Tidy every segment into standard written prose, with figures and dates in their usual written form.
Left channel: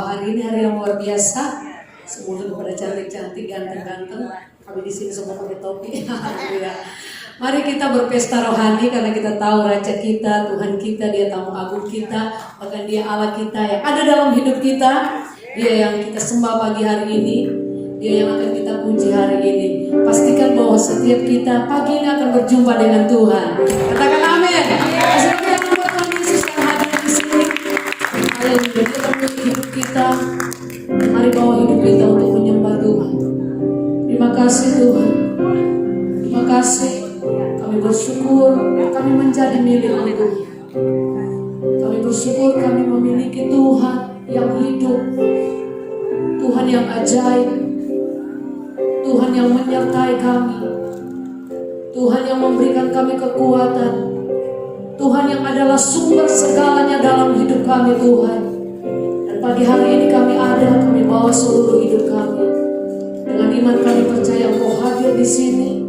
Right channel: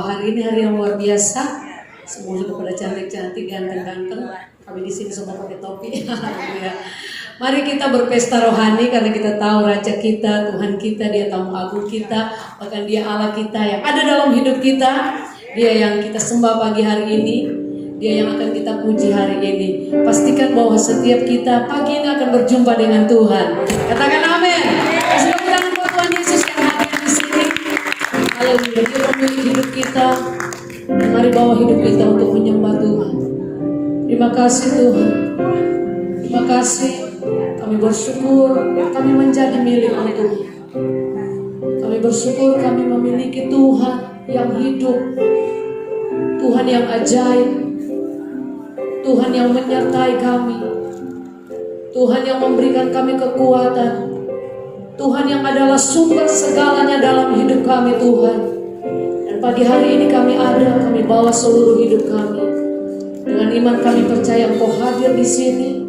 Wow, hari ini hari yang luar biasa. Semua sudah pada cantik-cantik, ganteng-ganteng. Kami di sini semua pakai topi. Haleluya. Mari kita berpesta rohani karena kita tahu Raja kita, Tuhan kita, Dia tamu agung kita, bahkan Dia Allah kita yang ada dalam hidup kita. Dia yang kita sembah pagi hari ini, Dia yang akan kita puji hari ini. Pastikan bahwa setiap kita pagi ini akan berjumpa dengan Tuhan. Katakan amin. Kasih tepuk buat Tuhan Yesus yang hadir di sini. Haleluya. Dia pemilik hidup kita. Mari bawa hidup kita untuk menyembah Tuhan. Terima kasih Tuhan. Terima kasih. Kami bersyukur kami menjadi milik-Mu Tuhan. Kami bersyukur kami memiliki Tuhan yang hidup. Tuhan yang ajaib. Tuhan yang menyertai kami. Tuhan yang memberikan kami kekuatan. Tuhan yang adalah sumber segalanya dalam hidup kami Tuhan. Dan pagi hari ini kami bawa seluruh hidup kami. Dengan iman kami percaya Engkau hadir di sini.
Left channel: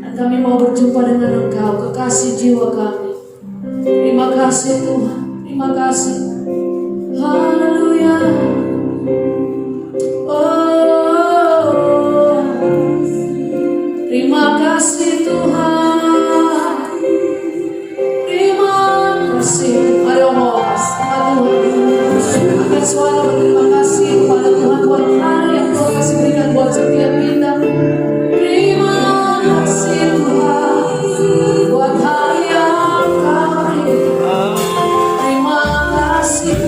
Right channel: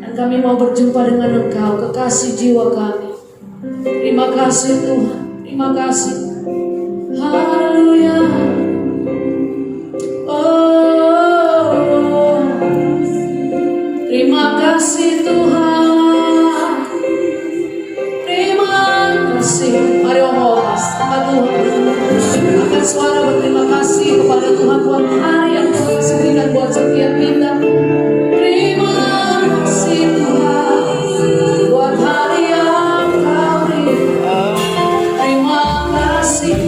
Dan kami mau berjumpa dengan Engkau, kekasih jiwa kami. Terima kasih Tuhan. Terima kasih. Haleluya. Oh, terima kasih Tuhan. Terima kasih. Mari omong sama Tuhan. Angkat suara berterima kasih kepada Tuhan buat hari yang Tuhan kasih berikan buat setiap kita. Terima kasih Tuhan buat hari yang Kau berikan. Terima kasih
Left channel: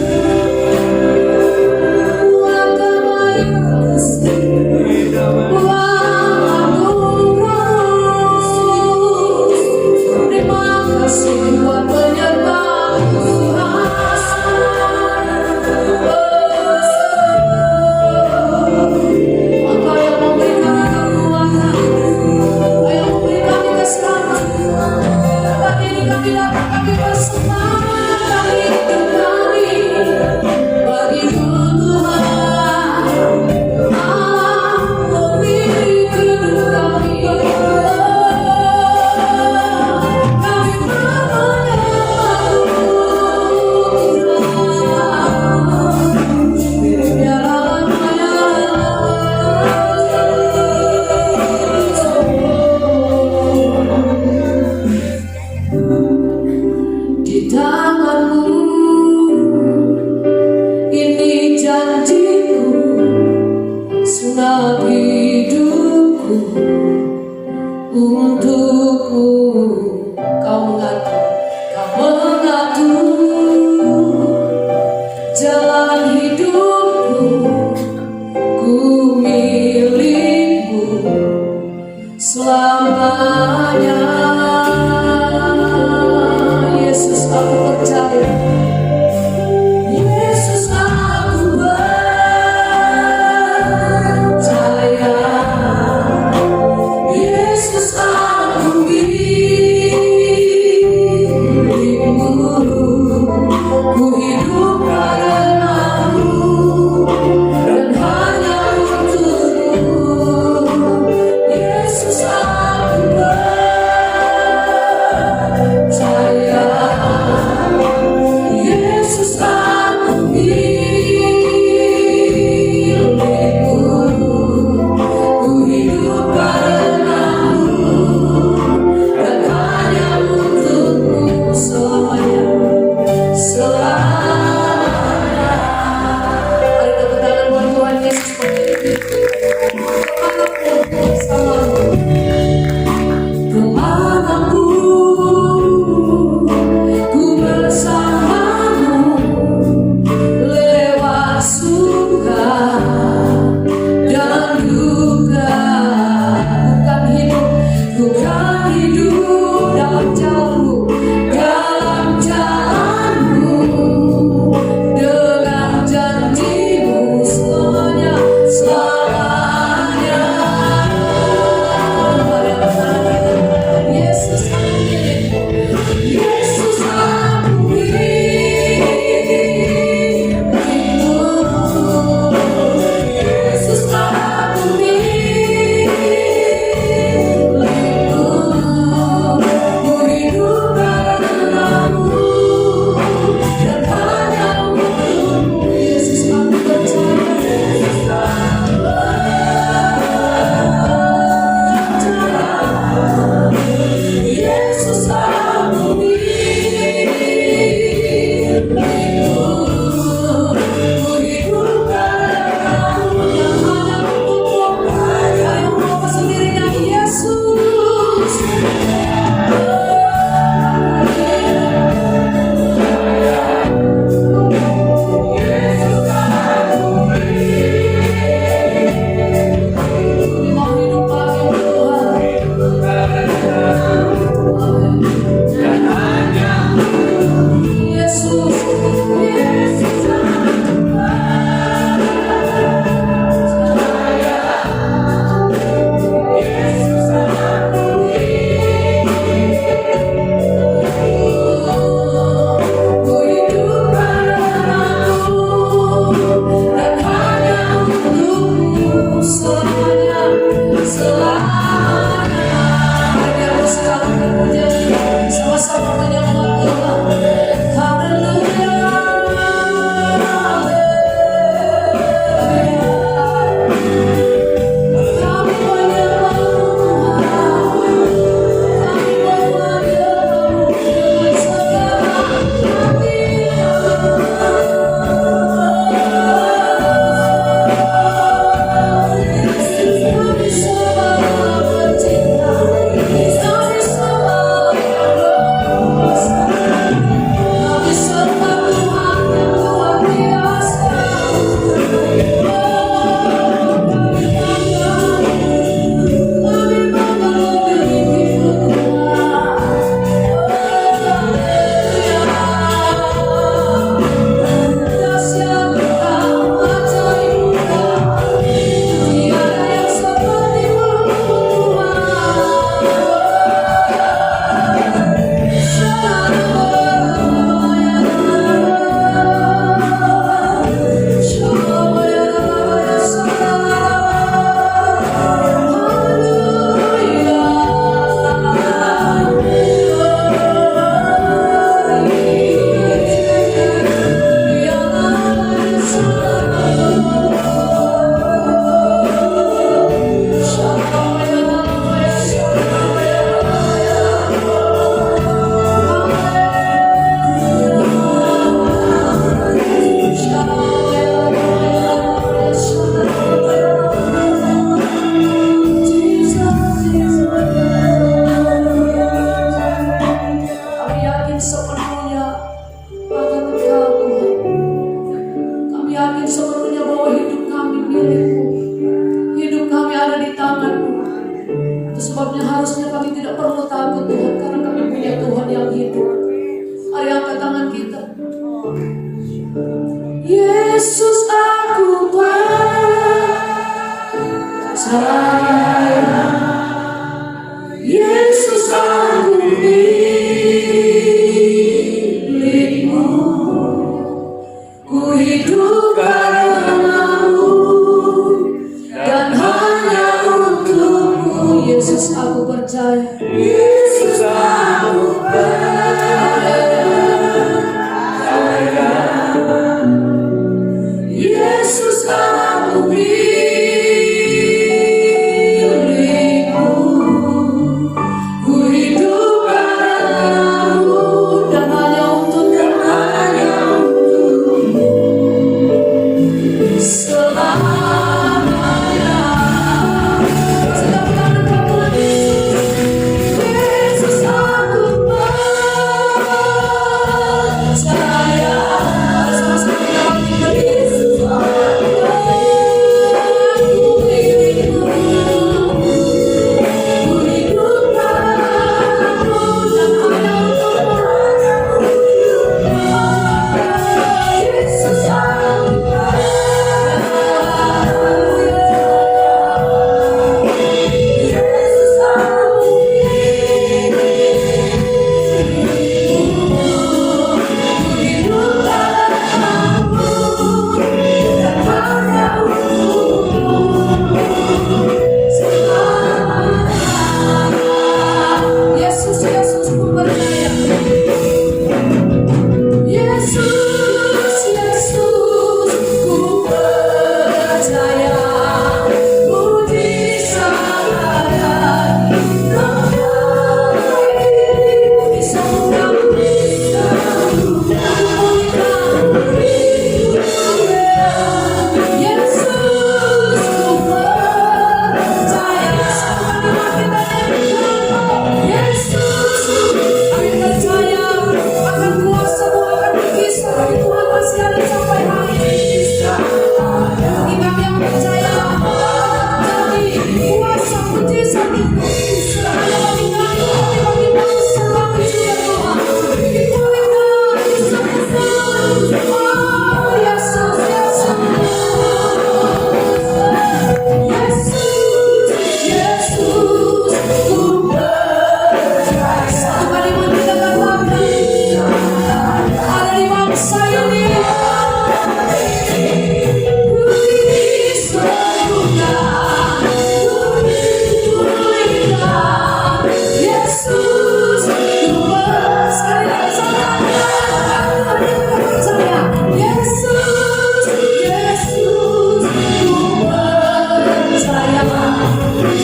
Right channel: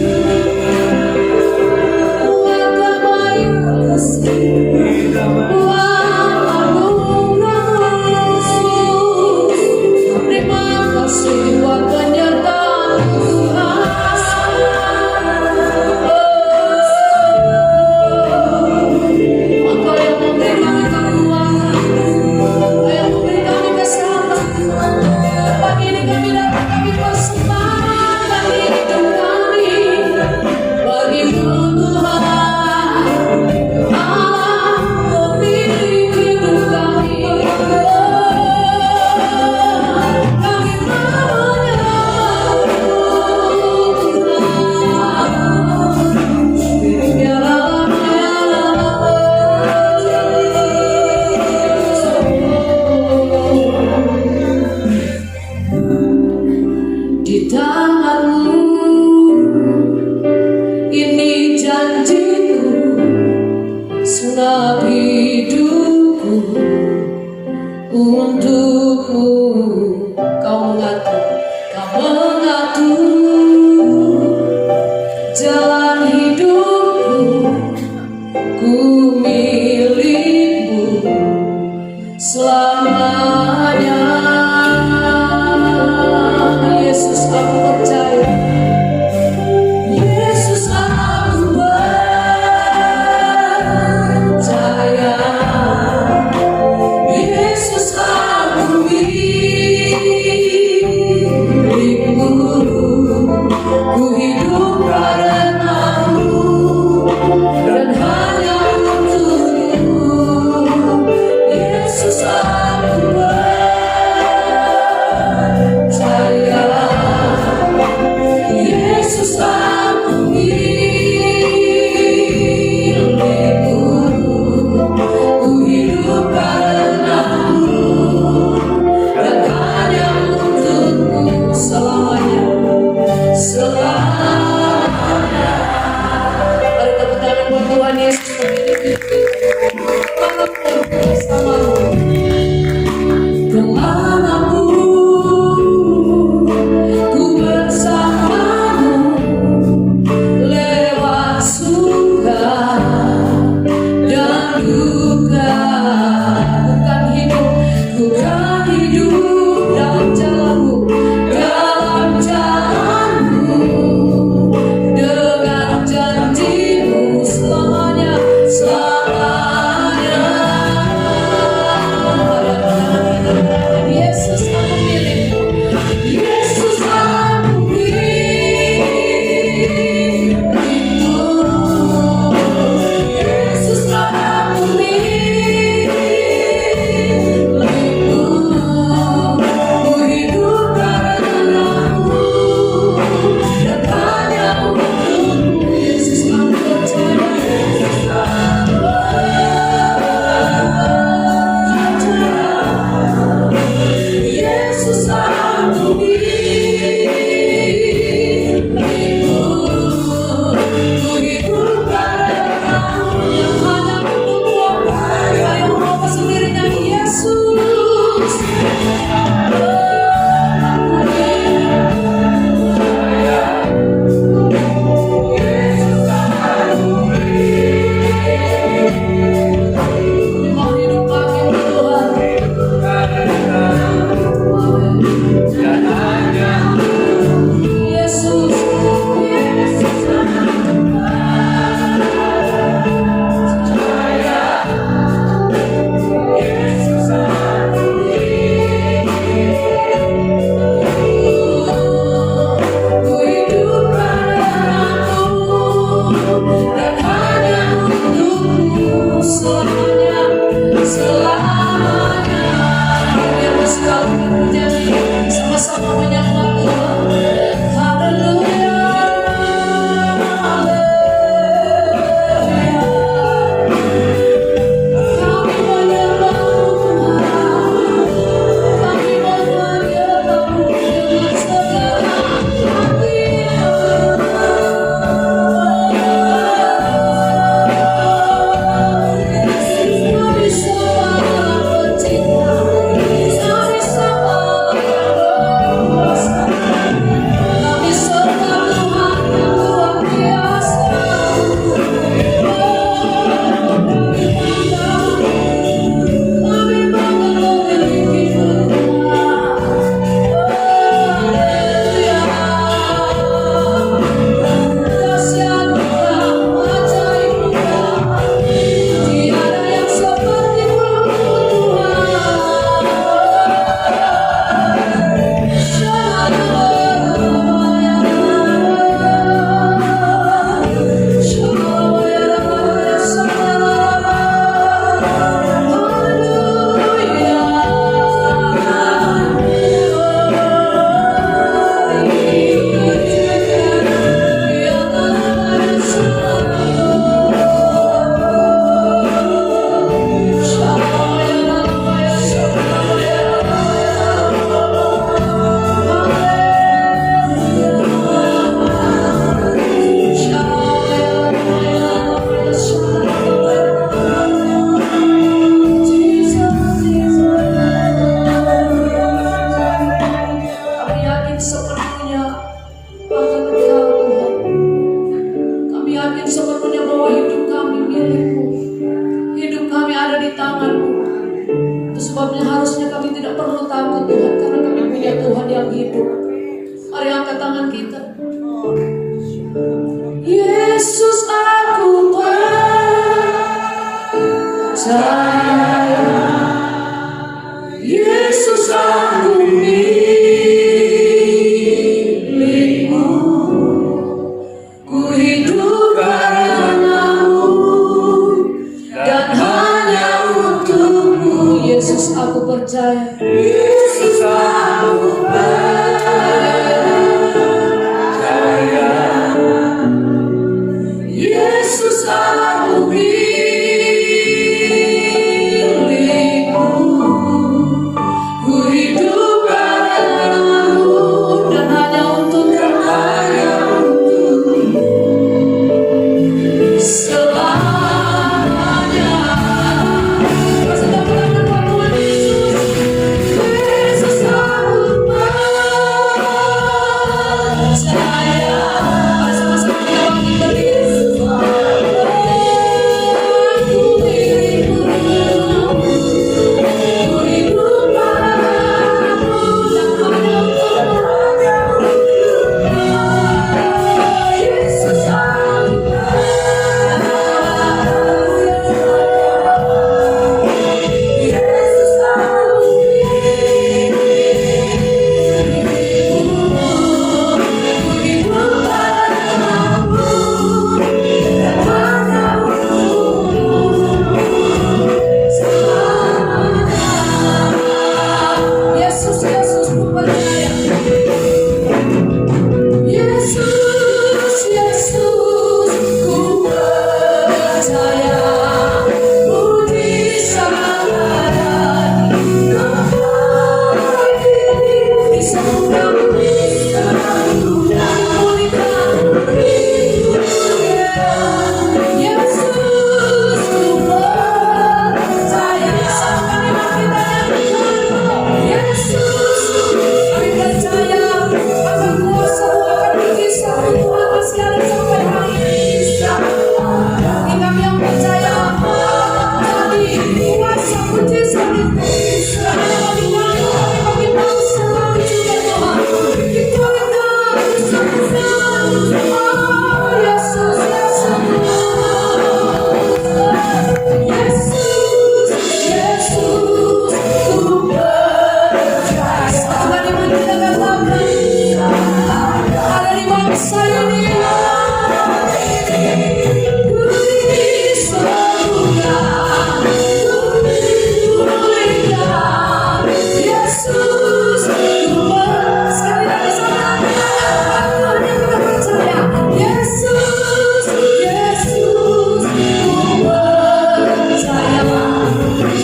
buat kebaikan kasih, buat anugerah yang harusnya kami tidak perlu takut Tuhan, karena kami punya Tuhan yang hidup. Mari angkat tangan kita. Yesus, aku percaya. Yesus, aku milikmu. Ku hidup karenamu dan hanya untukmu. Yesus, aku percaya. Yesus, aku percaya. Yesus, aku milikmu. Ku hidup karenamu dan hanya untukmu. Selamanya. Tepuk tangan buat Yesus. Yesus, aku percaya. Sama-sama kita bangkitkan Yesus. Aku milikmu. Ku hidup padamu dan hanya untukmu. Yesus, aku percaya. Yesus, aku Yesus, Yesus, ku percaya. Yesus, Yesus, ku percaya. Mujizat ada di sorga, di sorga, pulihkan hidup. Yesus, ku percaya. Sama kita nyanyi. Yesus, kami percaya akan kuasa-Mu, akan mujizat Tuhan masih ada sampai hari ini. Bagi kami yang percaya jadi kuasa mujizat itu karena bagi kami bangsa kami juga Tuhan dipulihkan di sorga. Oh Yesus, Yesus, Yesus, Yesus, ku percaya. Satu kali maju dengan bangga ada di bangsa ini. Ku di sorga, ku dipulihkan. Yesus, ku sekali lagi sama kita percaya. Yesus, Yesus, ku percaya.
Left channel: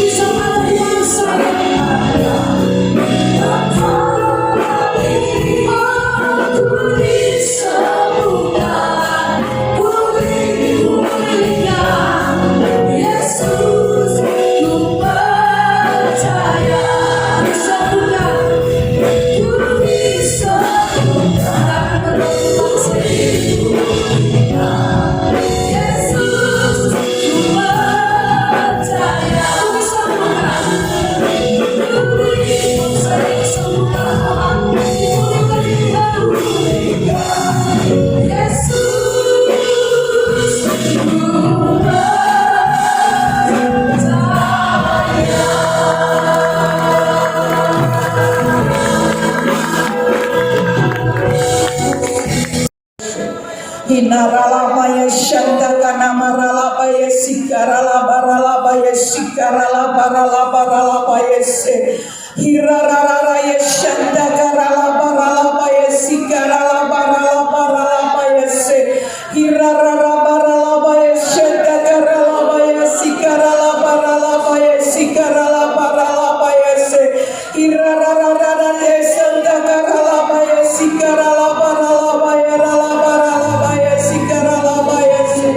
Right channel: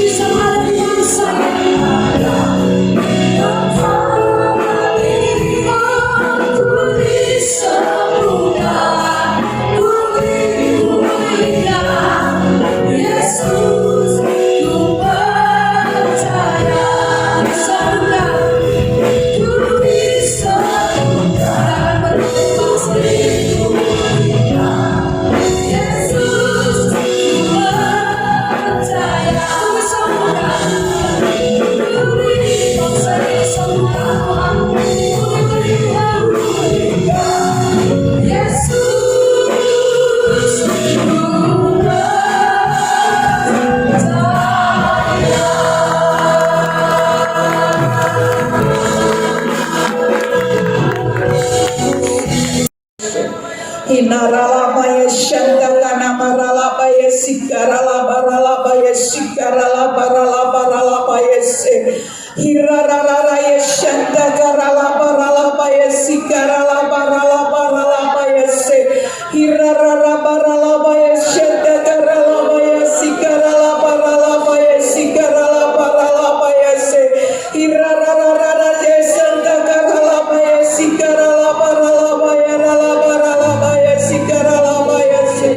Bisa ada di bangsa ini. Aku disembuhkan, ku dipulihkan. Yesus, ku percaya. Disembuhkan, ku disembuhkan. Akan berubah Yesus, ku percaya. Ku disembuhkan, ku disembuhkan. Yesus, ku Hinaralabaya Shandakana Maralabaya Sikaralabaralabaya Sikaralabaralabaralabaya Se Hirararaya Shandakaralabaralabaya Sikaralabaralabaralabaya Se Hirararabaralabaya Shandakaralabaya Sikaralabaralabaya Sikaralabaralabaya Se Hirarararaya Shandakaralabaya Sikaralabaralabaya Ralabaralabaya Sikaralabaya Se.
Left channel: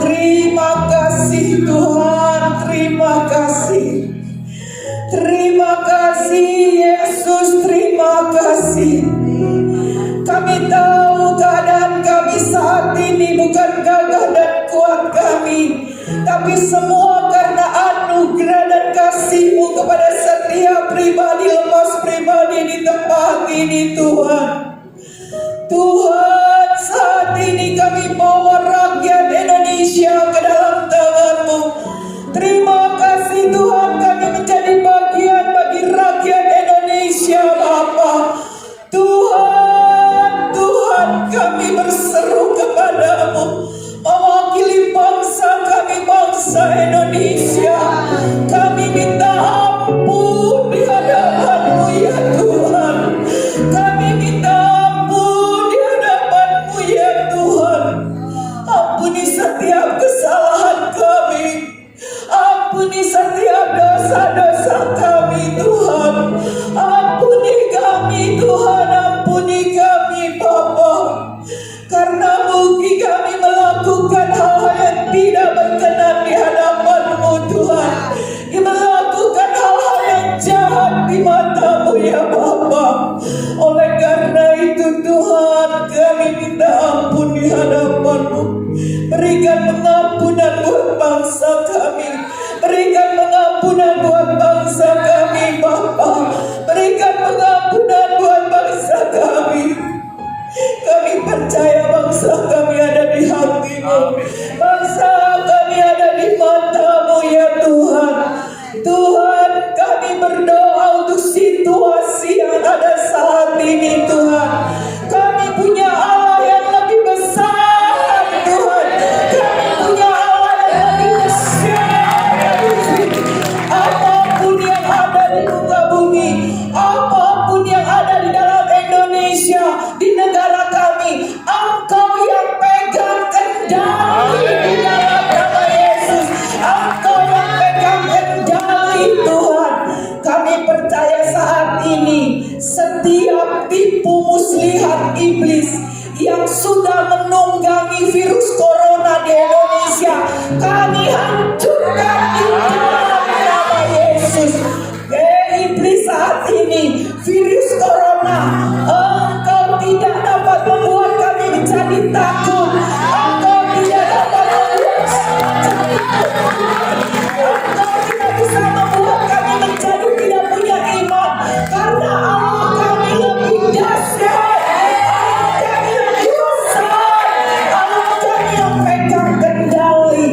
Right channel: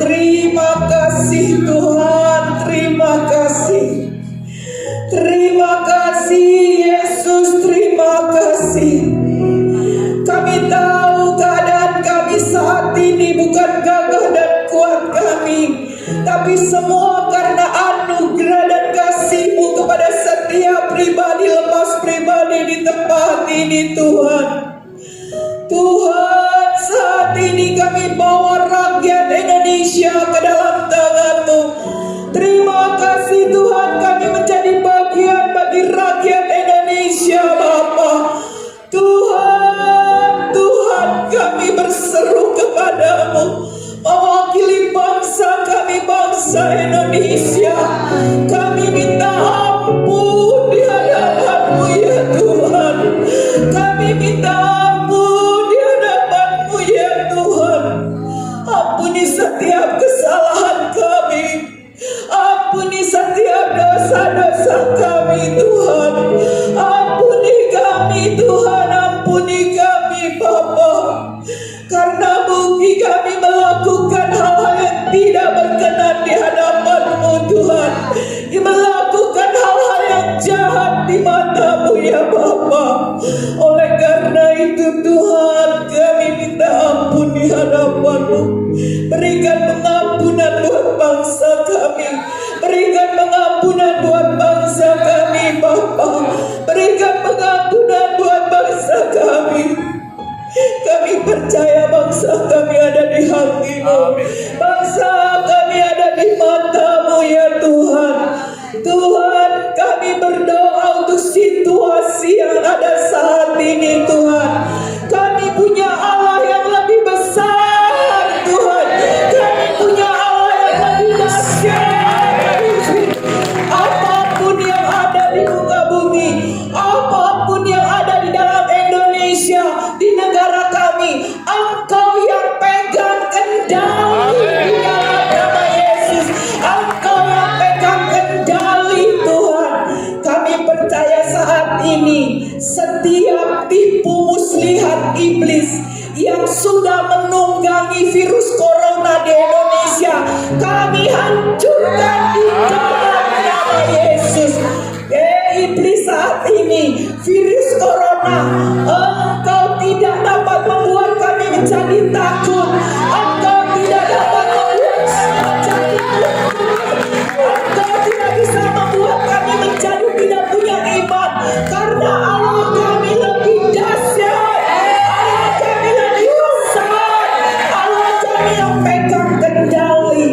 Terima kasih Tuhan, terima kasih. Terima kasih Yesus, terima kasih. Kami tahu keadaan kami saat ini bukan gagah dan kuat kami, tapi semua karena anugerah dan kasih-Mu kepada ini kami bawa rakyat Indonesia ke dalam tangan-Mu. Terima kasih Tuhan, kami menjadi bagian bagi rakyat Indonesia Bapa. Tuhan, Tuhan, kami berseru kepadamu, mewakili bangsa kami, bangsa Indonesia. Kami minta ampun di hadapan-Mu ya Tuhan. Kami minta ampun di hadapan-Mu ya Tuhan. Ampuni setiap kesalahan kami. Ampuni setiap dosa-dosa kami Tuhan. Ampuni kami Tuhan. Ampuni kami Bapa. Karena mungkin kami melakukan hal-hal yang tidak berkenan di hadapan-Mu Tuhan. Melakukan hal-hal yang jahat di mata-Mu ya Bapa. Oleh karena itu Tuhan, kami minta ampun di hadapan-Mu. Berikan pengampunan buat bangsa kami. Berikan pengampunan buat bangsa kami Bapa. Berikan pengampunan buat bangsa kami. Kami percaya bangsa kami ada di hati-Mu. Bangsa kami ada di mata-Mu ya Tuhan. Tuhan, kami berdoa untuk situasi yang ada saat ini Tuhan. Kami punya Allah yang lebih besar Tuhan. Kami punya Allah yang lebih besar. Apapun yang ada di muka bumi, apapun yang ada di dalam Indonesia, di negara kami, Engkau yang pegang kendali di dalam nama Yesus. Engkau yang pegang kendali Tuhan. Kami percaya saat ini setiap tipu muslihat iblis yang sudah menunggangi virus corona di Indonesia, kami hancurkan di dalam nama Yesus. Iblis saat ini, virus corona, engkau tidak dapat membuat kami menjadi takut. Engkau tidak dapat membuat kami menjadi takut. Engkau tidak bisa membuat kami menjadi tidak punya iman. Karena Allah kami lebih dahsyat. Allah kami lebih besar. Allah kami yang pegang kendali.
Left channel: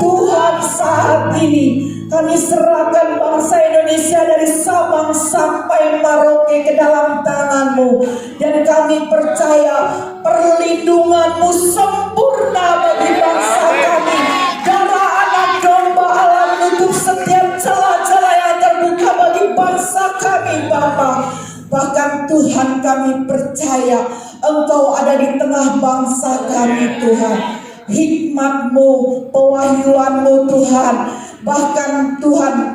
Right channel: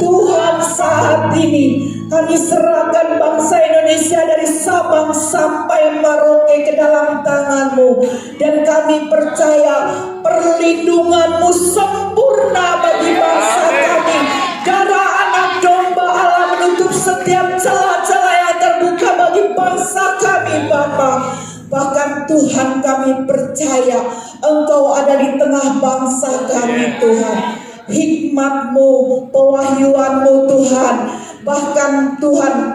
Tuhan, saat ini kami serahkan bangsa Indonesia dari Sabang sampai Merauke ke dalam tangan-Mu. Dan kami percaya perlindungan-Mu sempurna bagi bangsa kami. Darah anak domba Allah menutup setiap celah-celah yang terbuka bagi bangsa kami Bapa. Bahkan Tuhan, kami percaya Engkau ada di tengah bangsa kami Tuhan. Hikmat-Mu, pewahyuan-Mu Tuhan. Bahkan Tuhan,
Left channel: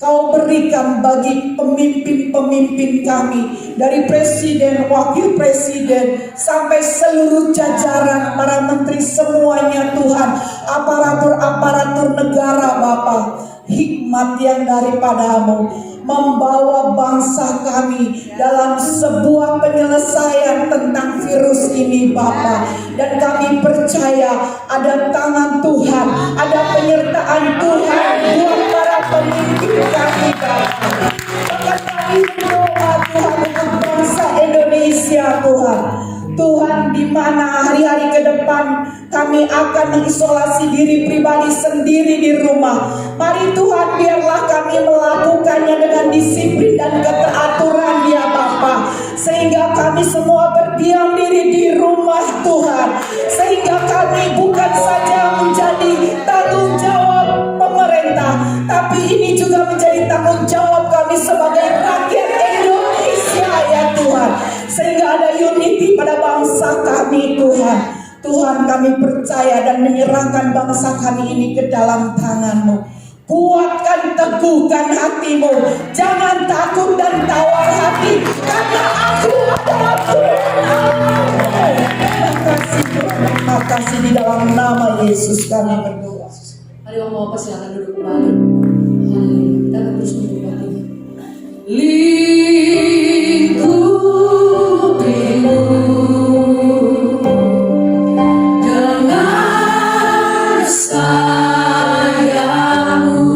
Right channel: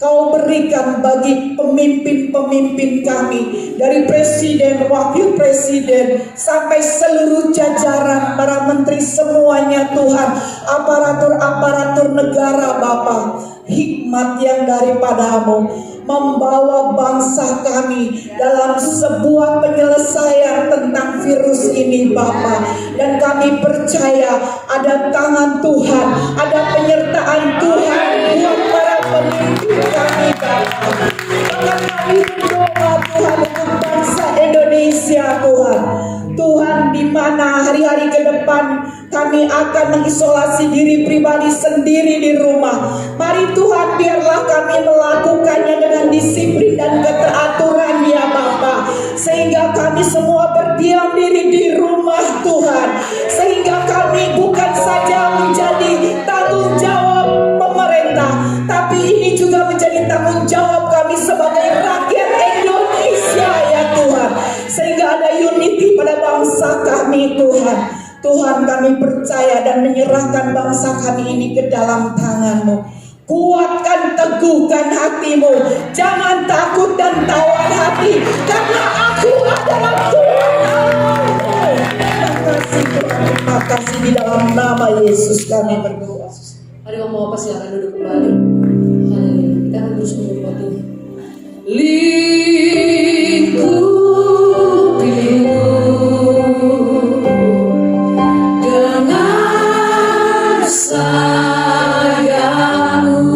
Kau berikan bagi pemimpin-pemimpin kami, dari presiden, wakil presiden, sampai seluruh jajaran para menteri semuanya Tuhan, aparatur-aparatur negara Bapa. Hikmat yang daripada-Mu membawa bangsa kami dalam sebuah penyelesaian tentang virus ini Bapa. Dan kami percaya ada tangan Tuhan, ada penyertaan Tuhan buat para pemimpin kami Bapa. Maka kami berdoa Tuhan untuk bangsa Indonesia Tuhan. Tuhan, di mana hari-hari ke depan kami akan mengisolasi diri pribadi sendiri di rumah. Mari Tuhan, biarlah kami melakukannya dengan disiplin dan keteraturan ya Bapa. Sehingga kami semua berdiam diri di rumah Tuhan. Sehingga kami bukan saja menjadi tanggung jawab pemerintah, tapi ini juga menjadi tanggung jawab kami sebagai rakyat Indonesia ya Tuhan. Sehingga ada unity pada bangsa kami Tuhan. Tuhan, kami percaya dan menyerahkan bangsa kami ini ke dalam tangan-Mu. Kuatkan, teguhkan hatimu. Jangan takut dan tawar hati, karena Aku adalah Tuhan. Terima kasih Tuhan, terima kasih, di dalam nama Yesus kami berdoa. Mari Om Bapak silakan duduk kembali. Haleluya. Kita akan terus mengikuti. Lingkupimu dengan sayang-Mu,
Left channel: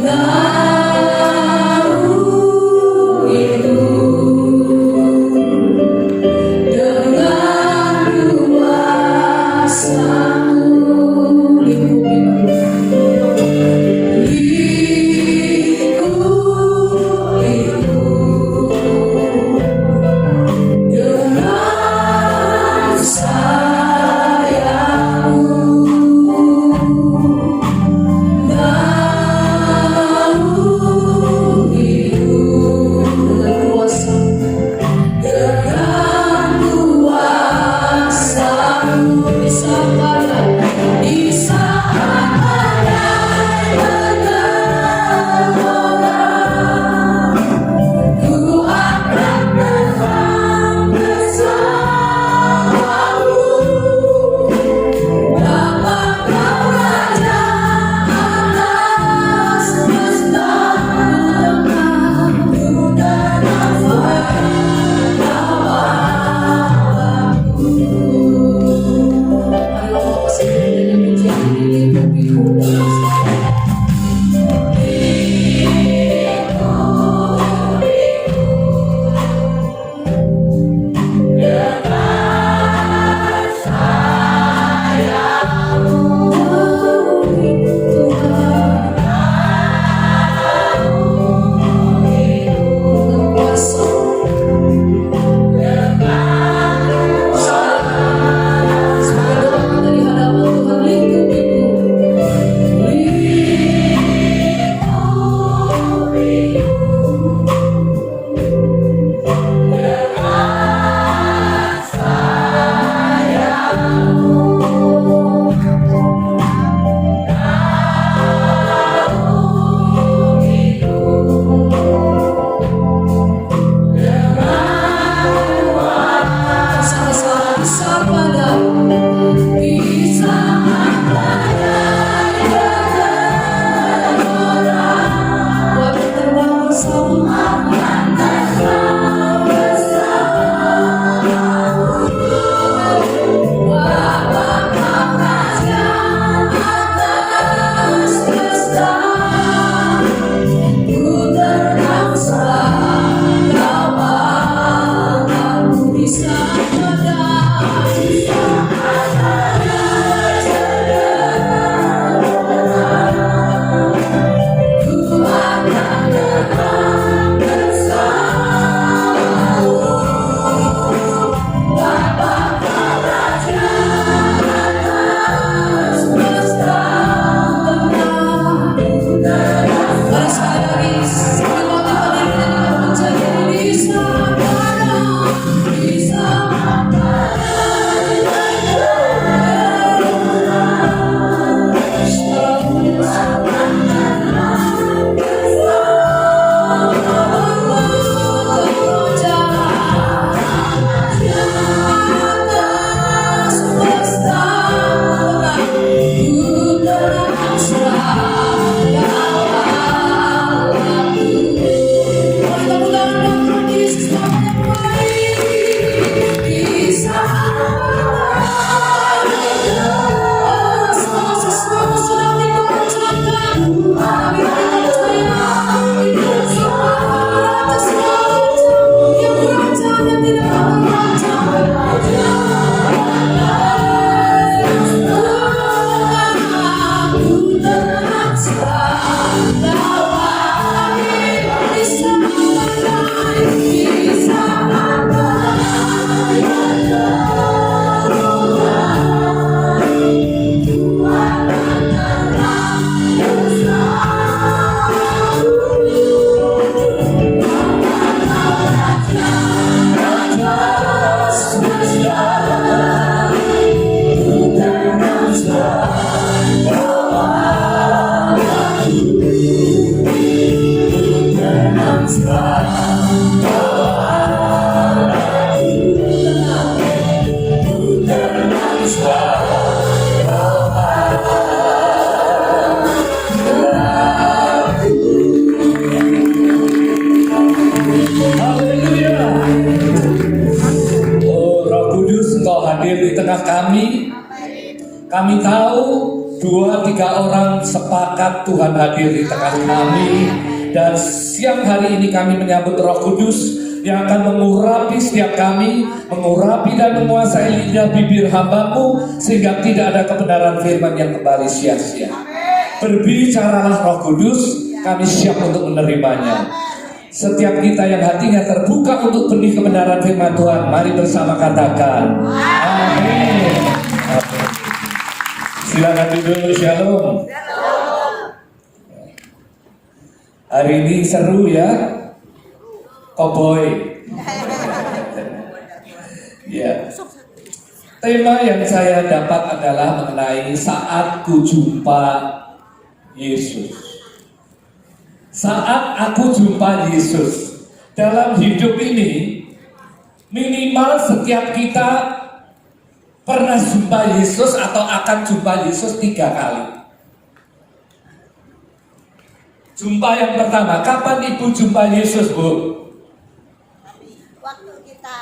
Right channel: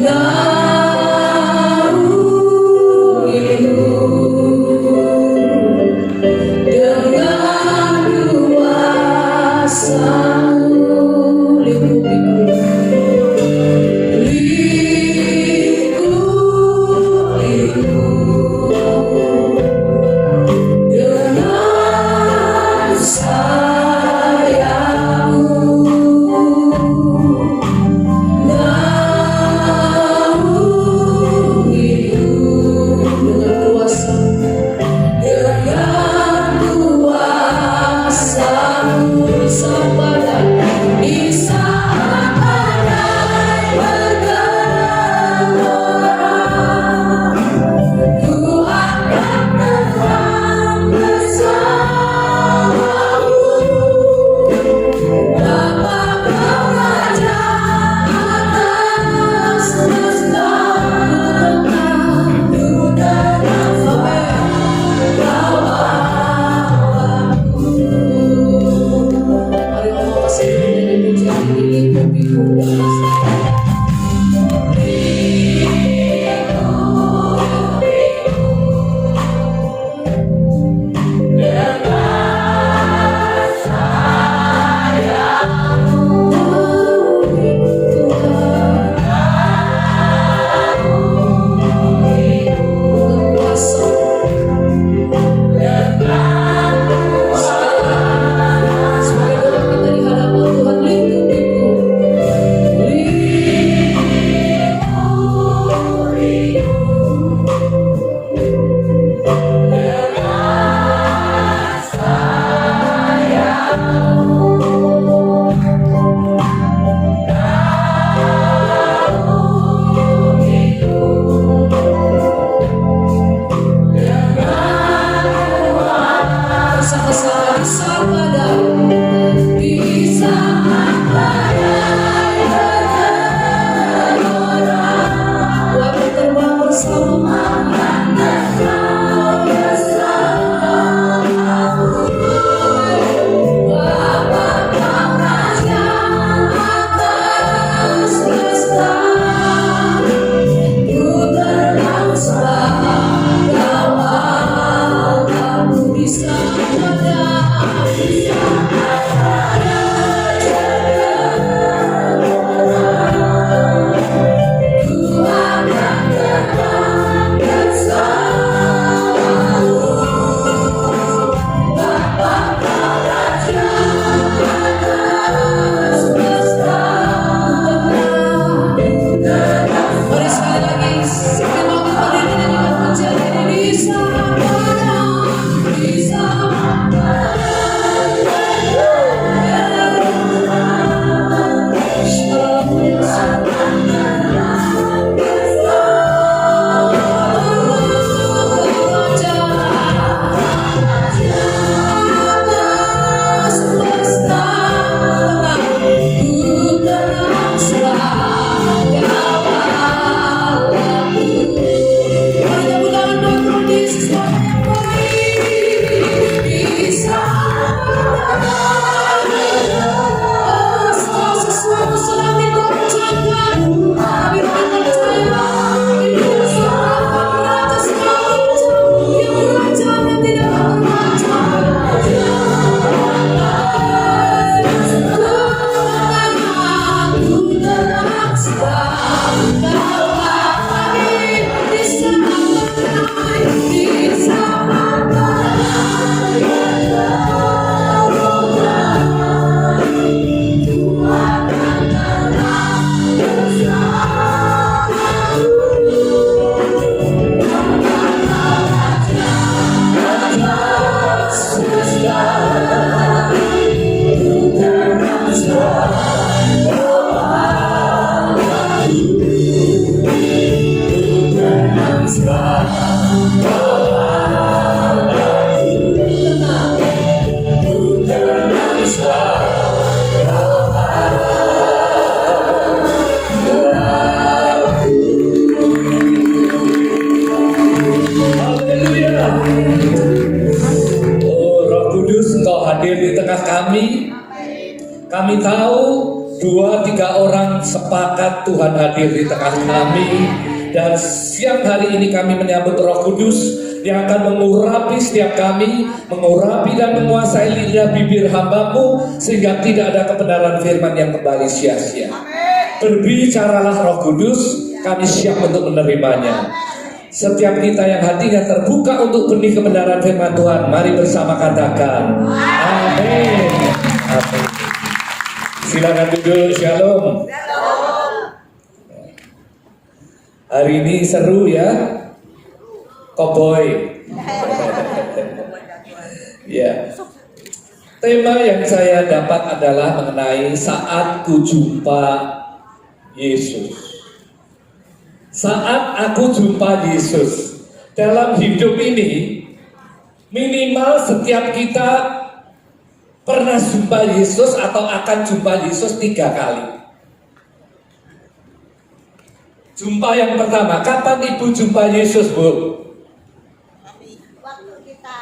naungimu Kudus, Engkau hadir di tengah kami. Kami tahu 2-3 orang sepakat Tuhan hadir di tengah kami. Dan siang hari ini kami menyambut Roh Kudus yang akan mengurapi setiap kami, mengurapi dan menguasai lidah bibir hamba-Mu, sehingga tidak ada kebenaran firman yang kembali sia-sia. Berbicaralah Roh Kudus, kami siap untuk menerimanya. Setiap kita yang hatinya terbuka untuk benih kebenaran firman Tuhan, mari bersama katakan amin. Amin. Silakan duduk, shalom. Hari ini seru ya, Koboi. Ya. Tema yang saya dapat adalah mengenai saat ku jumpa Yesus. Saat aku jumpa Yesus. Dalam hidup ini, minimal setiap kita pernah jumpa Yesus atau akan jumpa Yesus 3 kali. Jumpa yang pertama, kapan ibu jumpa Yesus, Bu? Waktu kita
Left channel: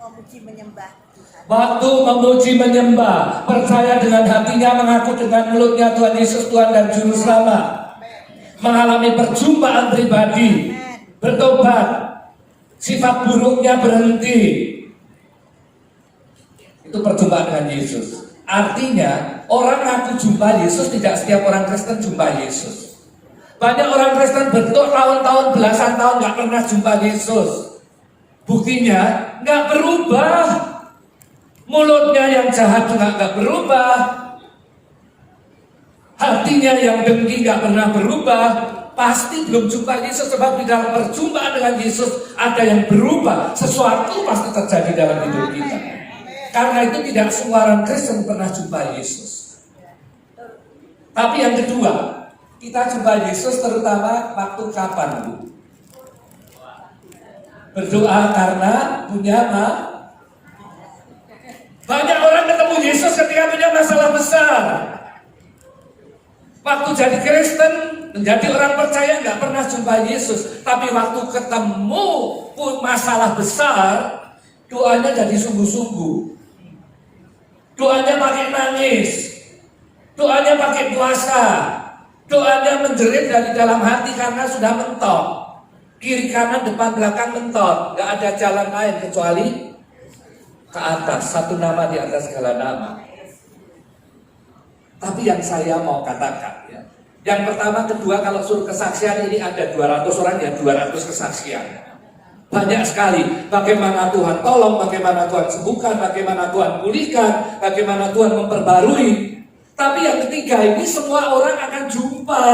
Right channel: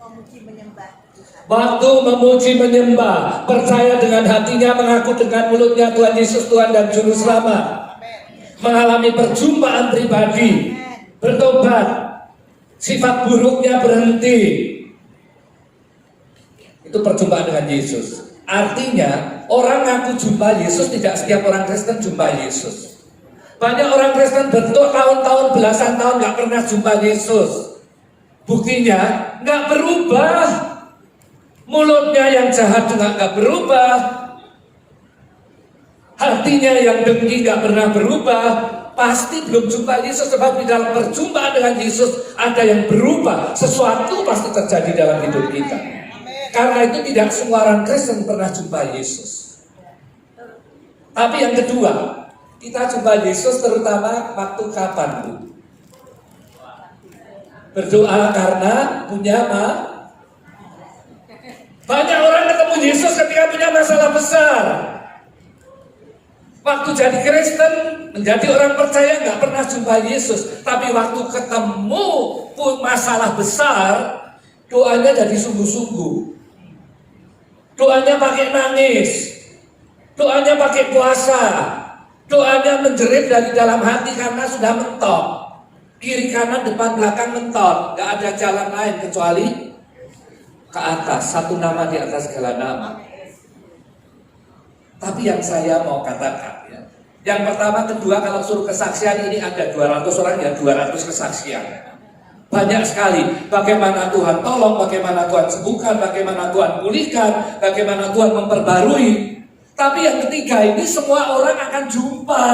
memuji menyembah Tuhan. Waktu memuji menyembah, percaya dengan hatinya, mengaku dengan mulutnya Tuhan Yesus Tuhan dan Juru Selamat. Mengalami perjumpaan pribadi, bertobat, sifat buruknya berhenti. Itu perjumpaan dengan Yesus. Artinya, orang ngaku jumpa Yesus, tidak setiap orang Kristen jumpa Yesus. Banyak orang Kristen bertahun-tahun, belasan tahun nggak pernah jumpa Yesus. Buktinya nggak berubah. Mulutnya yang jahat juga nggak berubah. Hatinya yang dengki nggak pernah berubah. Pasti belum jumpa Yesus, sebab di dalam perjumpaan dengan Yesus ada yang berubah. Sesuatu pasti terjadi dalam hidup kita. Karena itu tidak semua orang Kristen pernah jumpa Yesus. Tapi yang kedua, kita jumpa Yesus terutama waktu kapan, Bu? Berdoa karena punya apa? Banyak orang ketemu Yesus ketika punya masalah besar. Waktu jadi Kristen, menjadi orang percaya nggak pernah jumpa Yesus. Tapi waktu ketemu masalah besar, doanya jadi sungguh-sungguh. Doanya pakai nangis, doanya pakai puasa, doanya menjerit dari dalam hati karena sudah mentok. Kiri kanan depan belakang mentok, nggak ada jalan lain kecuali ke atas. Satu nama di atas segala nama. Tapi yang saya mau katakan ya, yang pertama, kedua, kalau suruh kesaksian ini ada 200 orang ya 200 kesaksian. Banyak sekali bagaimana Tuhan tolong, bagaimana Tuhan sembuhkan, bagaimana Tuhan pulihkan, bagaimana Tuhan memperbarui. Tapi yang ketiga ini semua orang akan jumpa.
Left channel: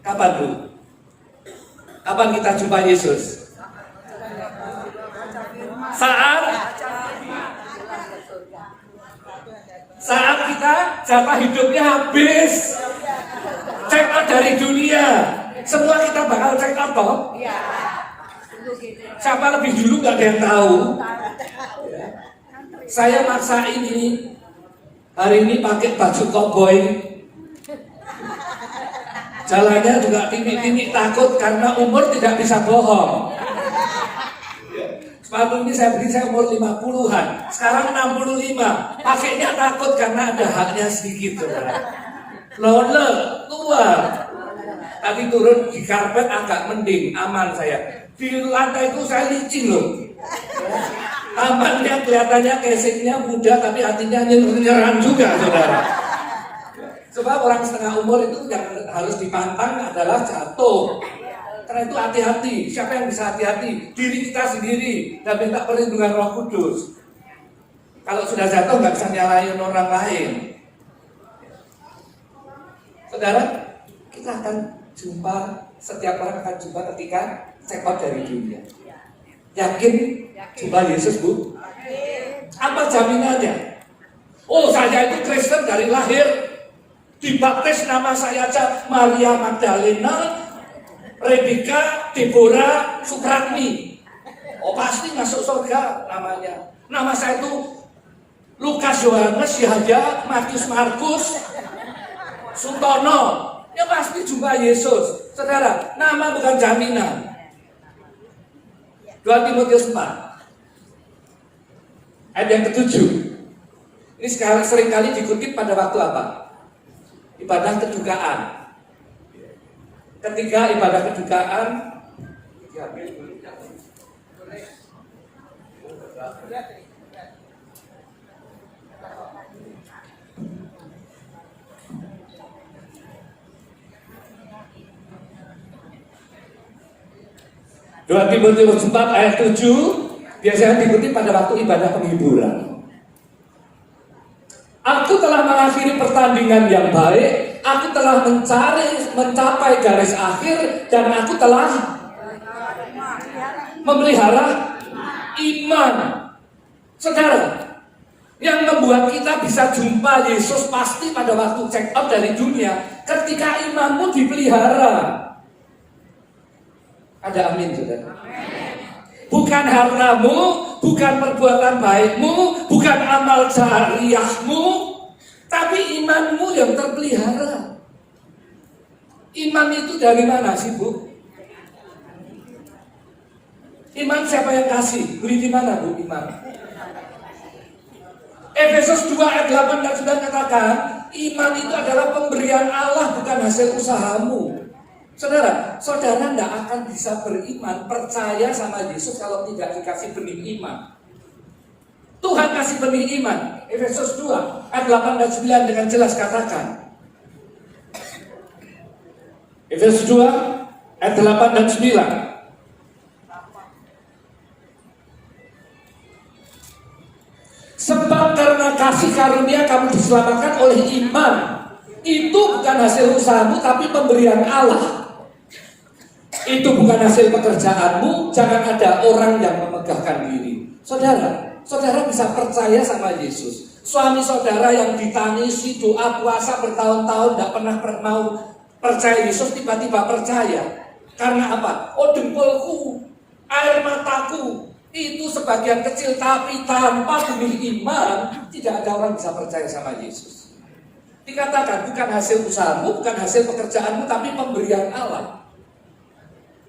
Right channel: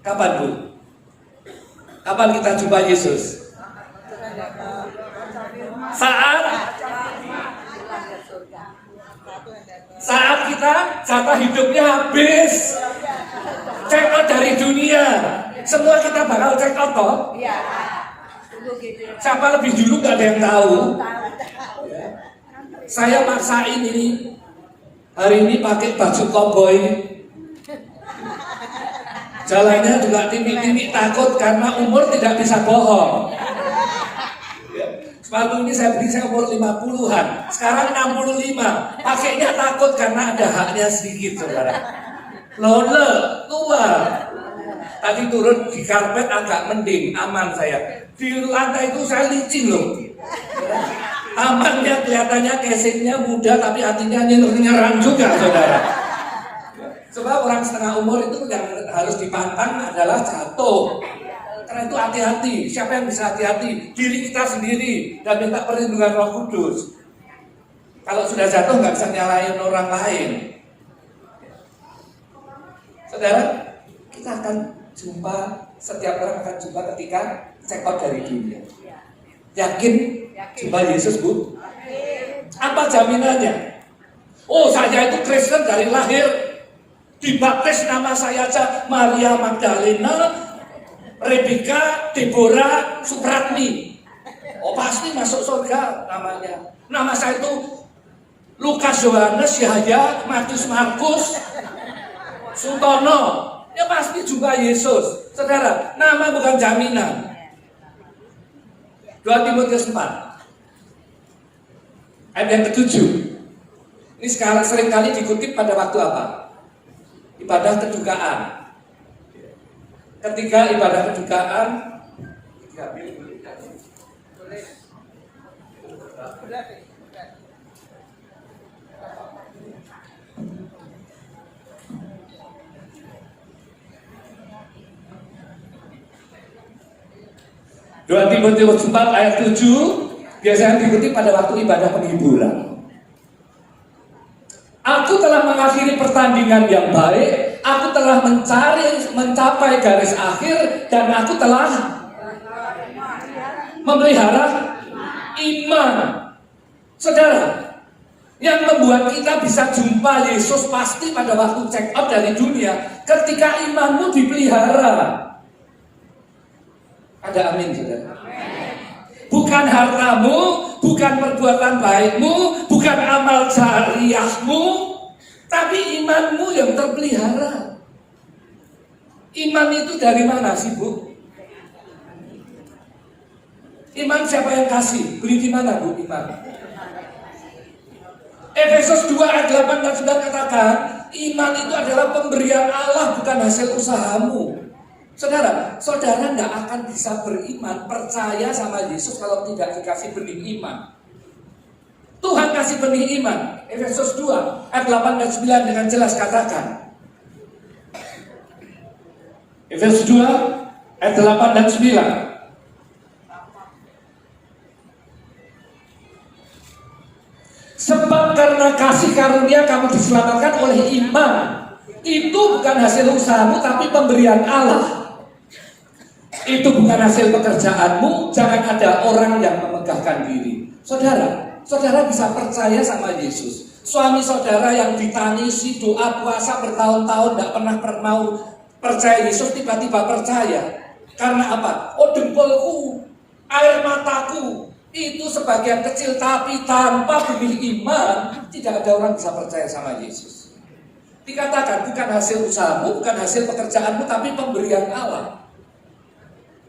Kapan, Bu? Kapan kita jumpa Yesus? Saat kita jatah hidupnya habis, check out dari dunia. Semua kita bakal check out toh? Siapa lebih dulu gak ada yang tahu. Saya maksain ini hari ini pakai baju koboi. Jalannya juga timik-timik, takut karena umur tidak bisa bohong. Sepatu ini saya beli, saya umur 50-an, sekarang 65. Pakainya takut karena ada haknya sedikit, saudara. Lole, tua. Tadi turun di karpet agak mending, aman saya. Di lantai itu saya licin loh. Tamannya kelihatannya casingnya muda, tapi hatinya nyerang juga, saudara. Sebab orang setengah umur itu yang harus dipantang adalah jatuh. Karena itu hati-hati. Siapa yang bisa hati-hati? Diri kita sendiri dan minta perlindungan Roh Kudus. Kalau sudah jatuh nggak bisa nyalain orang lain. Saudara, kita akan jumpa, setiap orang akan jumpa ketika check out dari dunia. Yakin jumpa Yesus, Bu? Apa jaminannya? Oh, saya itu Kristen dari lahir, dibaptis nama saya aja Maria Magdalena, Rebecca, Deborah, Supratmi. Oh, pasti masuk surga namanya. Nama saya itu Lukas, Yohanes, Yahya, Matius, Markus, Suntono. Ya pasti jumpa Yesus. Saudara, nama bukan jaminan. 2 Timotius 4. Ayat yang ketujuh. Ini seringkali dikutip pada waktu apa? Ibadah kedukaan. Ketika ibadah kedukaan, 2 Timotius 4 ayat 7 biasanya diikuti pada waktu ibadah penghiburan. Aku telah mengakhiri pertandingan yang baik, aku telah mencapai garis akhir, dan aku telah memelihara iman. Saudara, yang membuat kita bisa jumpa Yesus pasti pada waktu check out dari dunia, ketika imanmu dipelihara. Ada amin juga. Bukan hartamu, bukan perbuatan baikmu, bukan amal jariahmu, tapi imanmu yang terpelihara. Iman itu dari mana sih, Bu? Iman siapa yang kasih? Beli di mana, Bu, iman? Efesus 2 ayat 8 dan 9 katakan, iman itu adalah pemberian Allah, bukan hasil usahamu. Saudara tidak akan bisa beriman, percaya sama Yesus kalau tidak dikasih benih iman. Tuhan kasih benih iman. Efesus 2 ayat 8 dan 9 dengan jelas katakan. Efesus 2 ayat 8 dan 9. Sebab karena kasih karunia kamu diselamatkan oleh iman. Itu bukan hasil usahamu, tapi pemberian Allah. Itu bukan hasil pekerjaanmu. Jangan ada orang yang memegahkan diri. Saudara bisa percaya sama Yesus. Suami saudara yang ditangisi doa puasa bertahun-tahun tidak pernah mau percaya Yesus, tiba-tiba percaya. Karena apa? Oh, dengkulku, air mataku itu sebagian kecil, tapi tanpa benih iman tidak ada orang bisa percaya sama Yesus. Dikatakan bukan hasil usahamu, bukan hasil pekerjaanmu, tapi pemberian Allah.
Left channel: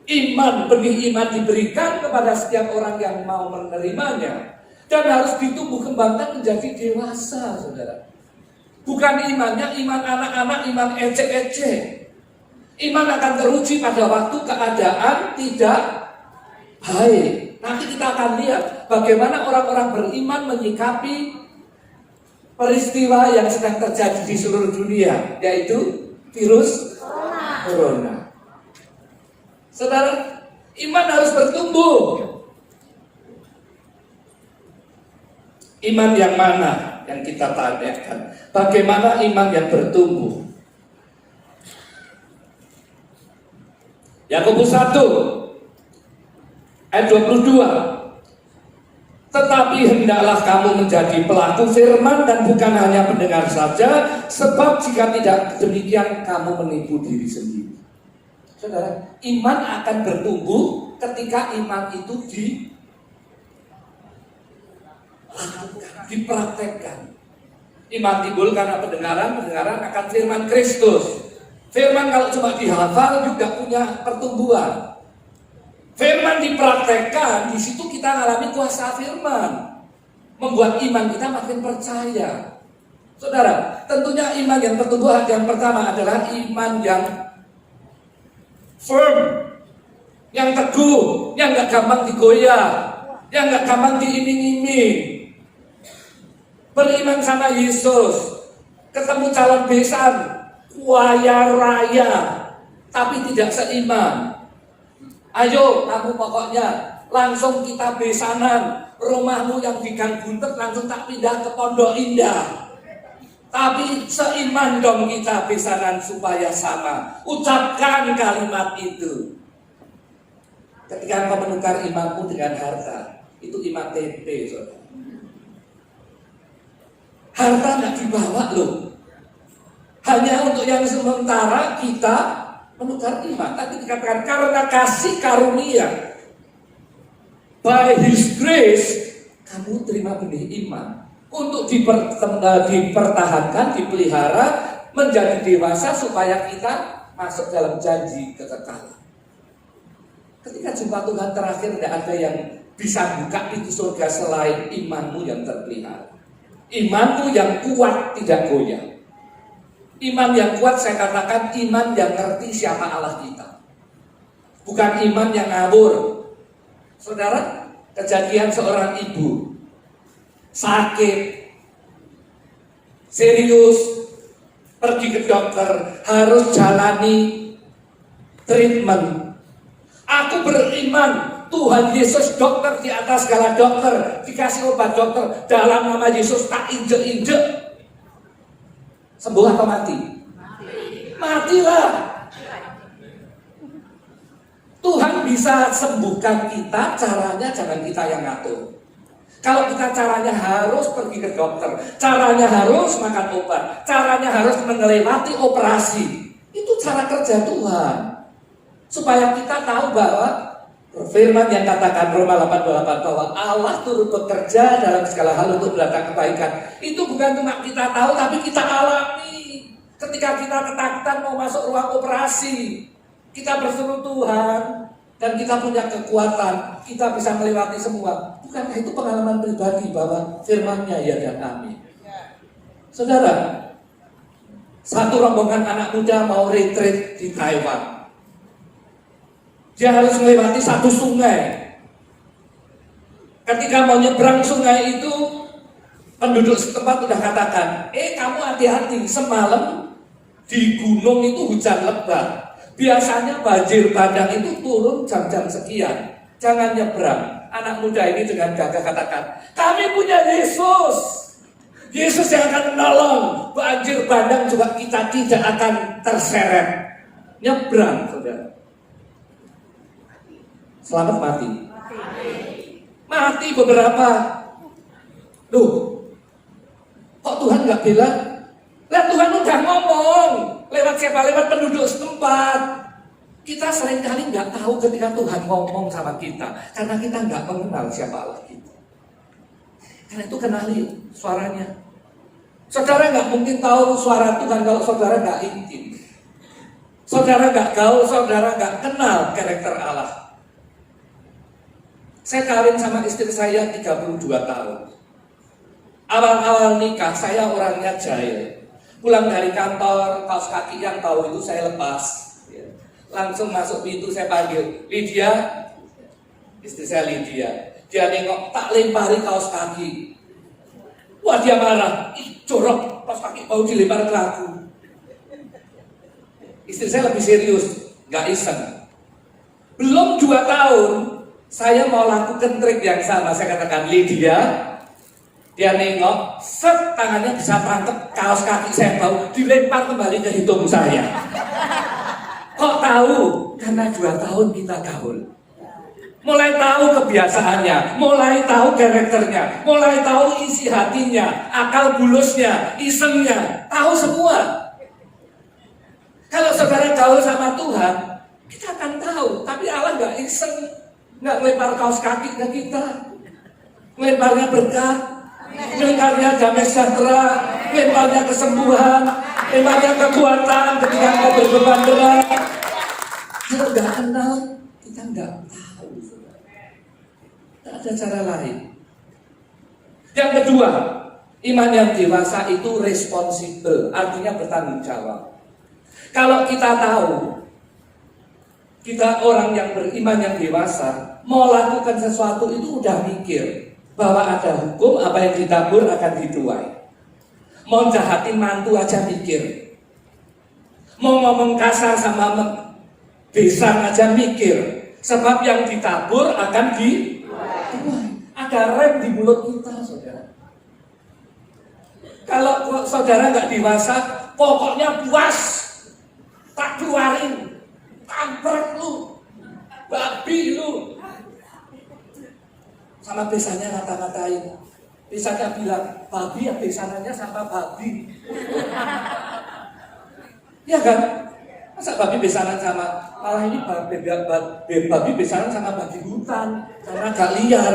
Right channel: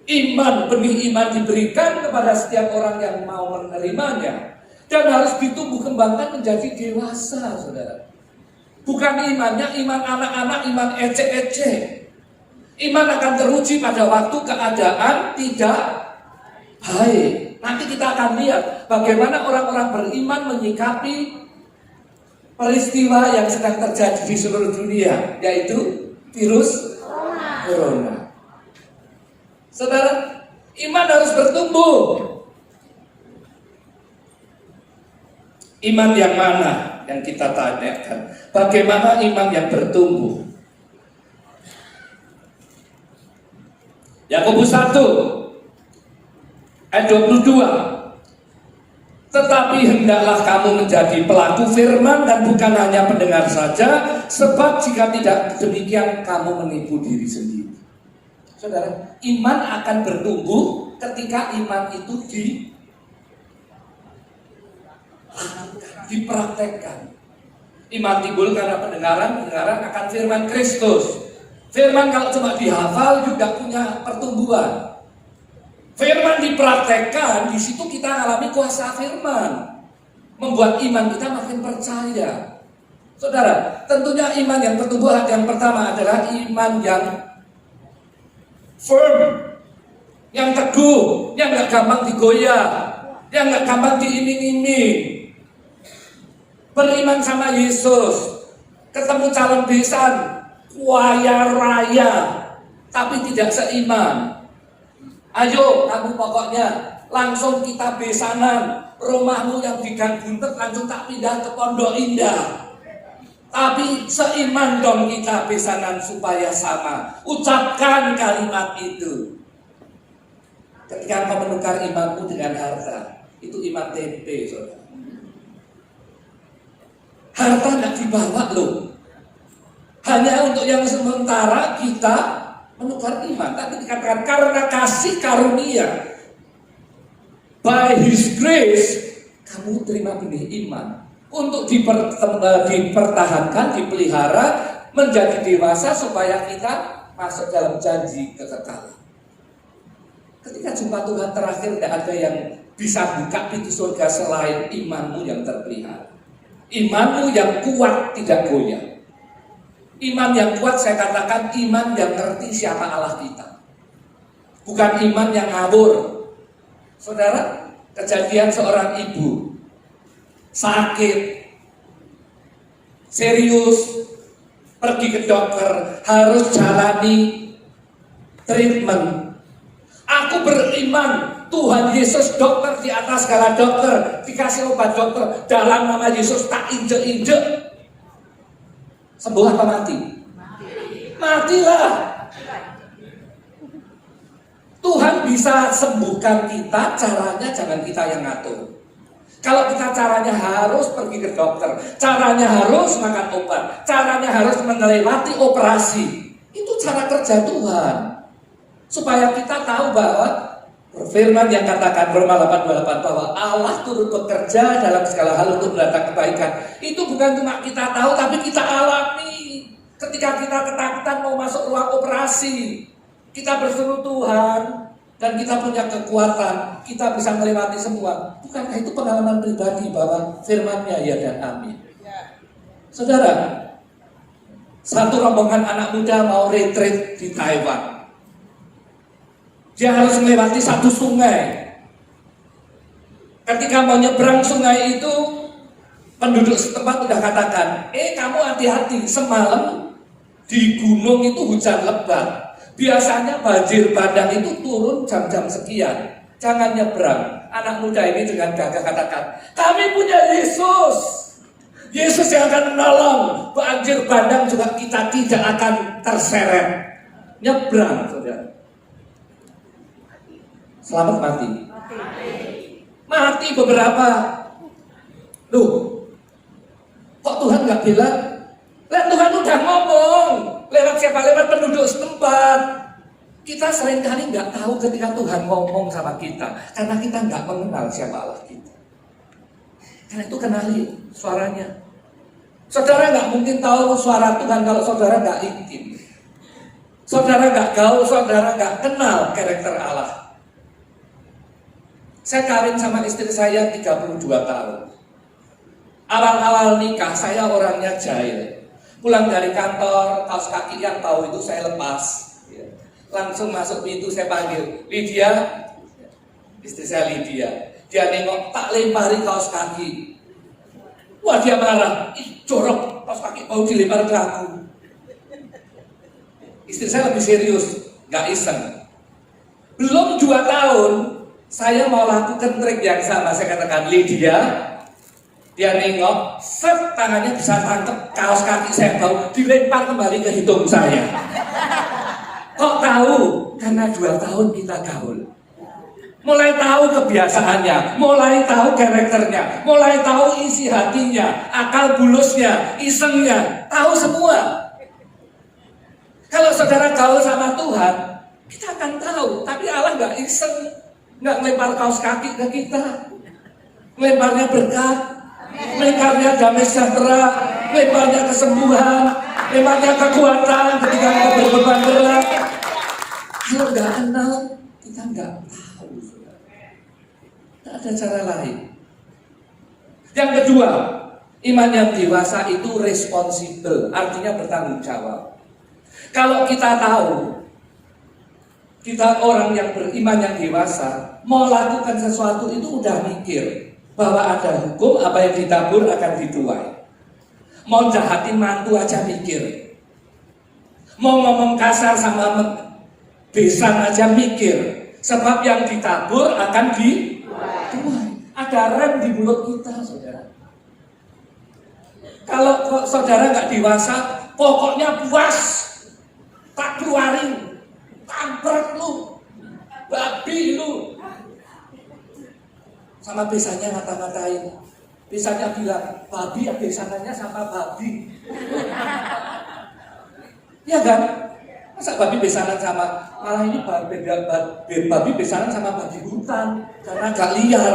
Iman, benih iman diberikan kepada setiap orang yang mau menerimanya, dan harus ditumbuh kembangkan menjadi dewasa, saudara. Bukan imannya iman anak-anak, iman ecek-ecek. Iman akan teruji pada waktu keadaan tidak baik. Nanti kita akan lihat bagaimana orang-orang beriman menyikapi peristiwa yang sedang terjadi di seluruh dunia, yaitu virus corona. Saudara, iman harus bertumbuh. Iman yang mana yang kita tanyakan? Bagaimana iman yang bertumbuh? Yakobus 1 ayat 22. Tetapi hendaklah kamu menjadi pelaku firman dan bukan hanya pendengar saja, sebab jika tidak demikian kamu menipu diri sendiri. Saudara, iman akan bertumbuh ketika iman itu dipraktekkan. Iman timbul karena pendengaran akan firman Kristus. Firman kalau cuma dihafal juga punya pertumbuhan. Firman dipraktekkan, di situ kita alami kuasa firman, membuat iman kita makin percaya. Saudara, tentunya iman yang bertumbuh yang pertama adalah iman yang firm, yang teguh, yang gak gampang digoyah, yang gak gampang diiming-iming. Beriman sama Yesus, ketemu calon besan, kaya raya, tapi tidak seiman. Ayo kamu pokoknya langsung kita besanan, rumahmu yang di Gang Buntet langsung tak pindah ke Pondok Indah. Tapi seiman dong kita besanan supaya sama. Ucapkan kalimat itu. Ketika engkau menukar imanmu dengan harta, itu iman tempe, saudara. Harta tidak dibawa loh. Hanya untuk yang sementara kita menukar iman. Tapi dikatakan karena kasih karunia, by His grace, kamu terima benih iman untuk dipertahankan, dipelihara, menjadi dewasa supaya kita masuk dalam janji kekekalan. Ketika jumpa Tuhan terakhir tidak ada yang bisa buka pintu surga selain imanmu yang terpelihara. Imanmu yang kuat tidak goyah. Iman yang kuat saya katakan iman yang ngerti siapa Allah kita. Bukan iman yang ngawur. Saudara, kejadian seorang ibu sakit, serius, pergi ke dokter, harus jalani treatment. Aku beriman Tuhan Yesus dokter di atas segala dokter, dikasih obat dokter, dalam nama Yesus tak injek-injek. Sembuh apa mati? Matilah. Tuhan bisa sembuhkan kita, caranya jangan kita yang ngatur. Kalau kita caranya harus pergi ke dokter, caranya harus makan obat, caranya harus melewati operasi, itu cara kerja Tuhan. Supaya kita tahu bahwa firman yang katakan Roma 8:28 bahwa Allah turut bekerja dalam segala hal untuk mendatangkan kebaikan. Itu bukan cuma kita tahu, tapi kita alami. Ketika kita ketakutan mau masuk ruang operasi, kita berseru Tuhan dan kita punya kekuatan, kita bisa melewati semua. Bukankah itu pengalaman pribadi bahwa firman-Nya ya dan amin. Saudara, satu rombongan anak muda mau retreat di Taiwan. Dia harus melewati satu sungai. Ketika mau nyebrang sungai itu, penduduk setempat sudah katakan, kamu hati-hati, semalam di gunung itu hujan lebat. Biasanya banjir bandang itu turun jam-jam sekian. Jangan nyebrang. Anak muda ini dengan gagah katakan, kami punya Yesus. Yesus yang akan menolong. Banjir bandang juga kita tidak akan terseret. Nyebrang, saudara. Selamat mati. Mati beberapa. Loh, kok Tuhan nggak bilang? Lah Tuhan udah ngomong. Lewat siapa? Lewat penduduk setempat. Kita seringkali nggak tahu ketika Tuhan ngomong sama kita. Karena kita nggak mengenal siapa Allah kita. Karena itu kenali suaranya. Saudara nggak mungkin tahu suara Tuhan kalau saudara nggak intim. Saudara nggak gaul, saudara nggak kenal karakter Allah. Saya kawin sama istri saya 32 tahun. Awal-awal nikah saya orangnya jahil. Pulang dari kantor, kaos kaki yang bau itu saya lepas. Langsung masuk pintu saya panggil, Lydia. Istri saya Lydia. Dia nengok, tak lempari kaos kaki. Wah dia marah, jorok, kaos kaki bau dilempar ke aku. Istri saya lebih serius, gak iseng. Belum 2 tahun, saya mau lakukan trik yang sama. Saya katakan, Lydia. Dia nengok, set tangannya bisa tangkep kaos kaki saya bau, dilempar kembali ke hidung saya. Kok tahu? Karena 2 tahun kita gaul. Mulai tahu kebiasaannya, mulai tahu karakternya, mulai tahu isi hatinya, akal bulusnya, isengnya, tahu semua. Kalau saudara gaul sama Tuhan, kita akan tahu. Tapi Allah nggak iseng, nggak lempar kaos kaki ke kita, lemparnya berkat. Lemparnya damai sejahtera, lemparnya kesembuhan, lemparnya kekuatan ketika kau berbeban berat. Kalau nggak kenal, kita nggak tahu. Tak ada cara lain. Yang kedua, iman yang dewasa itu responsibel, artinya bertanggung jawab. Kalau kita tahu, kita orang yang beriman yang dewasa, mau lakukan sesuatu itu udah mikir. Bahwa ada hukum, apa yang ditabur akan dituai. Mau jahatin mantu aja mikir. Mau ngomong kasar sama besan aja mikir. Sebab yang ditabur akan dituai. Ada rem di mulut kita, saudara. Kalau saudara nggak dewasa, pokoknya puas. Tak keluarin. Tamprak lu. Babi lu. Sama besannya ngata-ngatain. Besannya bilang, babi ya besananya sama babi. Ya kan? Masa babi besanan sama, malah ini babi besanan sama babi hutan. Karena gak liar.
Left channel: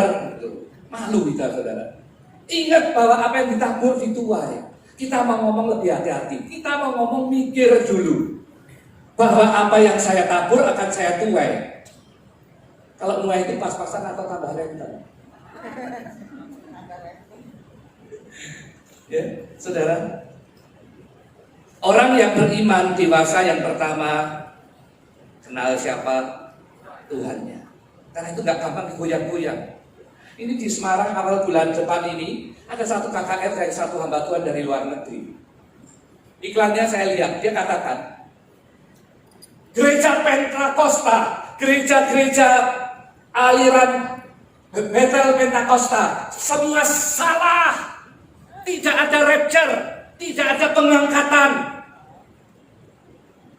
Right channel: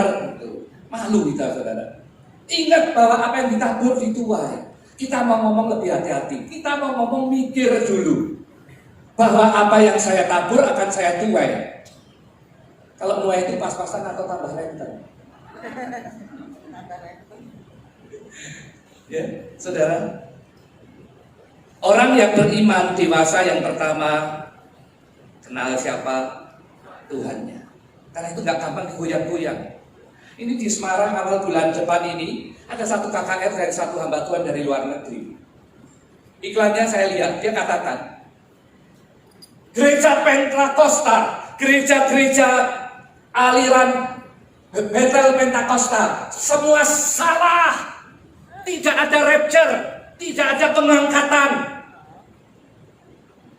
Malu kita, saudara. Ingat bahwa apa yang ditabur dituai. Kita mau ngomong lebih hati-hati. Kita mau ngomong mikir dulu. Bahwa apa yang saya tabur akan saya tuai. Kalau mulai itu pas-pasan atau tambah renten? Ya, saudara. Orang yang beriman dewasa yang pertama kenal siapa Tuhannya. Karena itu nggak gampang digoyang-goyang. Ini di Semarang awal bulan depan ini ada satu KKR dari satu hamba Tuhan dari luar negeri. Iklannya saya lihat, dia katakan, gereja Pentakosta, gereja-gereja aliran Bethel Pentakosta, semua salah. Tidak ada rapture, tidak ada pengangkatan.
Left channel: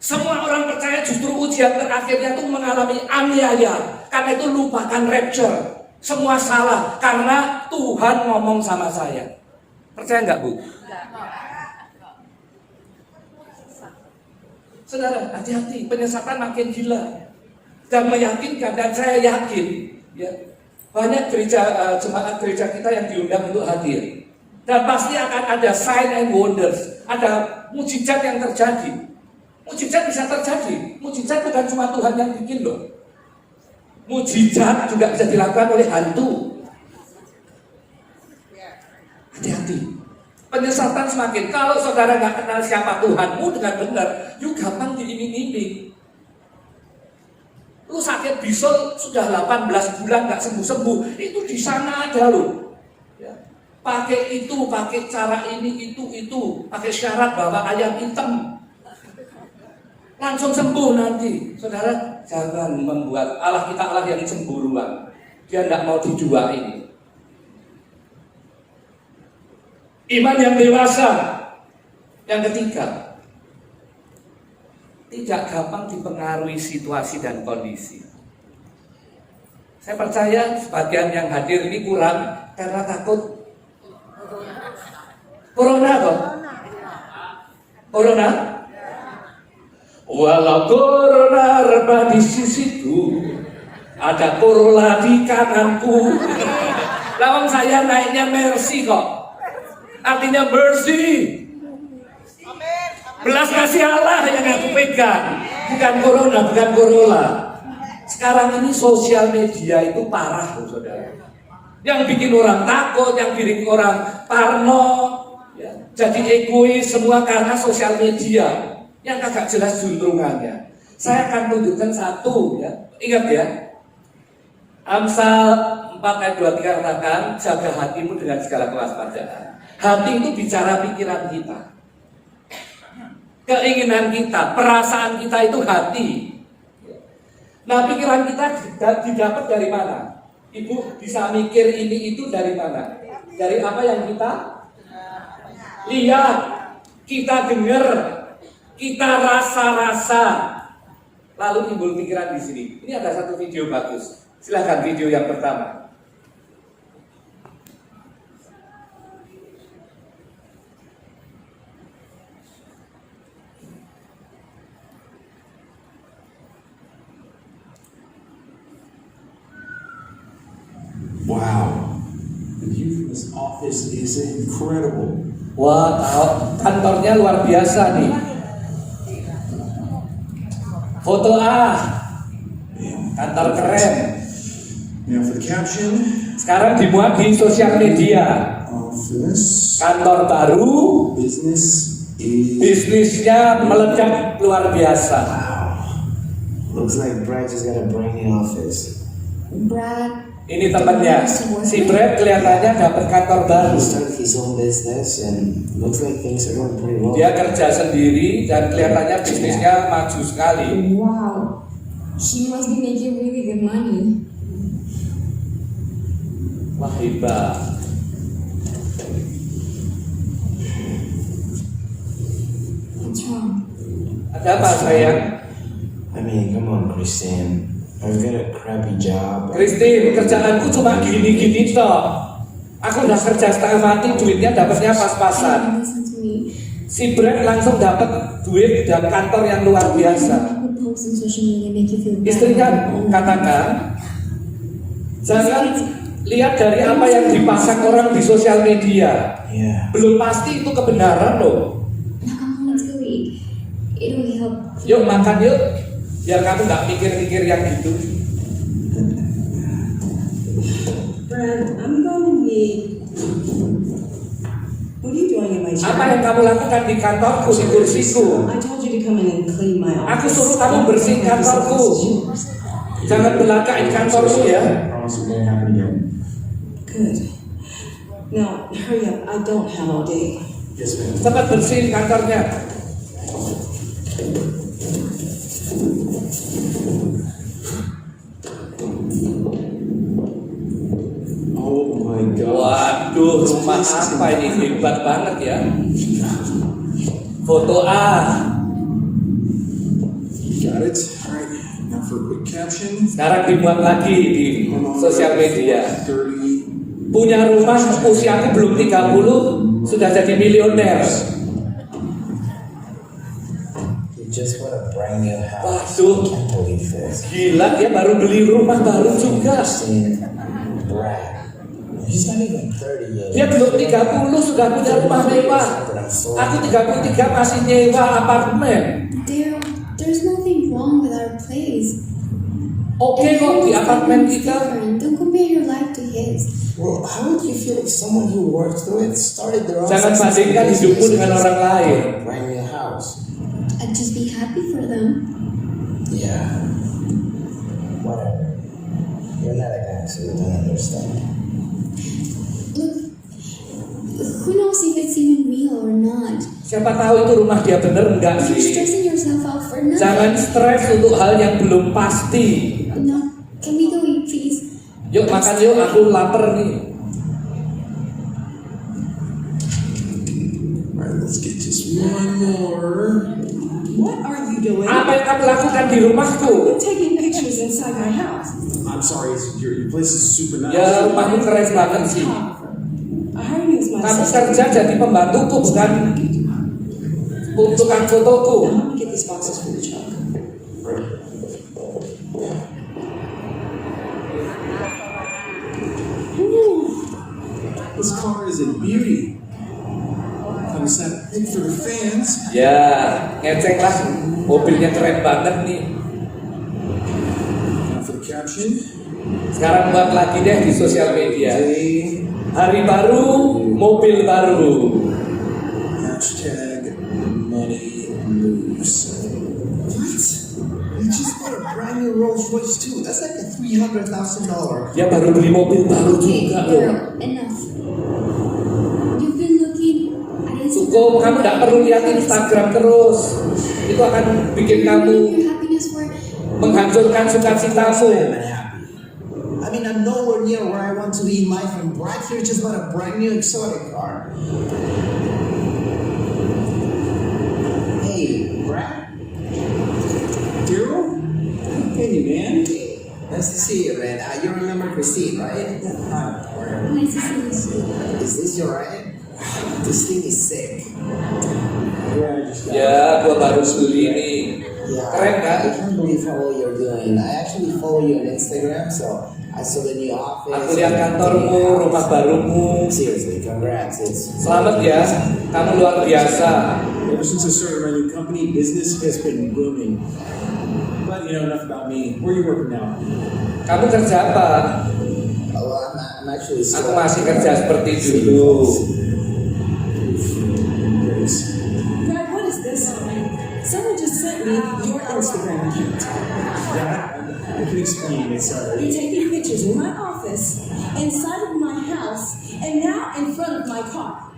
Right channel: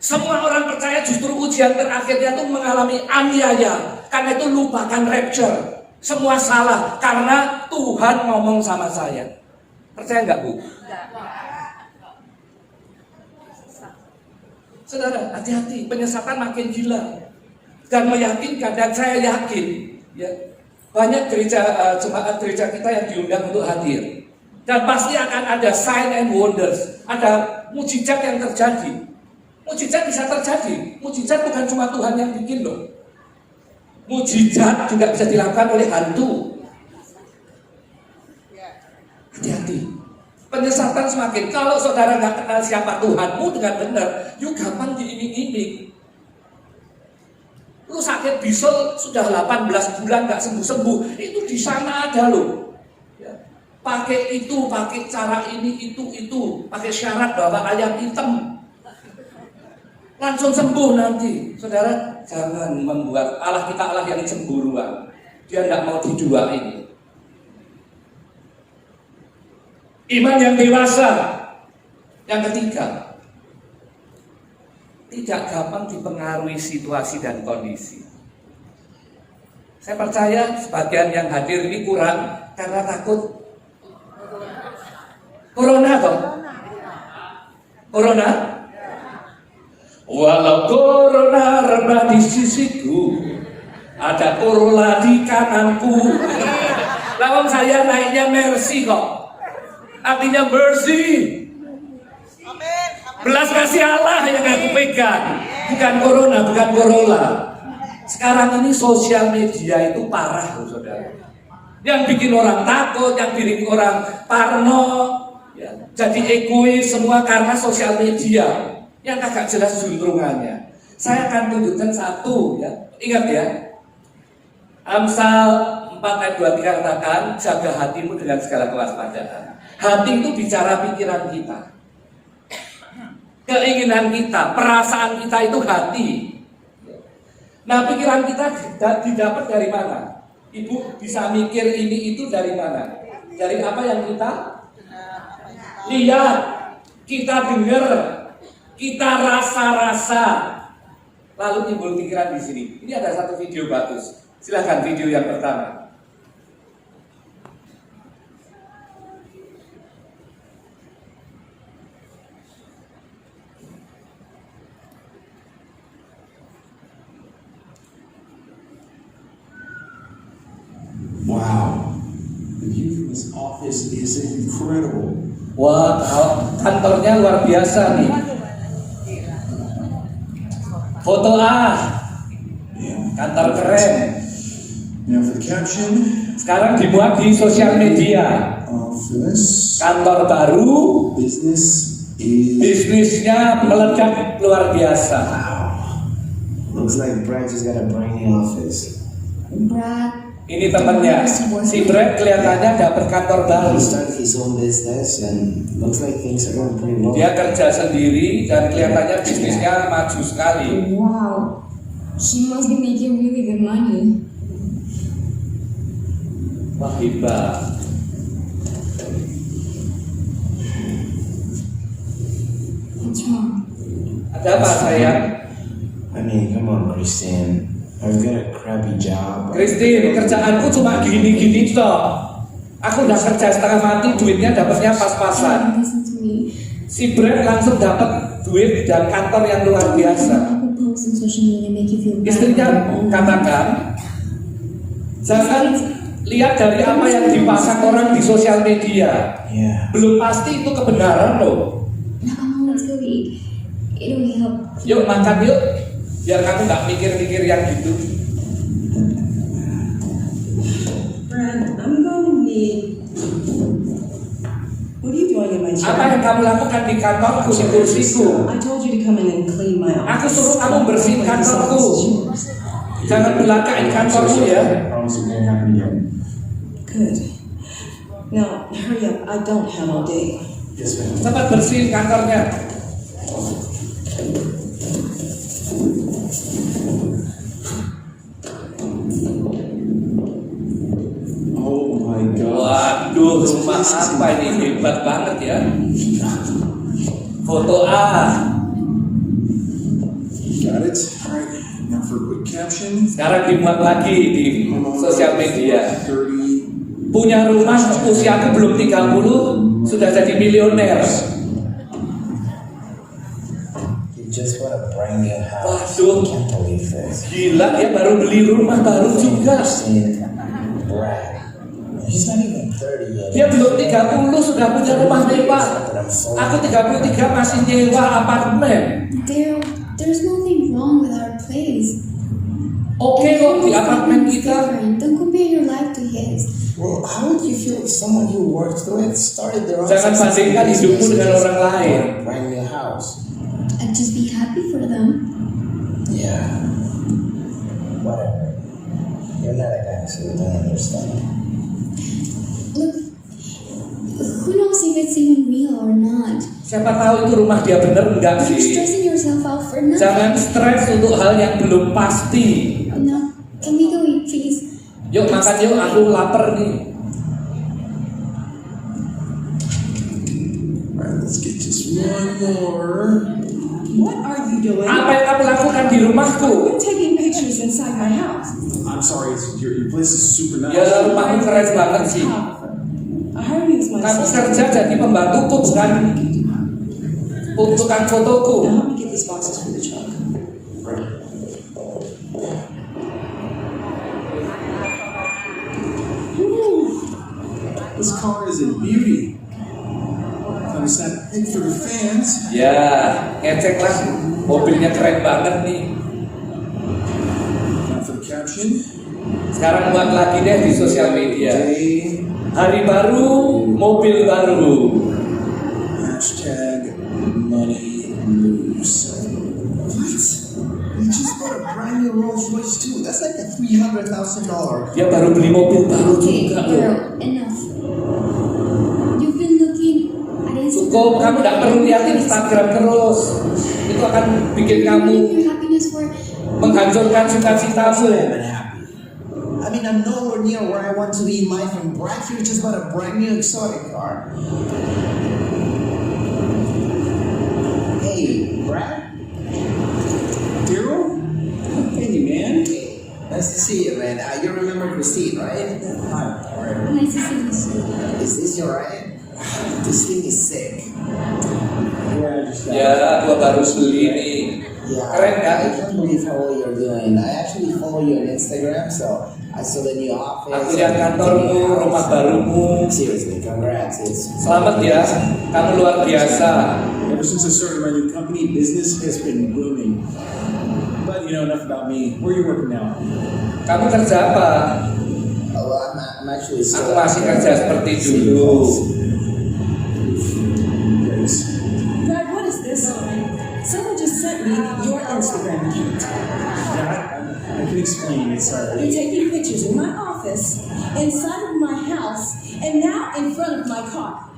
Semua orang percaya justru ujian terakhirnya itu mengalami aniaya. Karena itu lupakan rapture. Semua salah karena Tuhan ngomong sama saya. Percaya nggak, Bu? Saudara, hati-hati, penyesatan makin gila dan meyakinkan, dan saya yakin ya, banyak jemaat gereja kita yang diundang untuk hadir. Dan pasti akan ada sign and wonders, ada mujizat yang terjadi. Mujizat bisa terjadi. Mujizat bukan cuma Tuhan yang bikin loh. Mujizat juga bisa dilakukan oleh hantu. Hati-hati. Penyesatan semakin. Kalau saudara nggak kenal siapa Tuhanmu dengan benar, you gampang diiming-iming. Lu sakit bisul sudah 18 bulan nggak sembuh-sembuh, itu di sana ada loh. Ya. Pakai itu, pakai cara ini, itu, pakai syarat bawa ayam hitam. Langsung sembuh nanti. Saudara, jangan membuat Allah kita Allah yang cemburuan. Dia tidak mau didua ini. Iman yang dewasa. Yang ketiga, tidak gampang dipengaruhi situasi dan kondisi. Saya percaya sebagian yang hadir ini kurang karena takut Corona toh? Corona? Walau corona rebah di sisiku, ada Corolla di kananku. Lawang saya naiknya Mercy kok. Artinya mercy. Belas kasih Allah yang aku pegang. Bukan Corona, bukan Corolla. Sekarang ini sosial media itu parah loh saudara. Yang bikin orang takut, yang bikin orang parno, ya, jadi egois semua karena sosial media. Yang agak jelas juntrungannya. Saya akan tunjukkan satu ya. Ingat ya. Amsal 4 ayat 23 katakan, jaga hatimu dengan segala kewaspadaan. Hati itu bicara pikiran kita. Keinginan kita, perasaan kita itu hati. Nah, pikiran kita didapat dari mana? Ibu bisa mikir ini itu dari mana? Dari apa yang kita lihat, kita dengar, kita rasa-rasa, lalu timbul pikiran di sini. Ini ada satu video bagus. Silahkan video yang pertama. Wow, the view from this office is incredible. Wah, kantornya luar biasa nih. Foto kantor keren. Now for the caption Sekarang dimuat di sosial media. of this Kantor baru, business is bisnisnya meledak luar biasa. looks like Brad just got a brand new office. Brad, Ini temannya, si Brad kelihatannya dapat kantor baru. He started his own business and looks like things are going pretty well. Dia kerja sendiri dan kelihatannya bisnisnya maju sekali. wow, she must be making really good money. Wah, hebat. What's wrong? Ada apa sayang? I mean, come on, Christian. I've got a crappy job. Christine, kerjaanku cuma gini-gini toh. Aku udah kerja setengah mati, duitnya dapatnya pas-pasan. Listen to me. Si Brad langsung dapat duit dan kantor yang luar biasa. People post on social media make you feel bad. Istrinya katakan, jangan lihat dari apa yang dipasang orang di sosial media. Yeah. Belum pasti itu kebenaran loh. Now I'm going to eat. It will help. Yuk makan yuk, biar kamu nggak mikir-mikir yang gitu. What are you doing in my Apa chair? yang kamu lakukan di kantorku, di kursiku? I told you to come in and clean my office. Aku suruh kamu bersihin kantorku. Jangan belakain kantormu ya. Promise it won't happen again. Good. Now, hurry up. I don't have all day. Yes, ma'am. Cepat bersihin kantornya. Oh my God. Waduh, rumah apa ini? Hebat banget ya. Foto A. Got it? Alright. Now for a quick caption. Sekarang dimuat lagi di sosial media. 30. Punya rumah usiaku belum 30 sudah jadi miliuner. You just bought a brand new house. Waduh, Can't believe this. gila dia baru beli rumah baru juga. Christian, Brad. He's not even 30 yet. Dia belum 30 sudah punya rumah mewah. Aku 33 masih nyewa apartemen. There's nothing wrong with our place. Oke kok di apartemen kita. Different. Don't compare your life to his. Well, how would you feel if someone who worked through it started their own Jangan successful bandingkan hidupmu business dengan orang lain. or brand new house? I'd just be happy for them. Yeah. Whatever. You're not a guy, so you don't understand. Look, who knows if it's even real or not? Siapa tahu itu rumah dia bener enggak You're sih? stressing yourself out for nothing. Jangan stres untuk hal yang belum pasti. No, can we go eat, please? Yuk makan yuk, aku lapar nih. Alright, let's get just one more. What are you doing? Apa yang kamu lakukan di rumahku? I'm taking pictures inside my house. I'm sorry, your place is super nice. Ya rumahmu keren banget sih. I hired you as my Kamu assistant. kerja jadi pembantuku bukan tukang fotoku. Now, help me get these boxes for the truck. This car is a beauty. I'm sent pick for the fans. Ya, ngecek lah. Mobilnya keren banget nih. Now for the caption. Sekarang buat lagi deh di sosial media. Day. Hari baru, mobil baru. Hashtag money moves. What? You just bought a brand new Rolls Royce too. That's like a $300,000. Dia baru beli mobil baru Okay, juga loh. girl, enough. You've been looking at Instagram. Cukup, kamu tidak perlu lihat Instagram terus. Itu akan bikin kamu Your happiness for menghancurkan sukacitamu. I haven't happy. I mean, I'm nowhere near where I want to be in life, and Brad here just bought a brand new exotic car. Hey, Brad? Daryl? Hey, man. Nice to see you, man. You remember Christine, right? Hi. nice to see you too. Is this your ride? This thing is sick. Yeah, I just got Ya, gua baru beli ini. Yeah, Keren kan? I can't believe how well you're doing. I actually follow you on Instagram, so I saw the new office. Aku lihat kantormu, rumah barumu. Seriously, congrats. It's Selamat ya, kamu luar biasa. Ever since I started my new company, business has been booming. But you know, enough about me. Where are you working now? Kamu kerja apa? well, I'm actually Aku masih kerja seperti dulu. Brad, what is this? Someone just sent me your Instagram account. That I can explain. It's You're taking pictures in my office, inside of my house, and now in front of my car,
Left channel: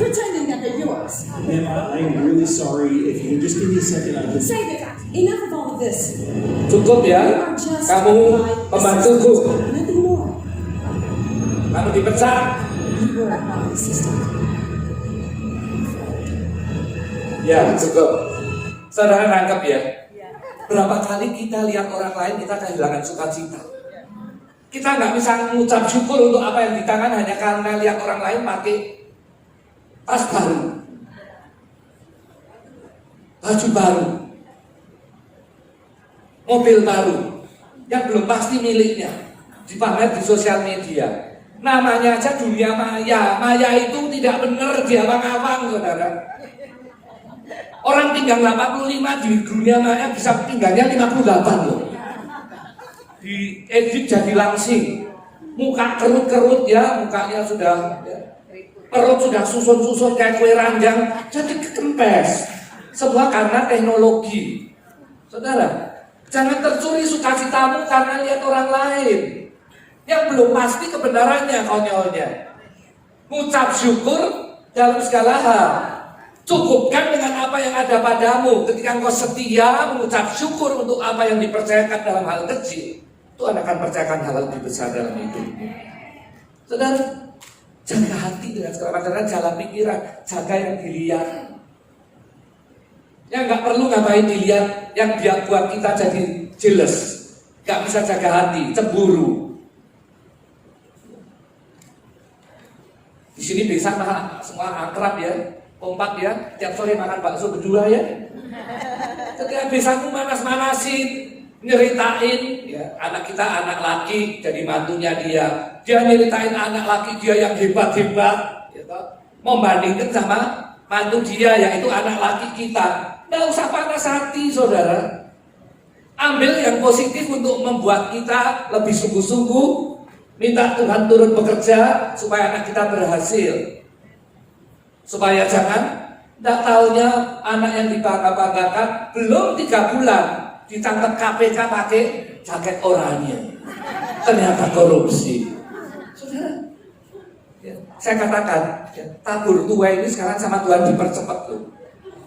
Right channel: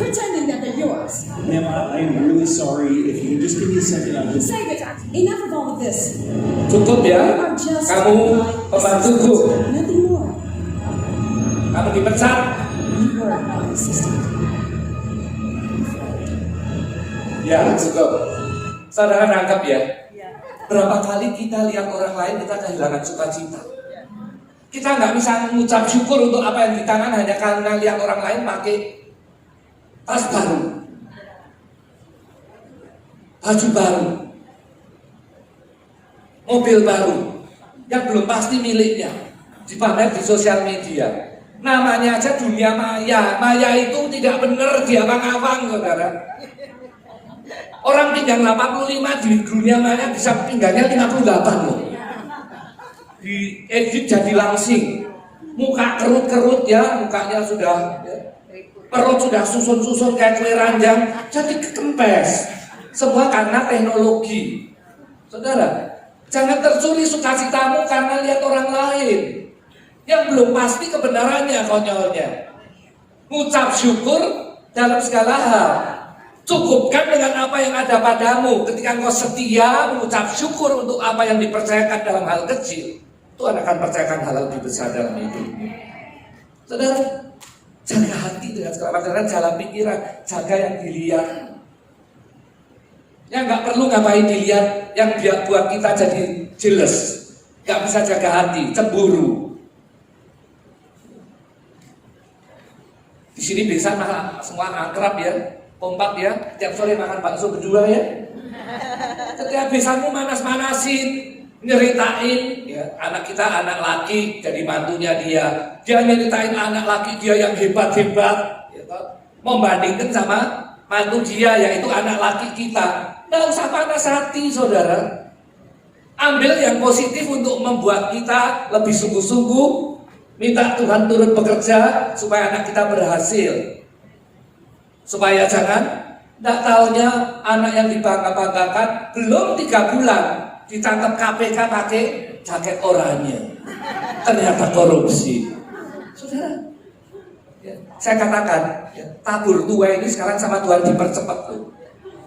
pretending that they're yours. ma'am, I'm really sorry. If you could just give me a second, I'll just. Save it. Enough of all of this. Cukup You ya, are just kamu my pembantuku. assistant. Nothing more. Kamu dipecat. You were my assistant. Ya, cukup. Saudara nangkap ya. Berapa kali kita lihat orang lain kita kehilangan sukacita. Kita nggak bisa mengucap syukur untuk apa yang di tangan hanya karena lihat orang lain pakai tas baru, baju baru, mobil baru yang belum pasti miliknya, dipamer di sosial media. Namanya aja dunia maya. Maya itu tidak benar diawang-awang, saudara. Orang pinggang 85 di dunia maya bisa pinggangnya 58 loh. Di edit jadi langsing. muka kerut-kerut ya, mukanya sudah ya, perut sudah susun-susun kayak kue ranjang, jadi kekempes. Semua karena teknologi. Saudara, jangan tercuri sukacitamu karena lihat orang lain yang belum pasti kebenarannya, konyolnya. Ucap syukur dalam segala hal. Cukupkan dengan apa yang ada padamu. Ketika engkau setia mengucap syukur untuk apa yang dipercayakan dalam hal kecil, Tuhan akan percayakan hal lebih besar dalam hidupmu. Saudara, jaga hati dengan segala macam, jalan pikiran, jaga yang dilihat. Yang nggak perlu ngapain dilihat, yang buat kita jadi jealous, nggak bisa jaga hati, cemburu. Di sini bisa malah semua akrab ya, kompak ya, tiap sore makan bakso berdua ya. Setiap besamu manas-manasin, nyeritain ya, anak kita anak laki jadi mantunya dia nyeritain anak laki dia yang hebat-hebat gitu. Membandingkan sama mantu dia yaitu anak laki kita. Nggak usah panas hati, saudara. Ambil yang positif untuk membuat kita lebih sungguh-sungguh. Minta Tuhan turun bekerja supaya anak kita berhasil. Supaya jangan nggak taunya anak yang dibangga-banggakan belum 3 bulan ditangkap KPK pakai jaket oranye. Ternyata korupsi. Saudara, ya, saya katakan ya, tabur tua ini sekarang sama Tuhan dipercepat tuh.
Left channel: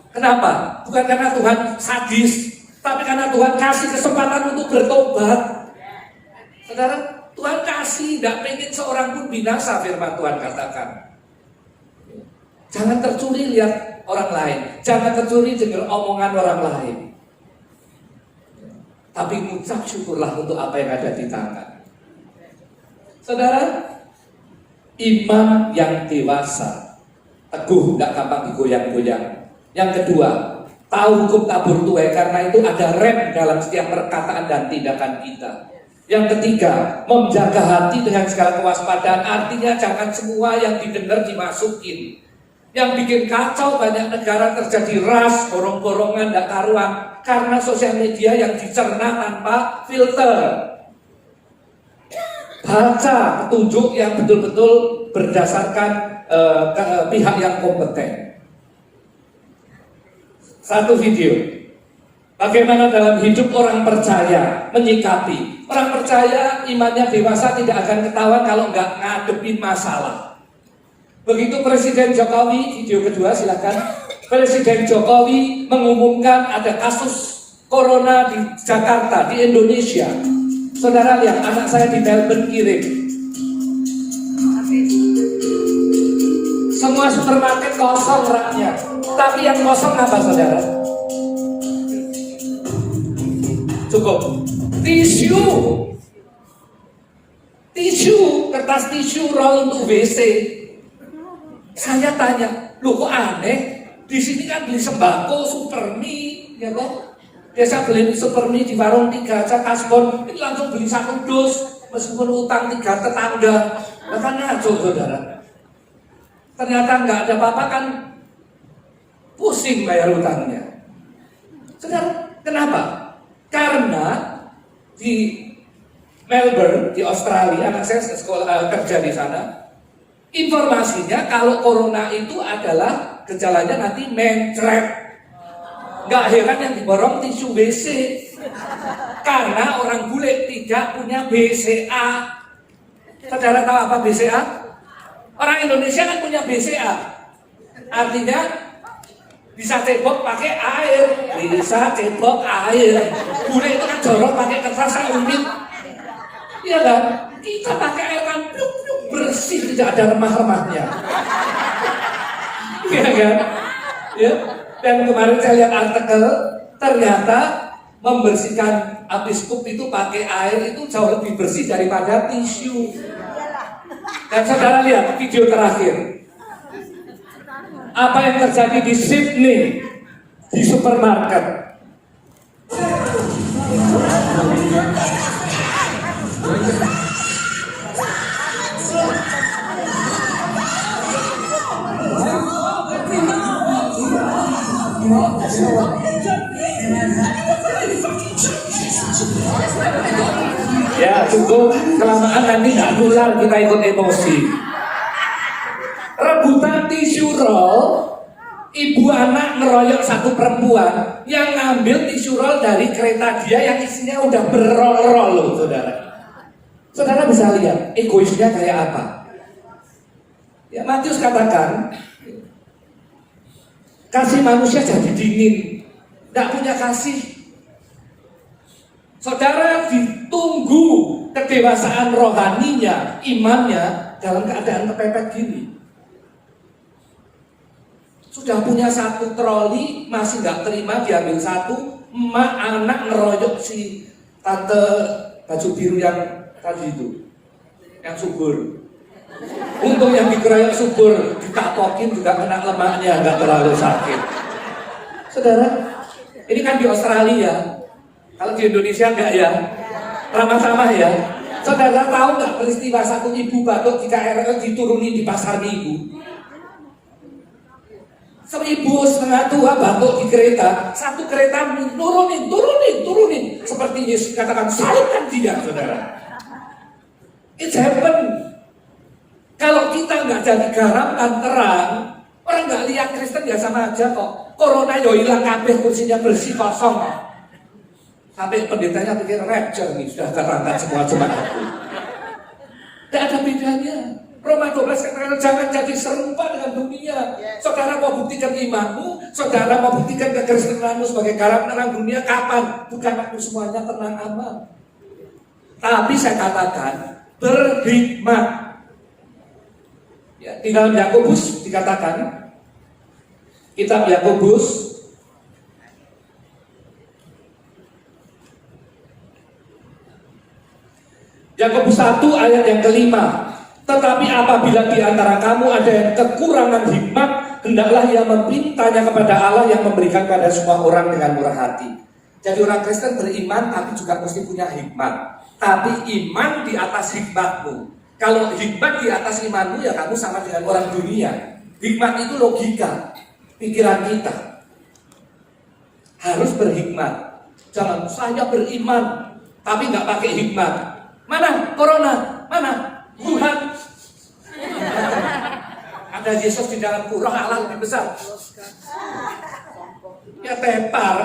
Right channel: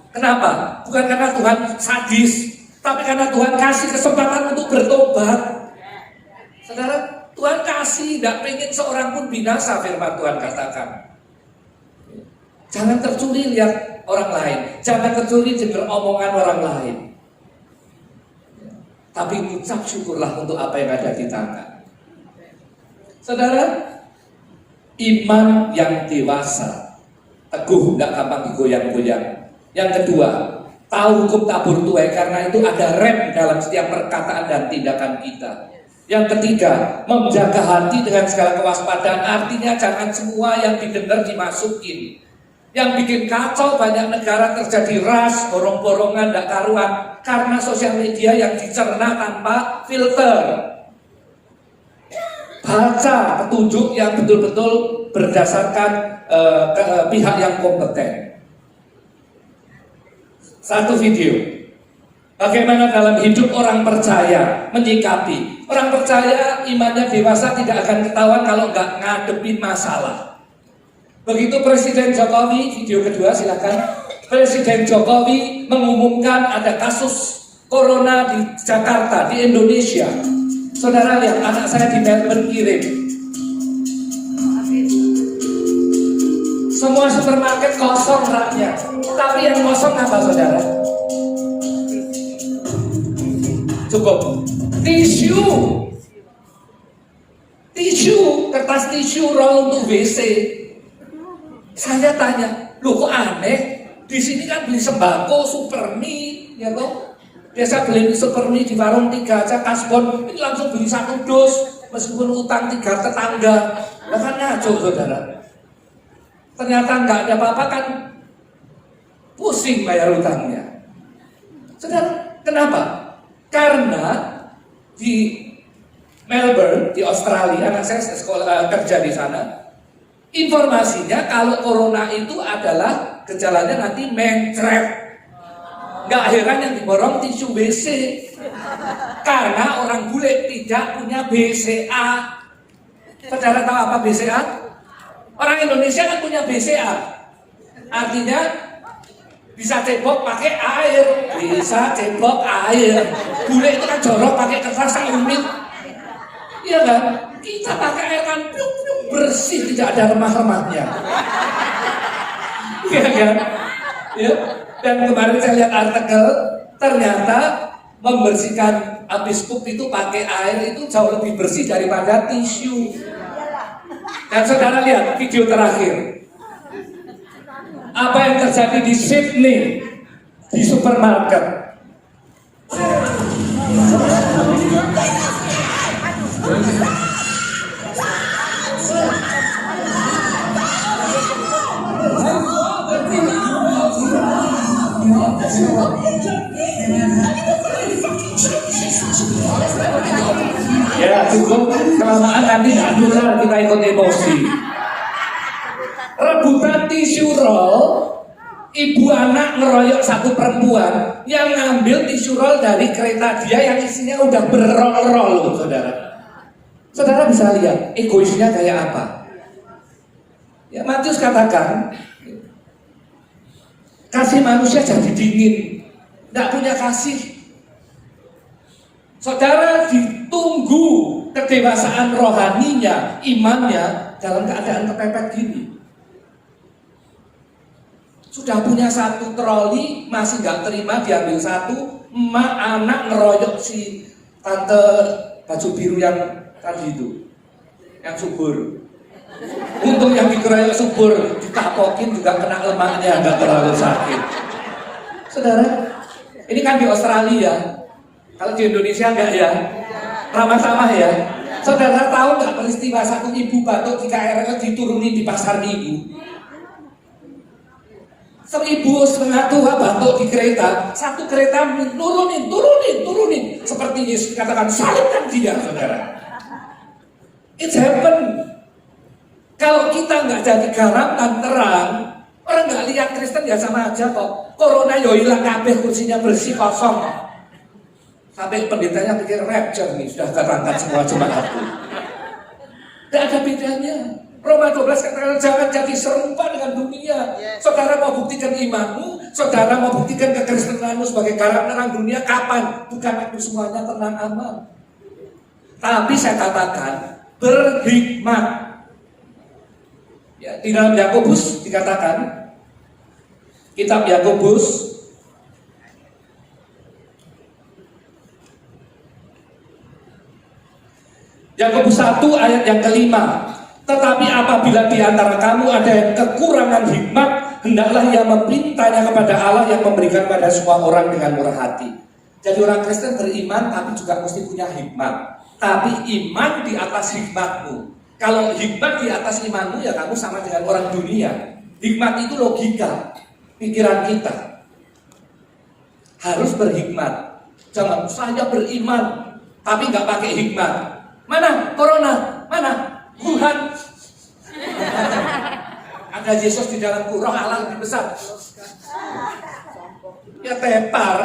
Kenapa? Bukan karena Tuhan sadis, tapi karena Tuhan kasih kesempatan untuk bertobat. Saudara, Tuhan kasih, tidak pengen seorang pun binasa, firman Tuhan katakan. Jangan tercuri lihat orang lain, jangan tercuri dengar omongan orang lain. Tapi mengucap syukurlah untuk apa yang ada di tangan. Saudara, iman yang dewasa, teguh, tidak gampang digoyang-goyang. Yang kedua, tahu hukum tabur tuai karena itu ada rem dalam setiap perkataan dan tindakan kita. Yang ketiga, menjaga hati dengan segala kewaspadaan, artinya jangan semua yang didengar dimasukin. Yang bikin kacau banyak negara terjadi ras, borong-borongan, tidak karuan karena sosial media yang dicerna tanpa filter. Baca petunjuk yang betul-betul berdasarkan pihak yang kompeten. Satu video, bagaimana dalam hidup orang percaya menyikapi. Orang percaya imannya dewasa tidak akan ketahuan kalau nggak ngadepin masalah. Begitu Presiden Jokowi, video kedua silakan. Presiden Jokowi mengumumkan ada kasus corona di Jakarta, di Indonesia. Saudara lihat, anak saya di Melbourne kirim. Semua supermarket kosong raknya. Tapi yang kosong apa, saudara? Cukup. Tisu, kertas tisu roll untuk WC. Saya tanya, loh kok aneh? Di sini kan beli sembako, Supermi, ya toh? Biasa beli Supermi di warung 3 aja kasbon, ini langsung beli 1 dus, meskipun utang 3 tetangga. Lah kan ngaco, saudara. Ternyata nggak ada apa-apa kan, pusing bayar utangnya. Saudara, kenapa? Karena di Melbourne, di Australia, anak saya sekolah kerja di sana. Informasinya kalau corona itu adalah gejalanya nanti mencret. Nggak heran yang diborong tisu WC. Karena orang bule tidak punya BCA. Saudara tahu apa BCA? Orang Indonesia kan punya BCA. Artinya bisa cebok pakai air, bisa cebok air. Bule itu kan jorok pakai kertas unit. Iya kan? Kita pakai air kan bersih, tidak ada remah-remahnya. Iya kan? Ya. Dan kemarin saya lihat artikel, ternyata membersihkan habis pup itu pakai air itu jauh lebih bersih daripada tisu. Dan saudara lihat video terakhir. Apa yang terjadi di Sydney di supermarket? Yeah, cukup, kelamaan nanti nggak nular kita ikut emosi. Rebutan tisu roll, ibu anak ngeroyok satu perempuan yang ngambil tisu roll dari kereta dia yang isinya udah berroll-roll, saudara. Saudara bisa lihat egoisnya kayak apa. Ya, Matius katakan, kasih manusia jadi dingin, nggak punya kasih. Saudara ditunggu kedewasaan rohaninya, imannya dalam keadaan kepepet gini. Sudah punya satu troli, masih nggak terima diambil satu, emak anak ngeroyok si tante baju biru yang tadi itu, yang subur. Untung yang dikeroyok subur, dikapokin juga kena lemaknya, nggak terlalu sakit. Saudara, ini kan di Australia. Kalau di Indonesia enggak ya? Ramah-ramah ya? Saudara tahu nggak peristiwa satu ibu batuk di KRL diturunin di pasar Minggu? 1.500 batuk di kereta, satu kereta turunin. Seperti Yesus katakan, salibkan dia, saudara. It's happen. Kalau kita nggak jadi garam dan terang, orang nggak lihat Kristen ya sama aja kok. Corona yo hilang kabeh, kursinya bersih kosong. Sampai pendetanya pikir rapture nih, sudah terangkat semua jemaatku. Tidak ada bedanya. Roma 12 katakan jangan jadi serupa dengan dunia. Saudara mau buktikan imanmu, saudara mau buktikan kekristenanmu sebagai garam terang dunia, kapan? Bukan waktu semuanya tenang aman. Tapi saya katakan berhikmat. Ya, di dalam Yakobus dikatakan, kitab Yakobus Yakobus 1 ayat yang kelima. Tetapi apabila di antara kamu ada yang kekurangan hikmat, hendaklah ia memintanya kepada Allah yang memberikan pada semua orang dengan murah hati. Jadi orang Kristen beriman tapi juga mesti punya hikmat. Tapi iman di atas hikmatmu. Kalau hikmat di atas imanmu ya kamu sama dengan orang dunia. Hikmat itu logika, pikiran kita. Harus berhikmat. Jangan saya beriman tapi nggak pakai hikmat. Mana corona? Mana Wuhan? Ada Yesus di dalamku, roh Allah lebih besar. Ya tepar.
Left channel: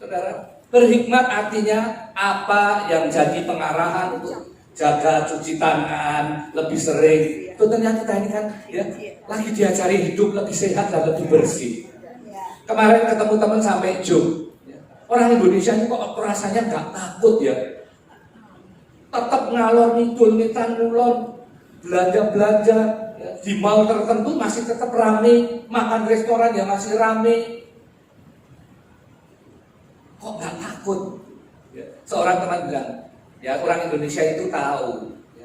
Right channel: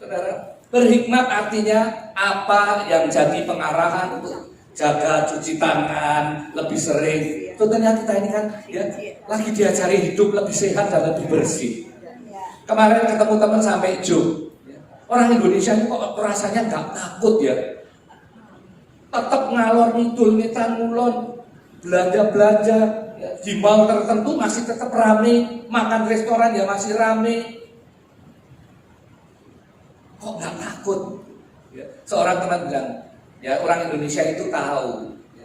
Saudara, berhikmat artinya apa yang jadi pengarahan untuk jaga cuci tangan lebih sering. Tentunya kita ini kan ya lagi diajari hidup lebih sehat dan lebih bersih. Kemarin ketemu teman sampai Jog. Orang Indonesia ini kok rasanya nggak takut ya. Tetap ngalor ngidul ngetan ngulon, belanja ya, di mall tertentu masih tetap rame, makan restoran ya masih rame. Kok nggak takut? Ya, seorang teman bilang, ya orang Indonesia itu tahu. Ya.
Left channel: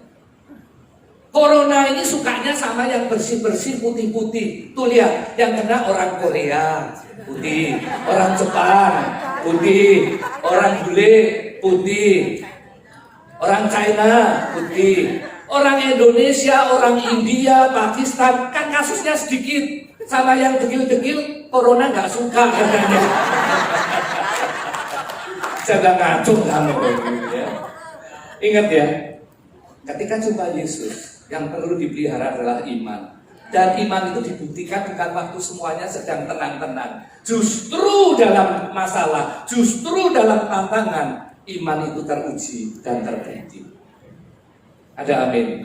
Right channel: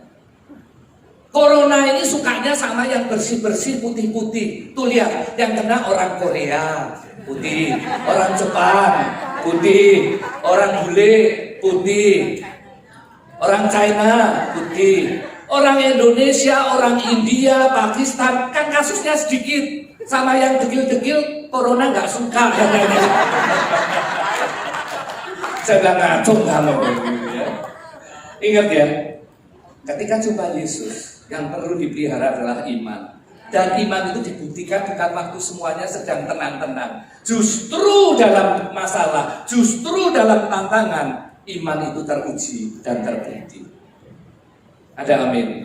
Corona ini sukanya sama yang bersih-bersih putih-putih. Tuh lihat, yang kena orang Korea putih, orang Jepang putih, orang bule putih. Orang China putih, orang Indonesia, orang India, Pakistan kan kasusnya sedikit, sama yang degil-degil corona nggak suka katanya. Jangan ngaco kamu ya. Ingat ya, ketika jumpa Yesus yang perlu dipelihara adalah iman. Dan iman itu dibuktikan bukan waktu semuanya sedang tenang-tenang. Justru dalam masalah, justru dalam tantangan, iman itu teruji dan terbukti. Ada amin.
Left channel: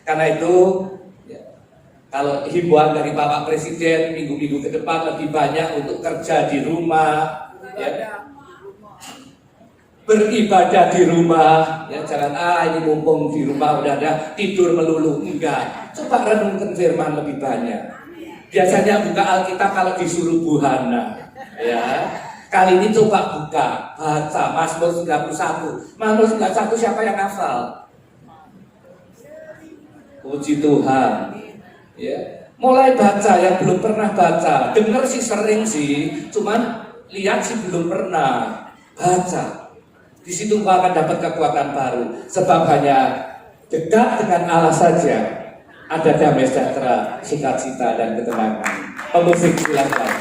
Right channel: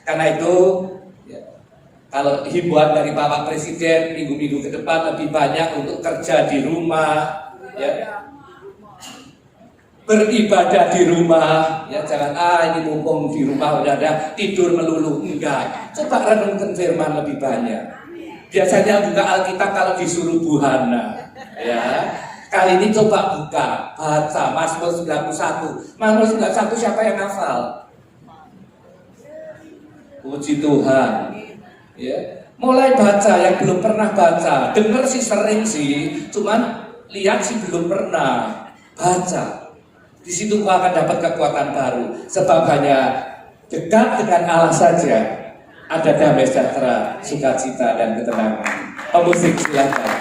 Karena itu ya, kalau himbauan dari Bapak Presiden minggu-minggu ke depan lebih banyak untuk kerja di rumah, ya, beribadah di rumah, ya jangan ini mumpung di rumah udah ada tidur melulu, enggak. Coba renungkan firman lebih banyak. Biasanya buka Alkitab kalau disuruh buhana, ya. Kali ini coba buka, baca Mazmur 91. Mazmur 91 siapa yang hafal? Puji Tuhan. Ya. Mulai baca yang belum pernah baca. Dengar sih sering sih, cuman lihat sih belum pernah. Baca. Di situ kau akan dapat kekuatan baru. Sebab hanya dekat dengan Allah saja ada damai sejahtera, sukacita dan ketenangan. Pemusik silakan.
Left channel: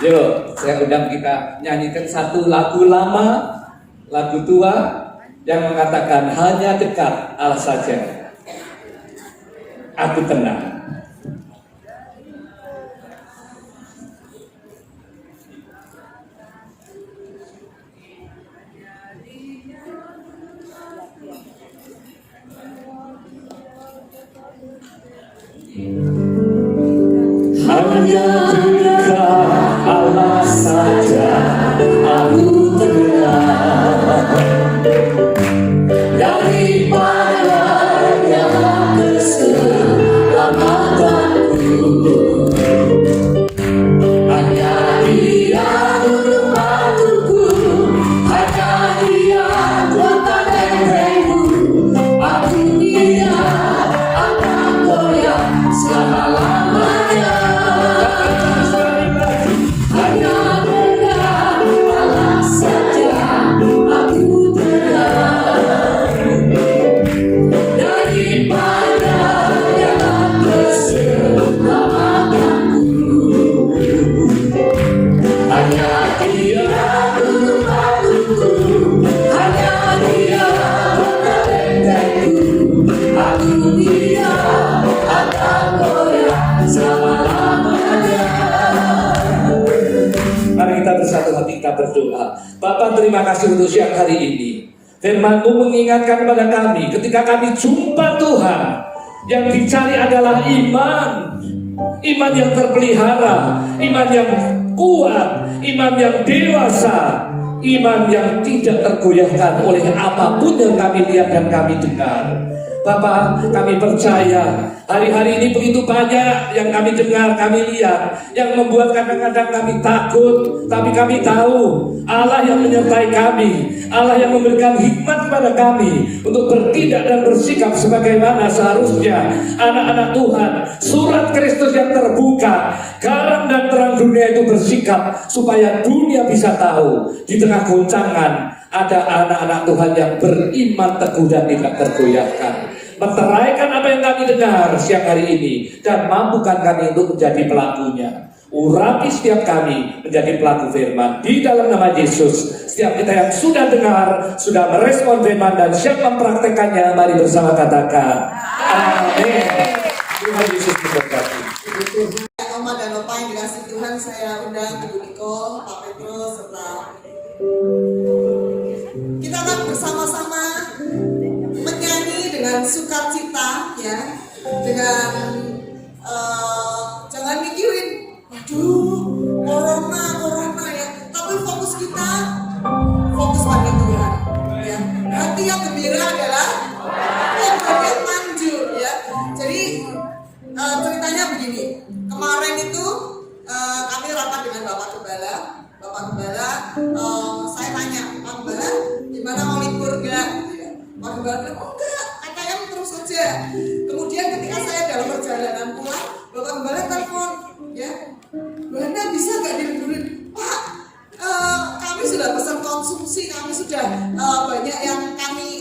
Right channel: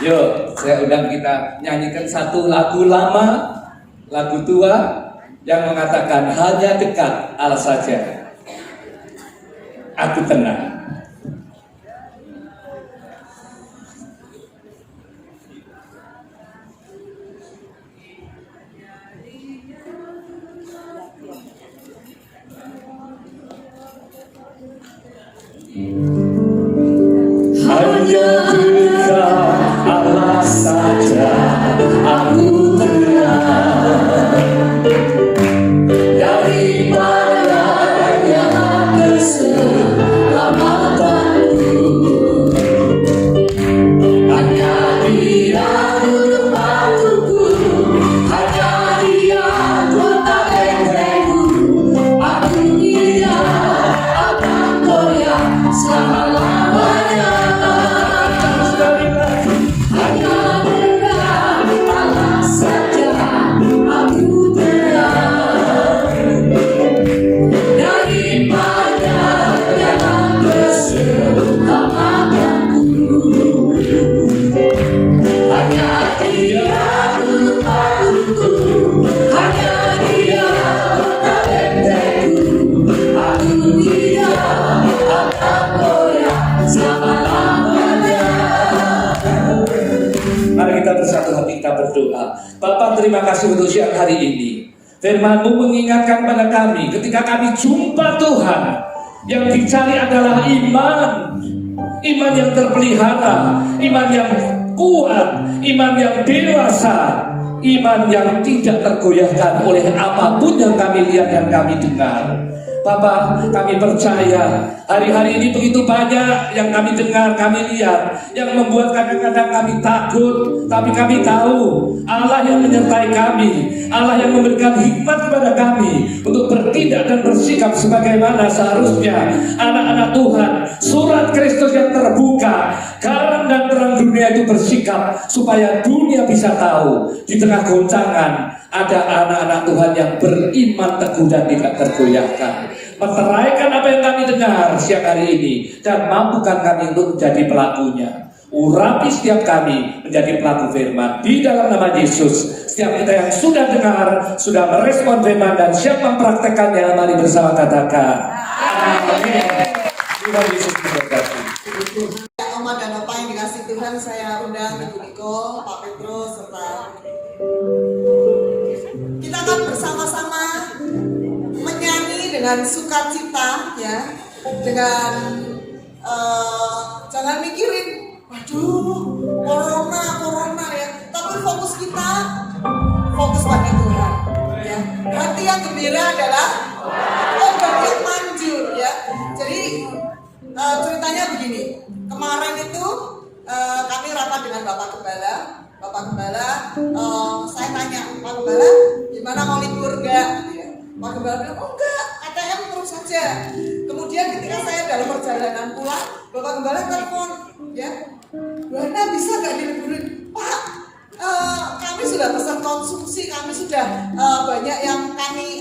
Yuk, saya undang kita nyanyikan satu lagu lama, lagu tua, yang mengatakan hanya dekat Allah saja aku tenang. Hanya dekat Allah saja aku tenang, daripada yang keselamatanku. Hanya Dia dulu waktuku, hanya Dia kota bentengku. Aku tidak akan goyah selama-lamanya. Hanya dekat Allah saja aku tenang, daripada yang keselamatanku. Hanya Dia dulu waktuku, hanya Dia kota bentengku. Aku tidak akan goyah selama-lamanya. Mari kita bersatu hati, kita berdoa. Bapa, terima kasih untuk siang hari ini. Firman-Mu mengingatkan pada kami ketika kami jumpa Tuhan, yang dicari adalah iman. Iman yang terpelihara, iman yang kuat, iman yang dewasa, iman yang tidak tergoyahkan oleh apapun yang kami lihat dan kami dengar. Bapak, kami percaya hari-hari ini begitu banyak yang kami dengar, kami lihat, yang membuat kadang-kadang kami takut. Tapi kami tahu Allah yang menyertai kami, Allah yang memberikan hikmat kepada kami untuk bertindak dan bersikap sebagaimana seharusnya anak-anak Tuhan. Surat Kristus yang terbuka, garam dan terang dunia itu bersikap supaya dunia bisa tahu di tengah goncangan ada anak-anak Tuhan yang beriman teguh dan tidak tergoyahkan. Meteraikan apa yang kami dengar siang hari ini dan mampukan kami untuk menjadi pelakunya. Urapi setiap kami menjadi pelaku firman di dalam nama Yesus. Setiap kita yang sudah dengar, sudah merespon firman dan siap mempraktekannya, mari bersama katakan amin. Tuhan Yesus memberkati. Oma dan Opa yang dikasih Tuhan, saya undang Ibu Niko, Pak Petrus, serta kita akan bersama-sama menyanyi dengan sukacita, ya, dengan jangan mikirin, waduh, corona ya, tapi fokus kita, fokus pada Tuhan, ya. Hati yang gembira adalah obat yang manjur, ya. Jadi ceritanya begini, kemarin itu kami rapat dengan Bapak Gembala. Saya tanya, Pak Gembala, gimana mau libur gak? Pak Gembala bilang, oh enggak, ATM terus saja. Kemudian ketika saya dalam perjalanan pulang, Bapak Gembala telepon, ya, Buana bisa gak diliburin? Pak, kami sudah pesan konsumsi, kami sudah banyak yang kami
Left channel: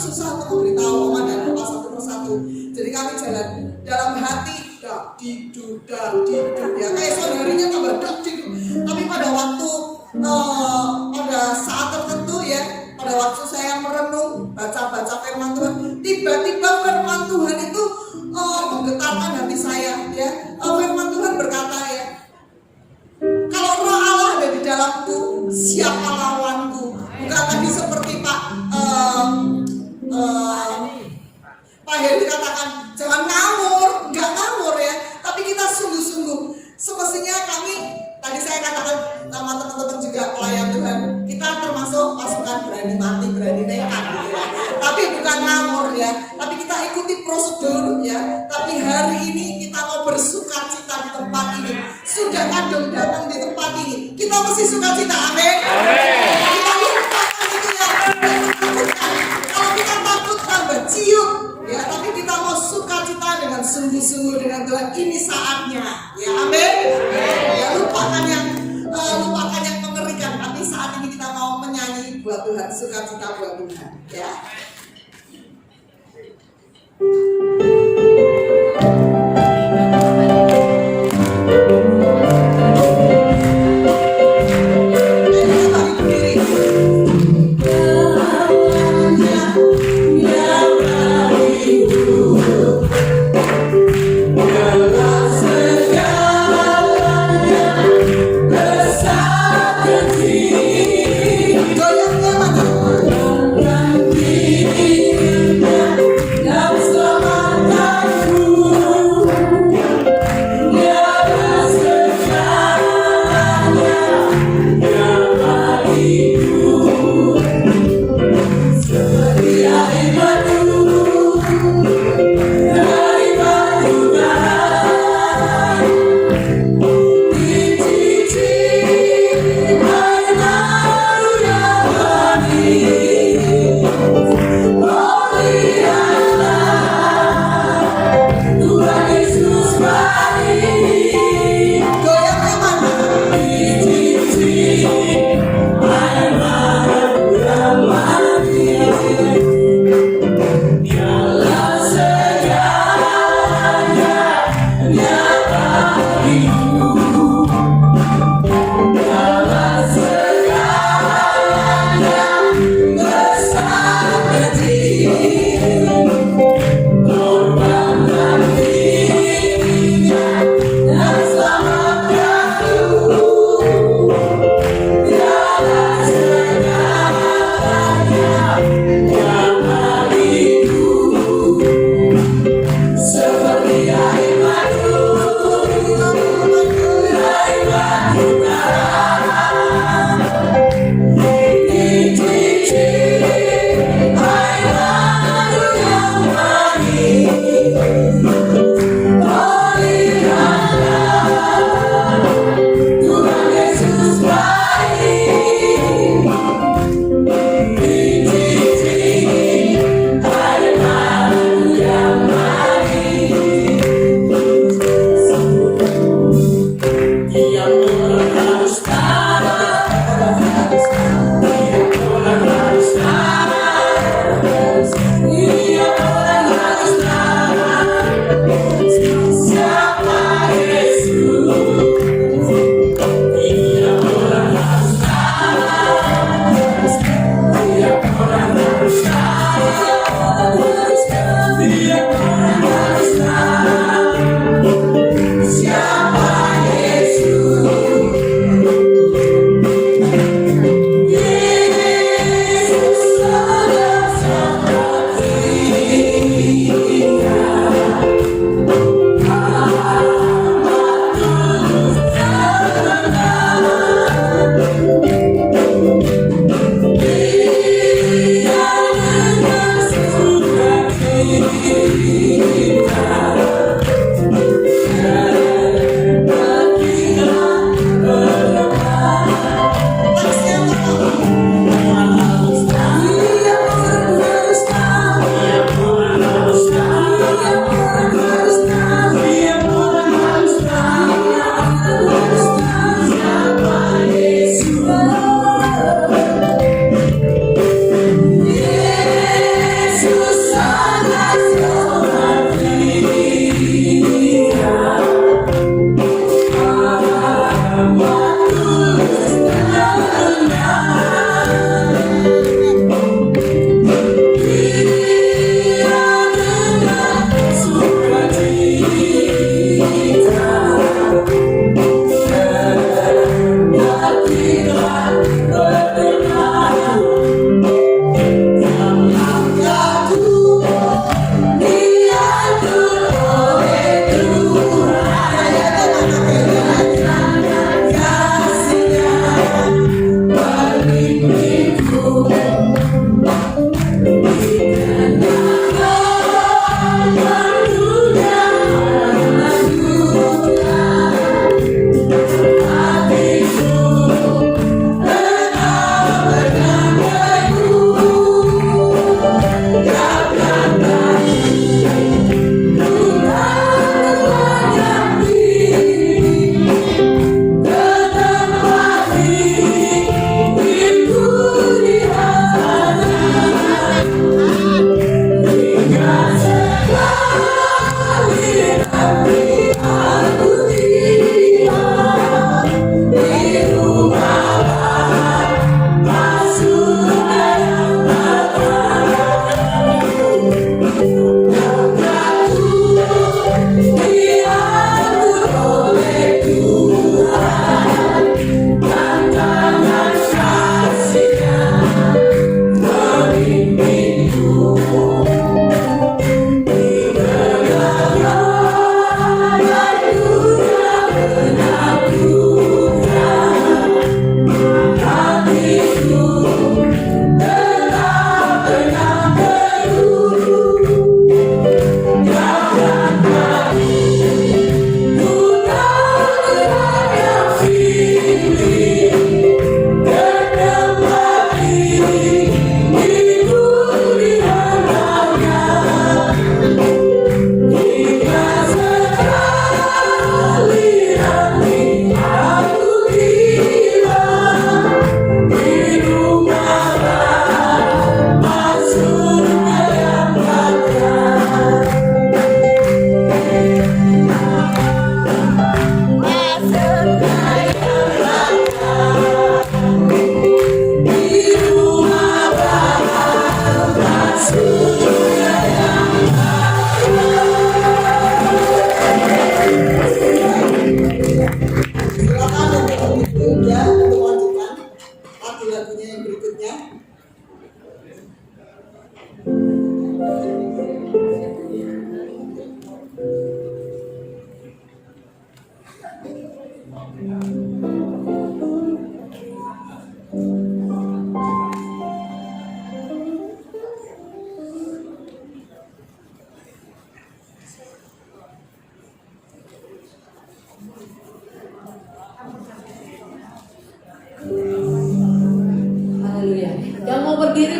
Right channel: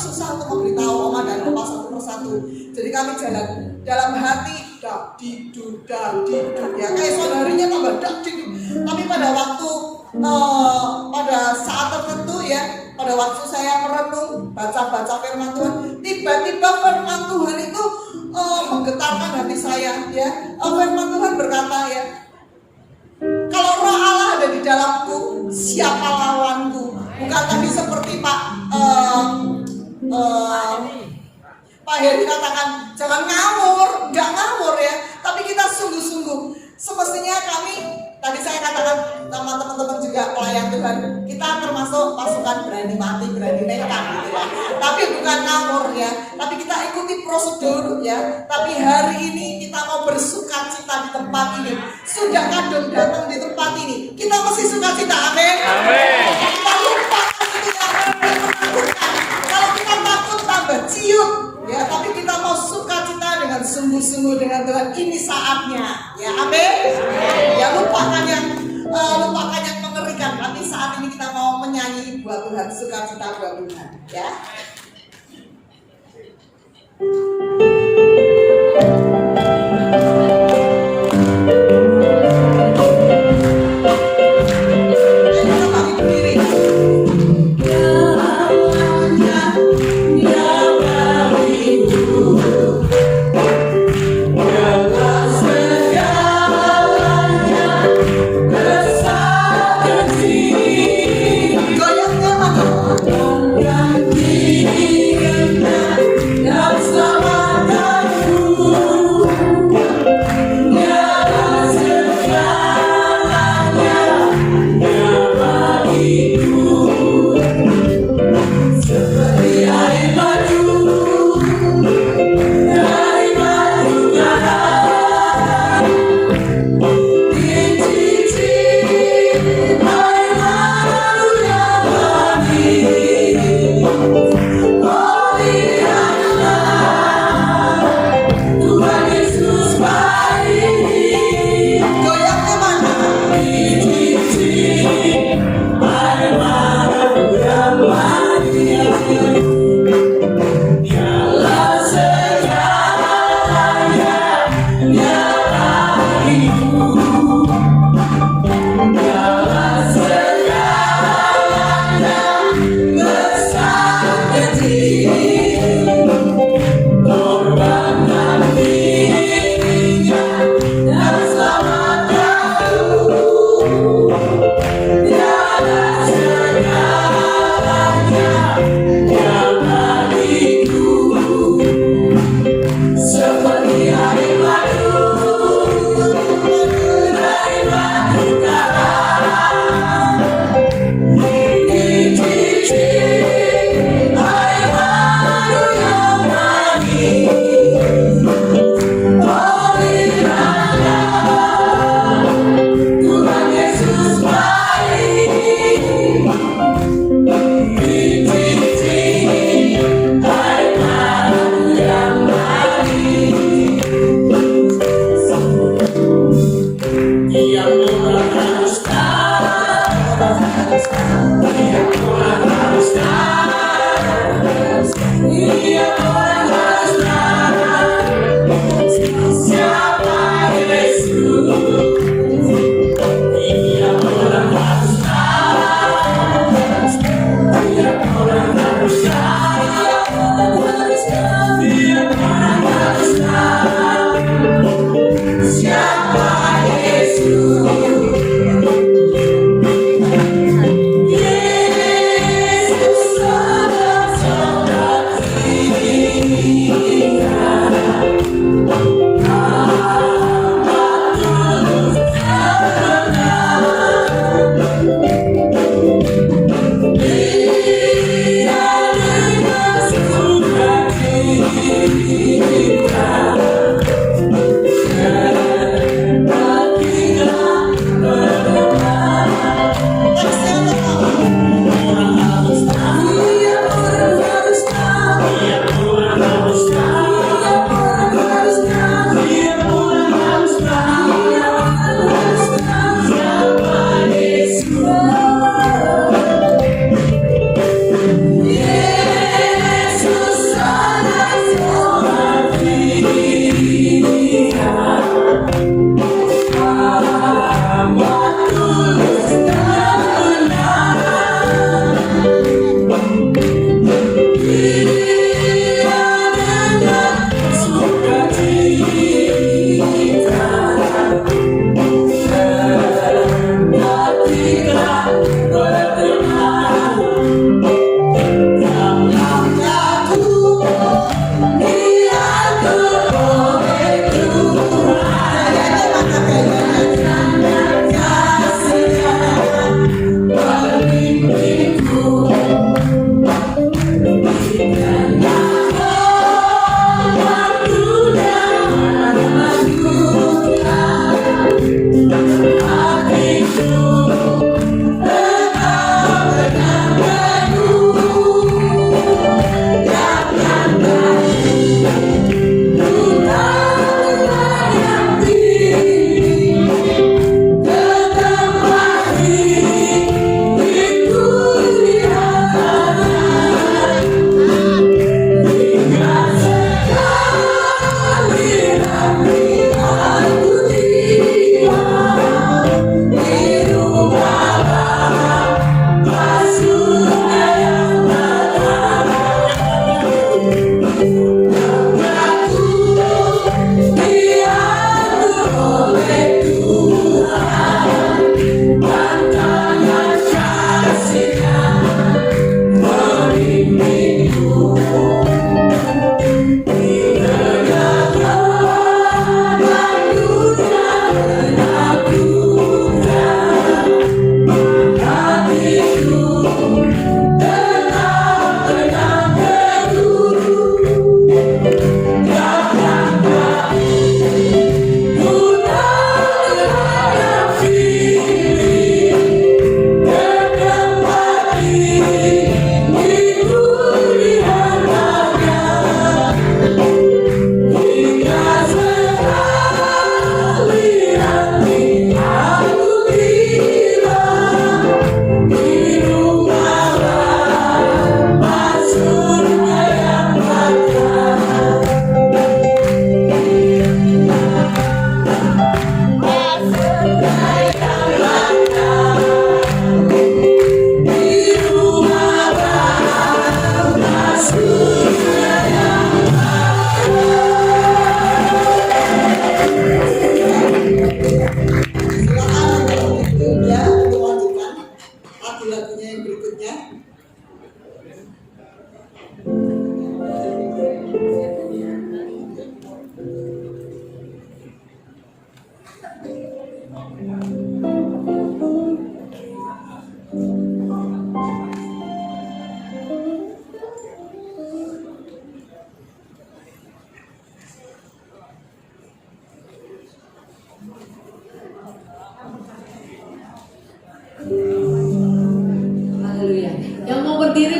susah untuk memberitahu Oma dan Opa satu persatu. Jadi kami jalan dalam hati, diduk ya, kayak saudarinya tambah diduk. Tapi pada waktu pada saat tertentu, ya, pada waktu saya merenung baca firman Tuhan, tiba-tiba firman Tuhan itu menggetarkan hati saya, ya. Firman Tuhan berkata, ya, kalau Roh Allah ada di dalamku, siapa lawanku? Bukan tadi seperti Pak Heri katakan, jangan ngawur, enggak ngawur, ya. Tapi kita sungguh-sungguh. Semestinya kami, tadi saya katakan sama teman-teman juga pelayan Tuhan, kita termasuk pasukan berani mati, berani nekat, gitu ya. Tapi bukan ngawur, ya. Tapi kita ikuti prosedur, ya. Tapi hari ini kita mau bersukacita di tempat ini. Sudah kadung datang di tempat ini, kita mesti sukacita, amin. Kita lupakan itu yang menakutkan. Kalau kita takut tambah ciut, ya, tapi kita mau sukacita dengan sungguh-sungguh dengan Tuhan. Ini saatnya, ya, amin. Ya, lupakan yang mengerikan. Tapi saat ini kita mau menyanyi buat Tuhan, sukacita buat Tuhan, ya. Ayo, kita balik berdiri.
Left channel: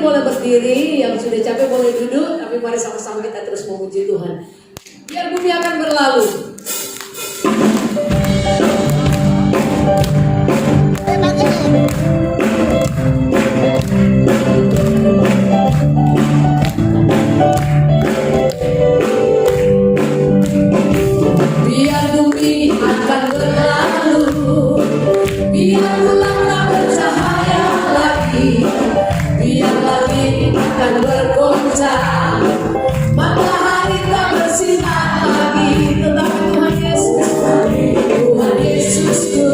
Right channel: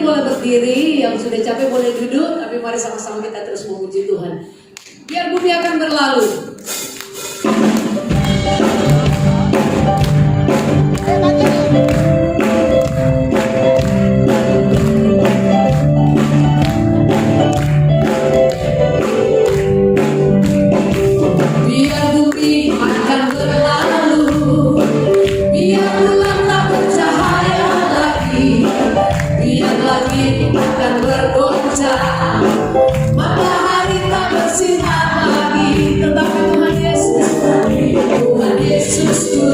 boleh berdiri, yang sudah capek boleh duduk, tapi mari sama-sama kita terus memuji Tuhan. Biar bumi akan berlalu. Biar bumi akan berlalu, biar bulan tak bercahaya lagi, biar langit akan bergoncang, matahari tak bersinar lagi, tetapi Tuhan Yesus, Tuhan Yesusku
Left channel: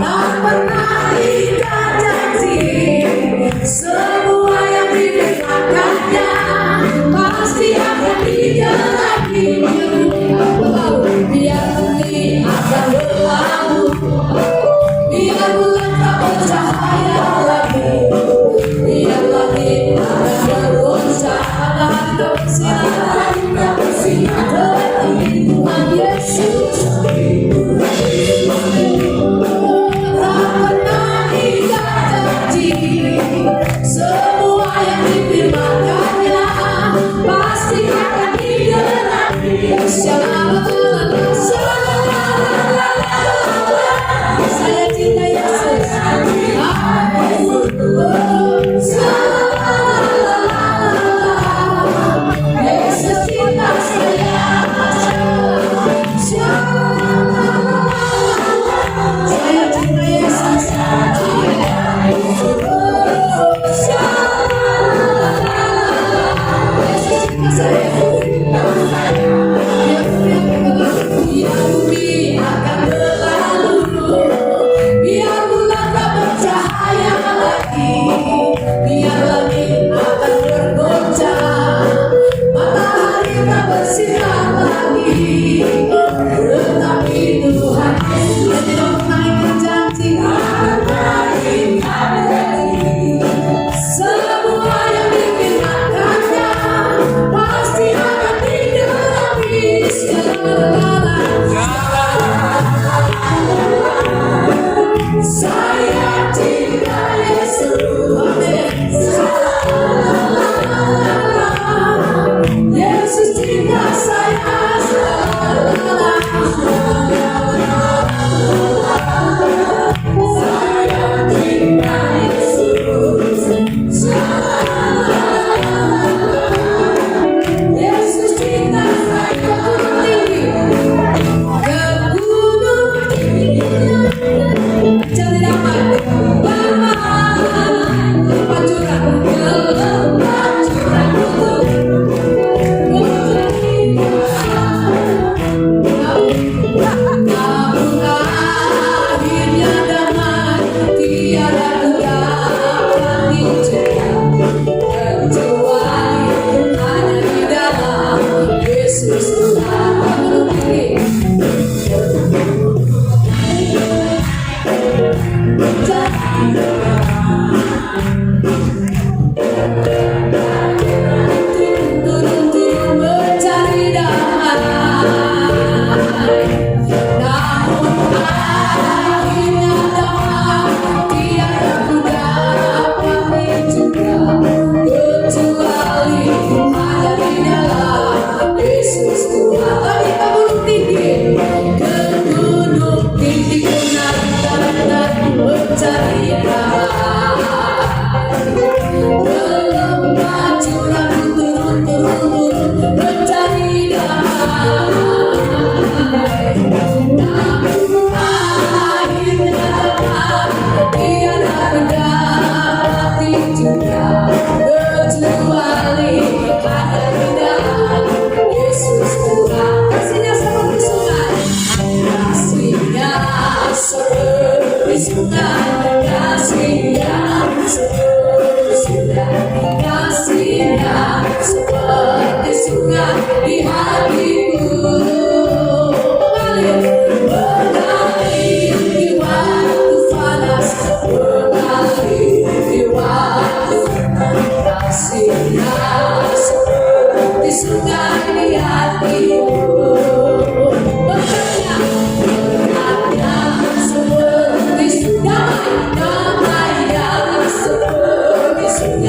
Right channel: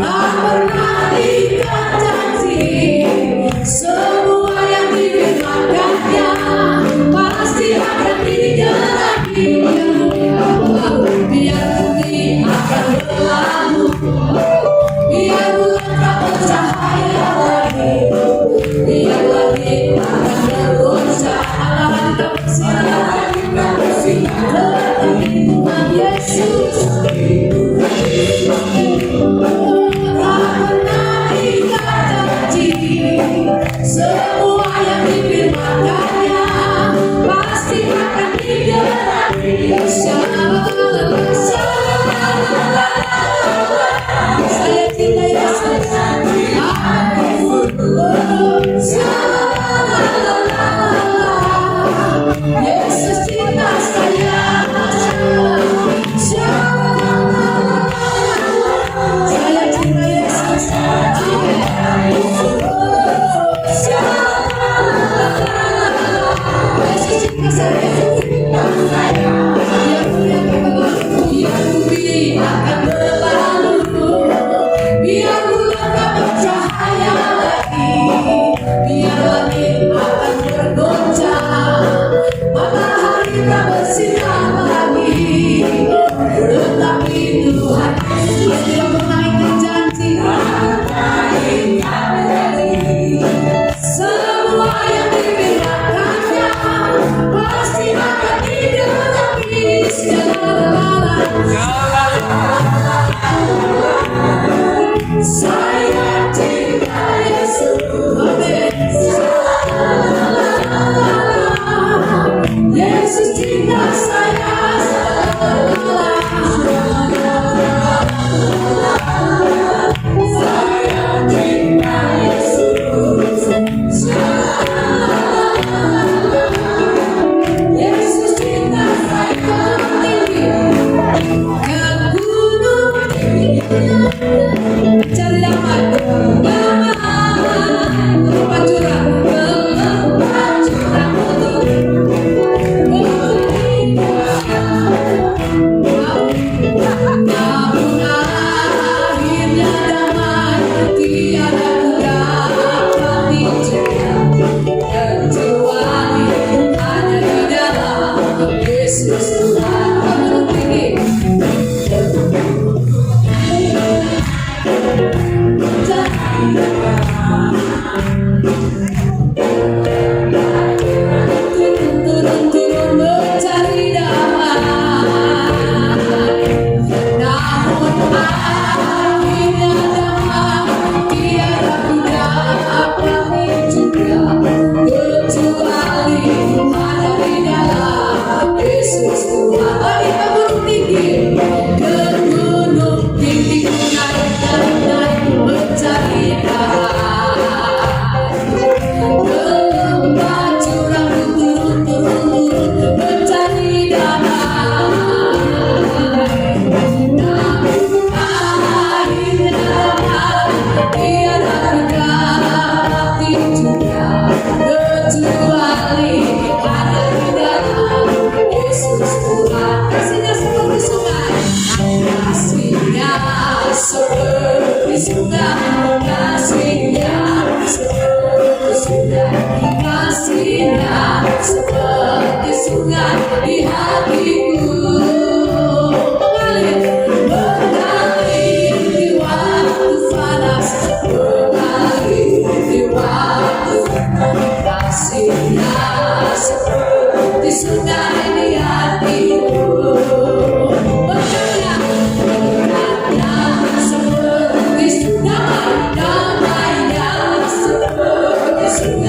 tak pernah ingkar janji. Semua yang difirmankannya pasti akan digenapi. Biar bumi akan berlalu, biar bulan tak bercahaya lagi, biar langit akan bergoncang, matahari tak bersinar, tetapi Tuhan Yesus tak pernah ingkar janji. Semua yang difirmankannya pasti akan digenapi. Saya cinta Yesus. Yesus cinta saya. Saya cinta Yesus. Yesus cinta saya. Biar bumi akan berlalu, biar bulan tak bercahaya lagi, biar langit akan bergoncang, matahari tak bersinar lagi, tetapi Tuhan Yesus tidak pernah ingkar janji. Semua yang difirmankannya pasti akan digenapi. Saya cinta Yesus. Yesus cinta saya. Saya cinta Yesus. Yesus cinta saya. Ke gunung tinggi, cari damai, lepas curang, lepas curang namun akhirnya damai, tiada kudapat dicegah, kecuali hanya di dalam Yesus Tuhan. Menurut ini turun-turun mencari damai, namun akhirnya damai tiada kudapat dicegah, kecuali hanya di dalam Yesus Tuhan. Mari kita gunung tinggi, ke gunung tinggi dan mencari damai. Ke lembah curang turun mencari damai, namun akhirnya damai tiada kudapat dicegah, kecuali hanya di dalam Yesus Tuhan. Kasihnya seperti sungai, kasihnya seperti sungai, kasihnya seperti sungai, kasihnya seperti sungai di hatiku, mengalir di waktu panas, mengalir di waktu panas, kasihnya seperti sungai di hatiku. Seperti sungai, damainya seperti sungai.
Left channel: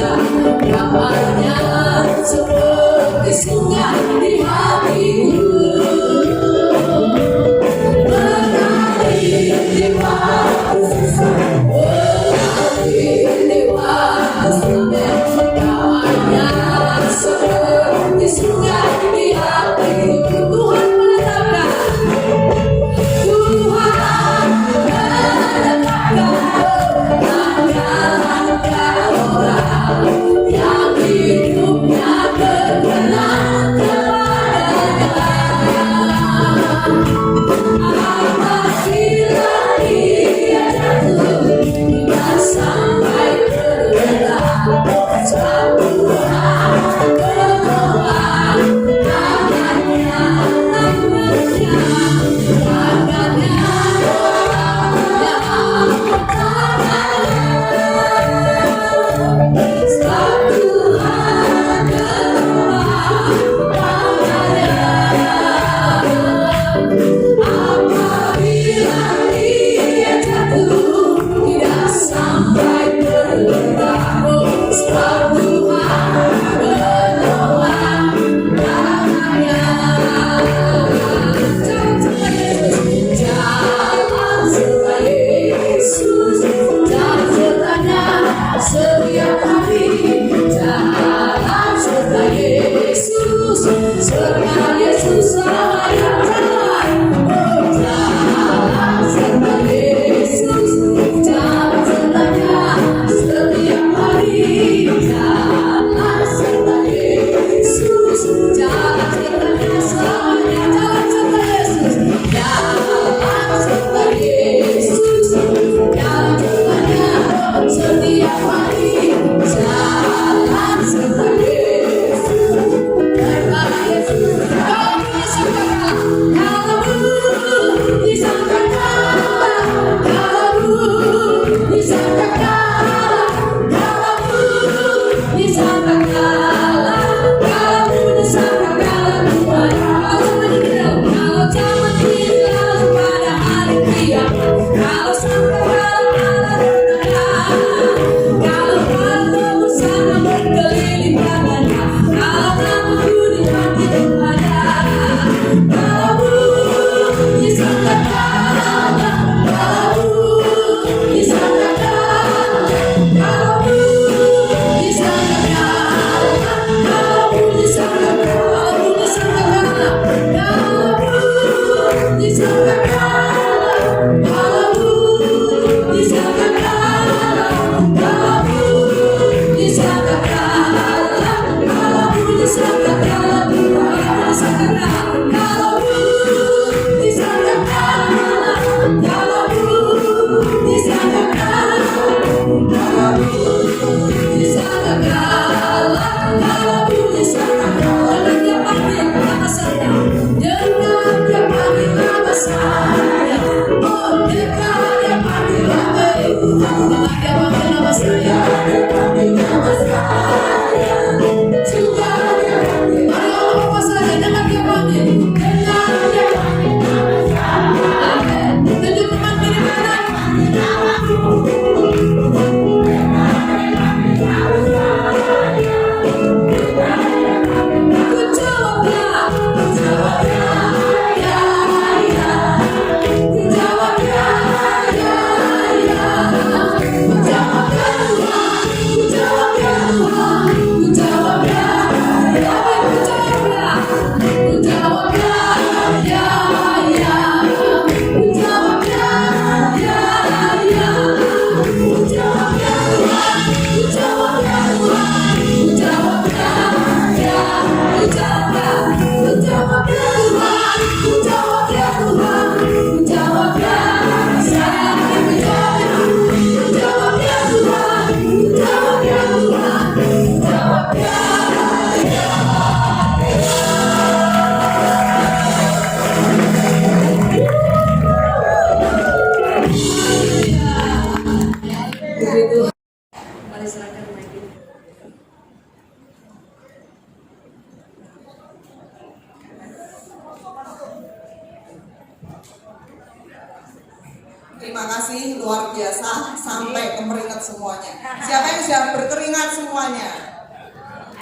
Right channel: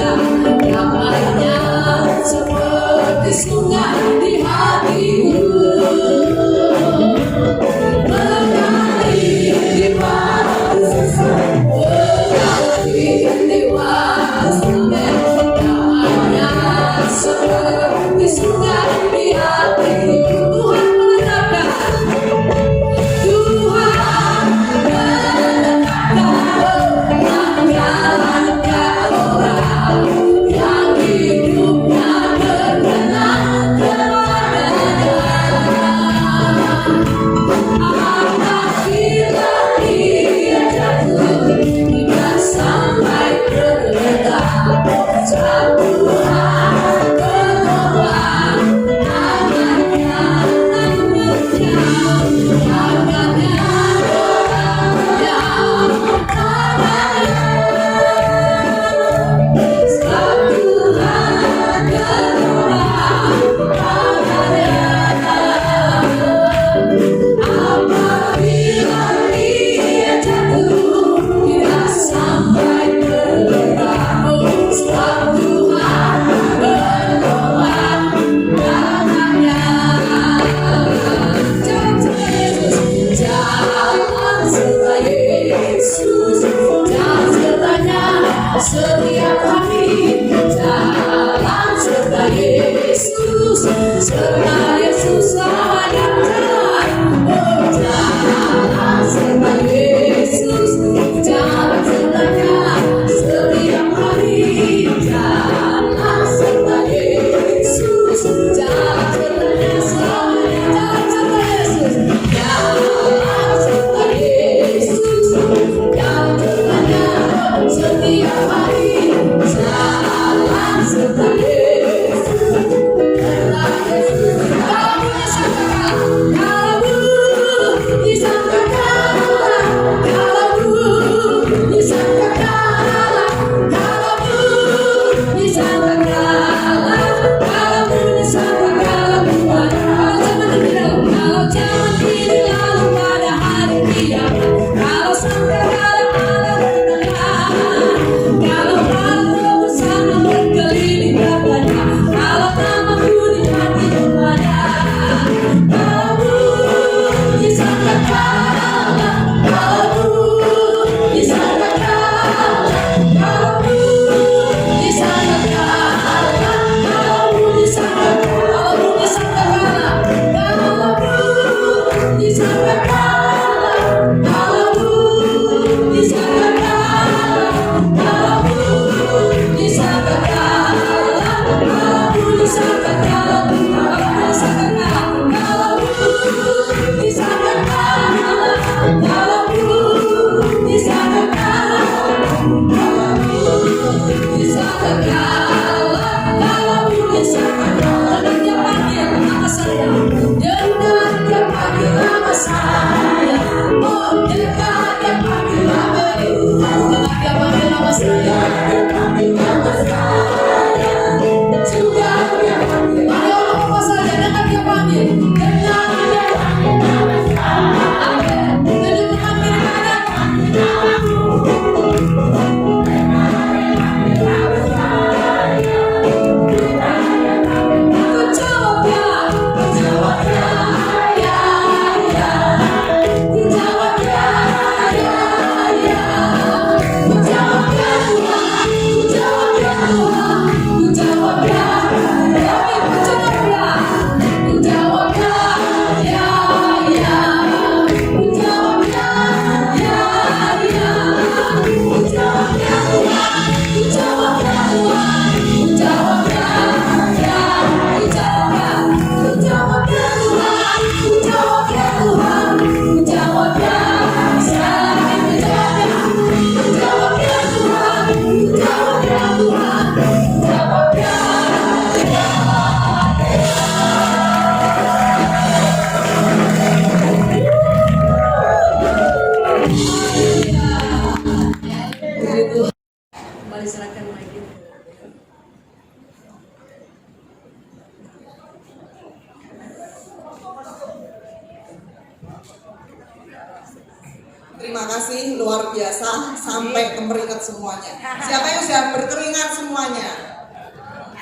Terima kasih, luar biasa, sampai kemeringat semuanya. Siapa yang sudah berkeringat semuanya?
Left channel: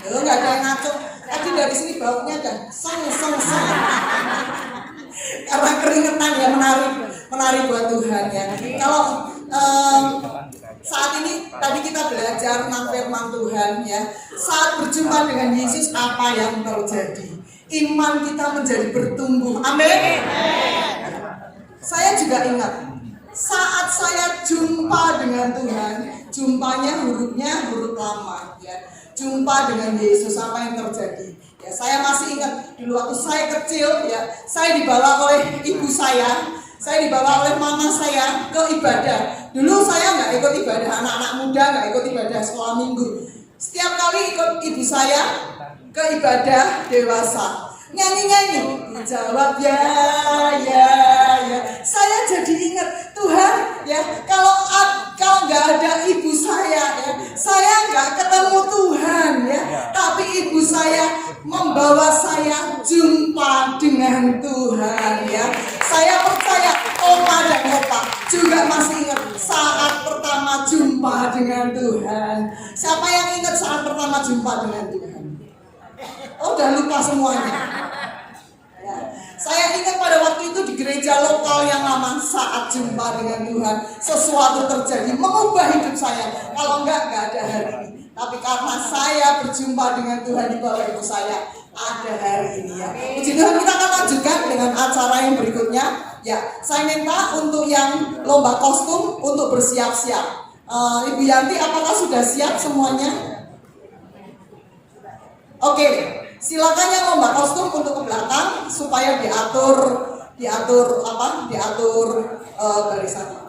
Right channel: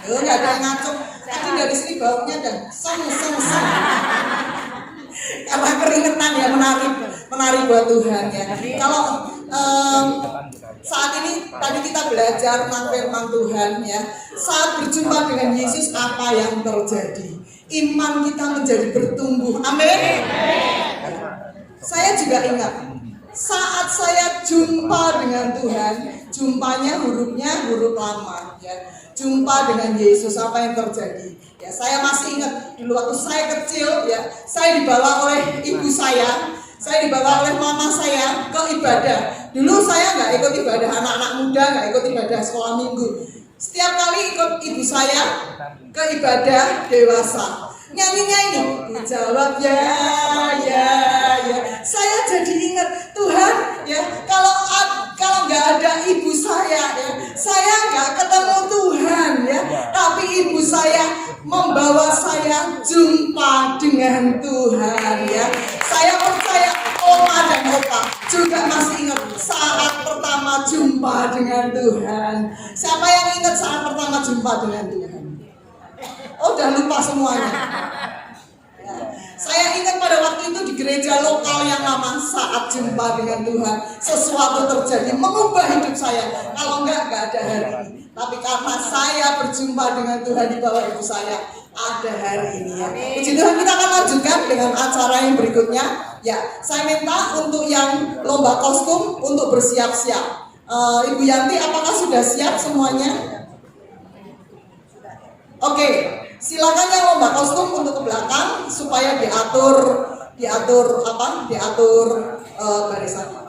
Nggak ada yang ngacung. Tadi dari sini baunya dan song. Karena keringetan ya, menari buat Tuhan ya. Kalau saat ini tadi kita belajar tentang firman Tuhan ya. Saat berjumpa dengan Yesus, apa yang terjadi? Iman kita menjadi bertumbuh. Amin. Saya juga ingat saat saya jumpa dengan Tuhan, jumpanya hurufnya huruf lama ya. Jumpa dengan Yesus, apa yang terjadi? Ya, saya masih ingat dulu waktu saya kecil ya, saya dibawa oleh ibu saya dibawa oleh mama saya ke ibadah. Dulu saya nggak ikut ibadah anak-anak muda, nggak ikut ibadah sekolah minggu. Setiap kali ikut ibu saya ke ibadah dewasa, nyanyi, dijawab ya. Saya jadi ingat Tuhan ya, kalau nggak ada ibu saya ya, saya nggak ketemu Tuhan ya. Tapi ibu saya membawa saya jumpa dengan Tuhan ya. Saya percaya oma dan opa juga masih ingat saat pertama jumpa dengan Tuhan. Siapa yang ingat saat pertama jumpa dengan Tuhan? Oh, udah lupa semuanya. Ya. Saya ingat pada waktu itu di gereja lokal yang lama, saat jumpa dengan Tuhan, sesuatu terjadi mengubah hidup saya. Kalau enggak ada hari ini. Tapi karena saya berjumpa dengan Tuhan di bawah ibu saya, ada hari ini ya. Puji Tuhan, kita akan lanjutkan dengan acara yang berikutnya. Ya, saya minta untuk yang lomba kostum untuk bersiap-siap. Ibu Yanti, apakah sudah siap semuanya? Oke, silakan yang lomba kostum untuk ke belakang supaya diatur barisannya.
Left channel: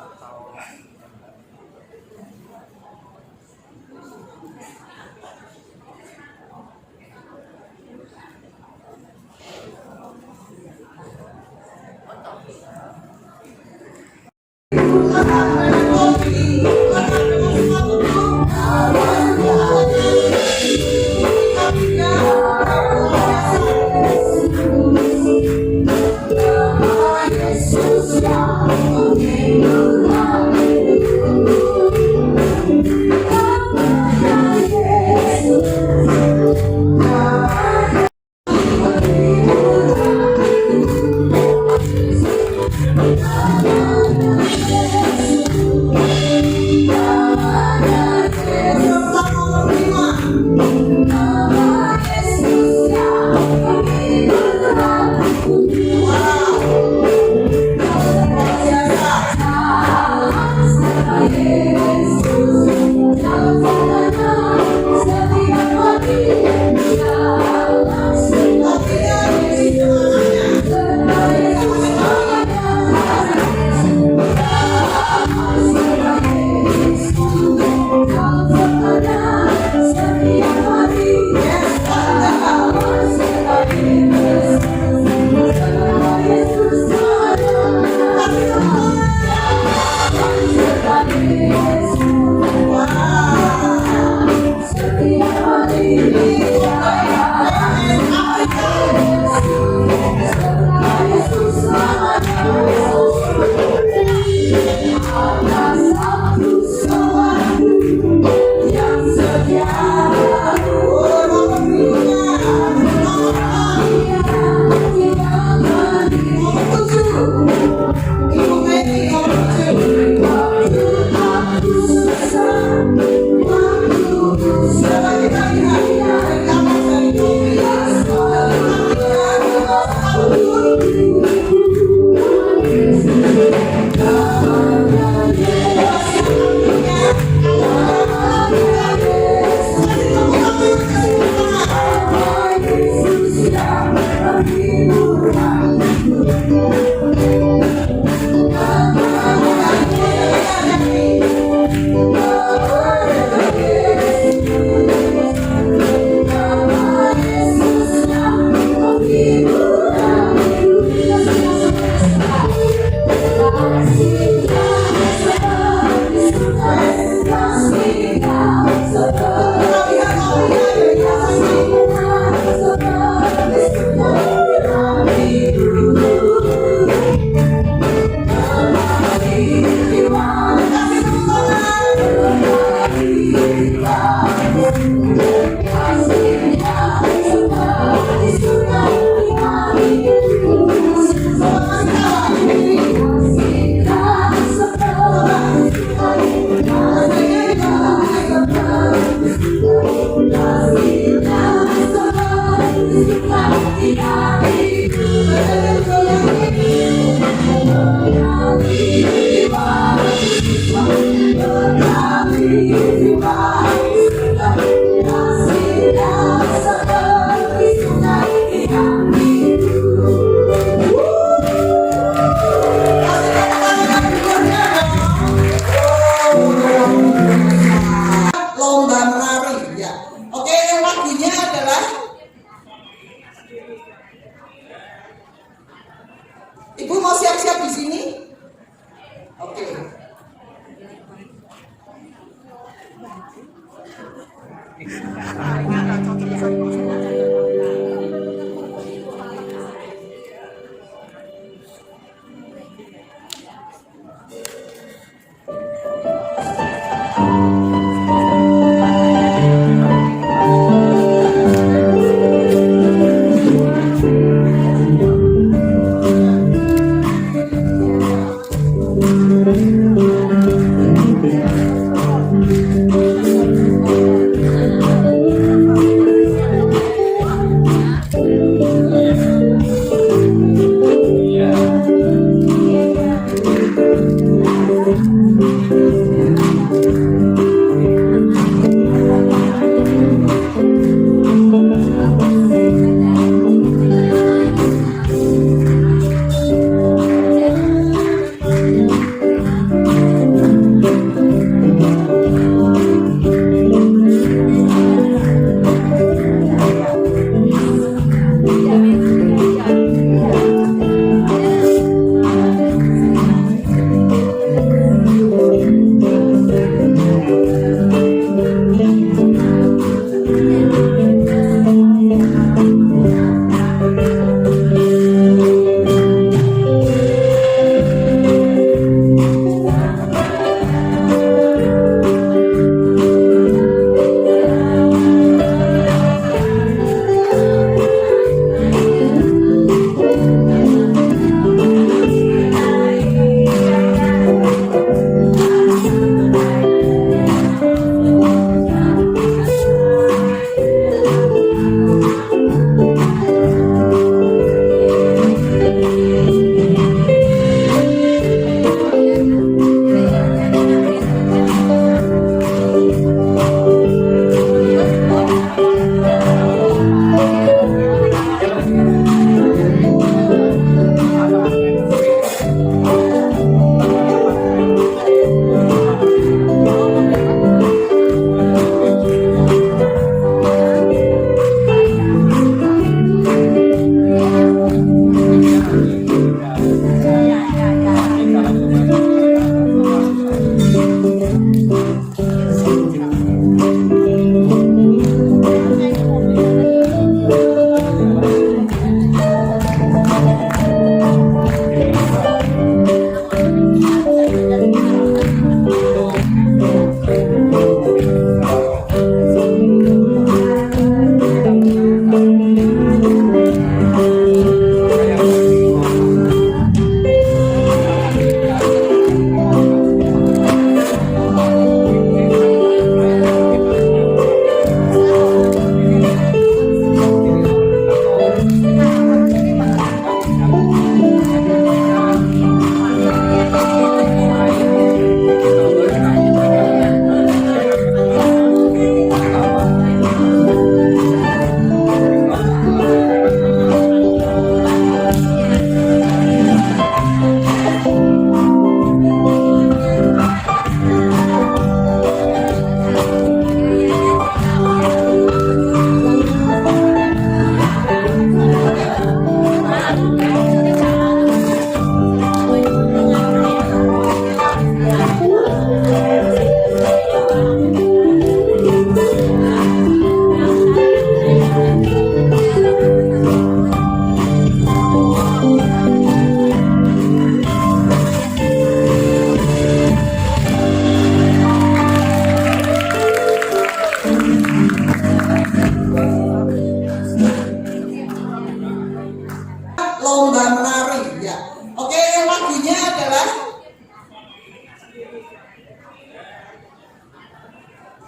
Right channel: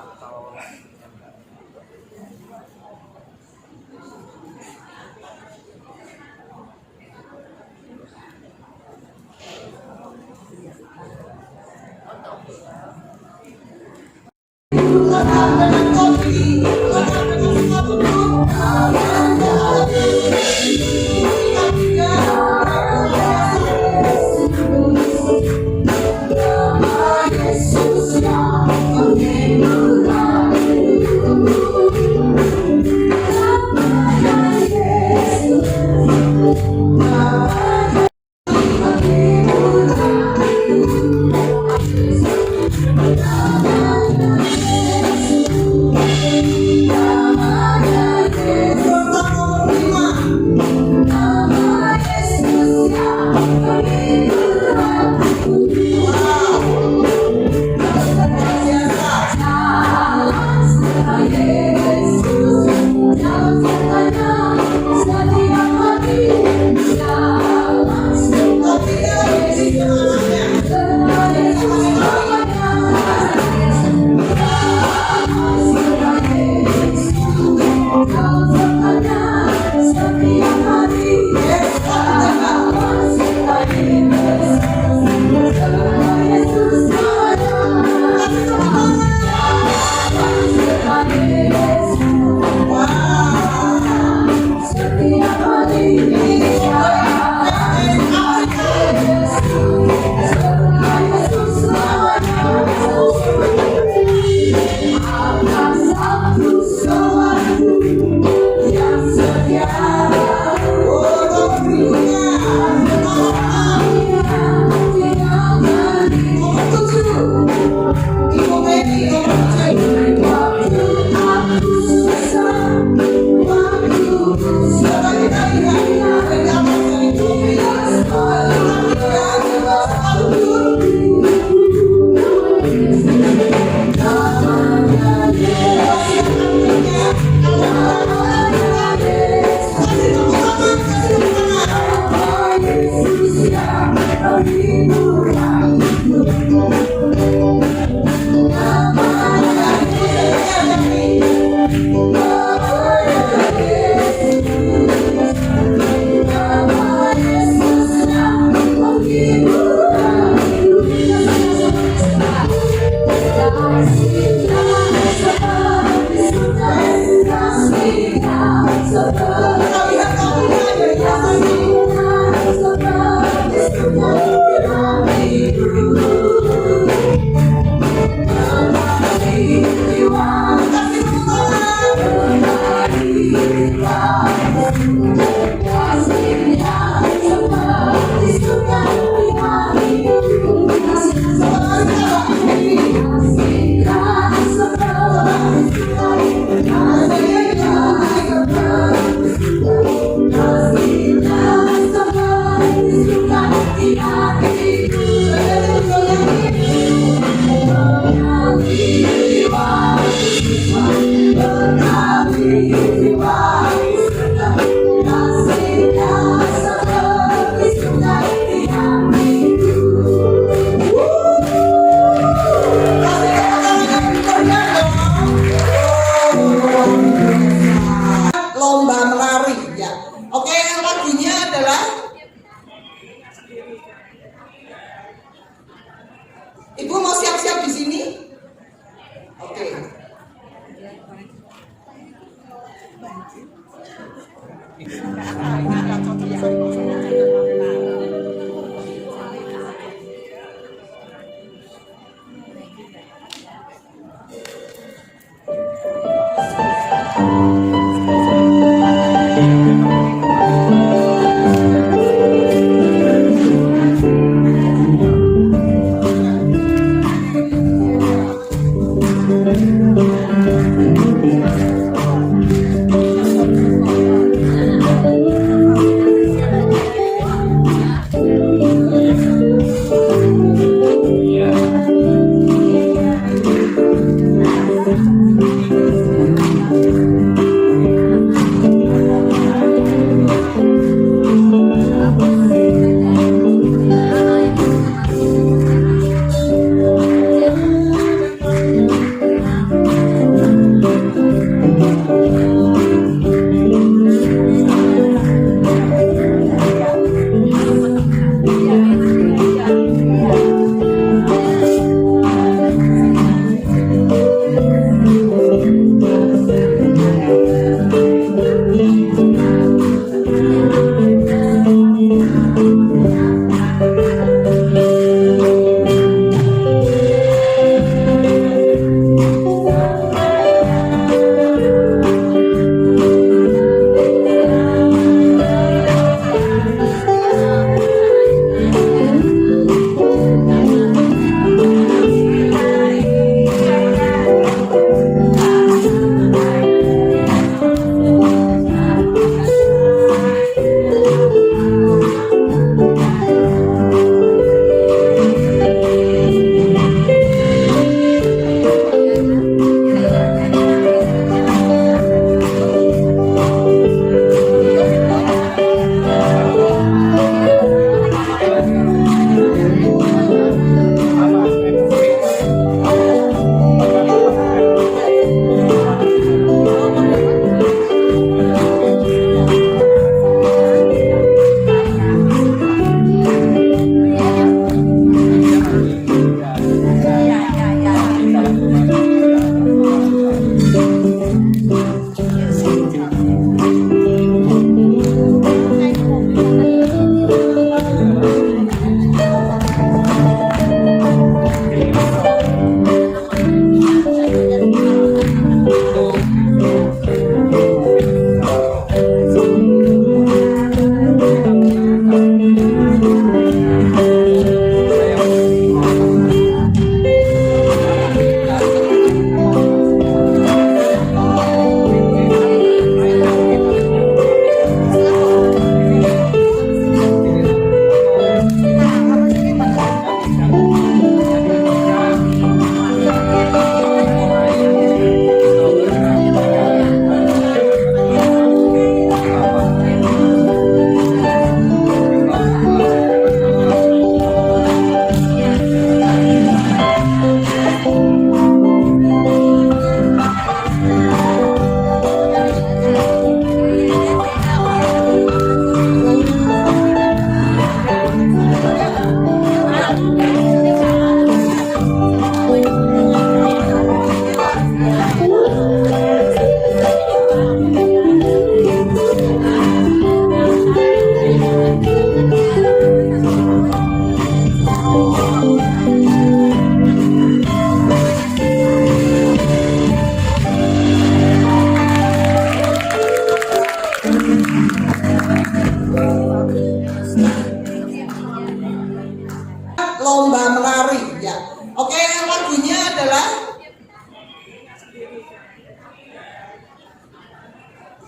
lomba menari ya. Oke, lagunya adalah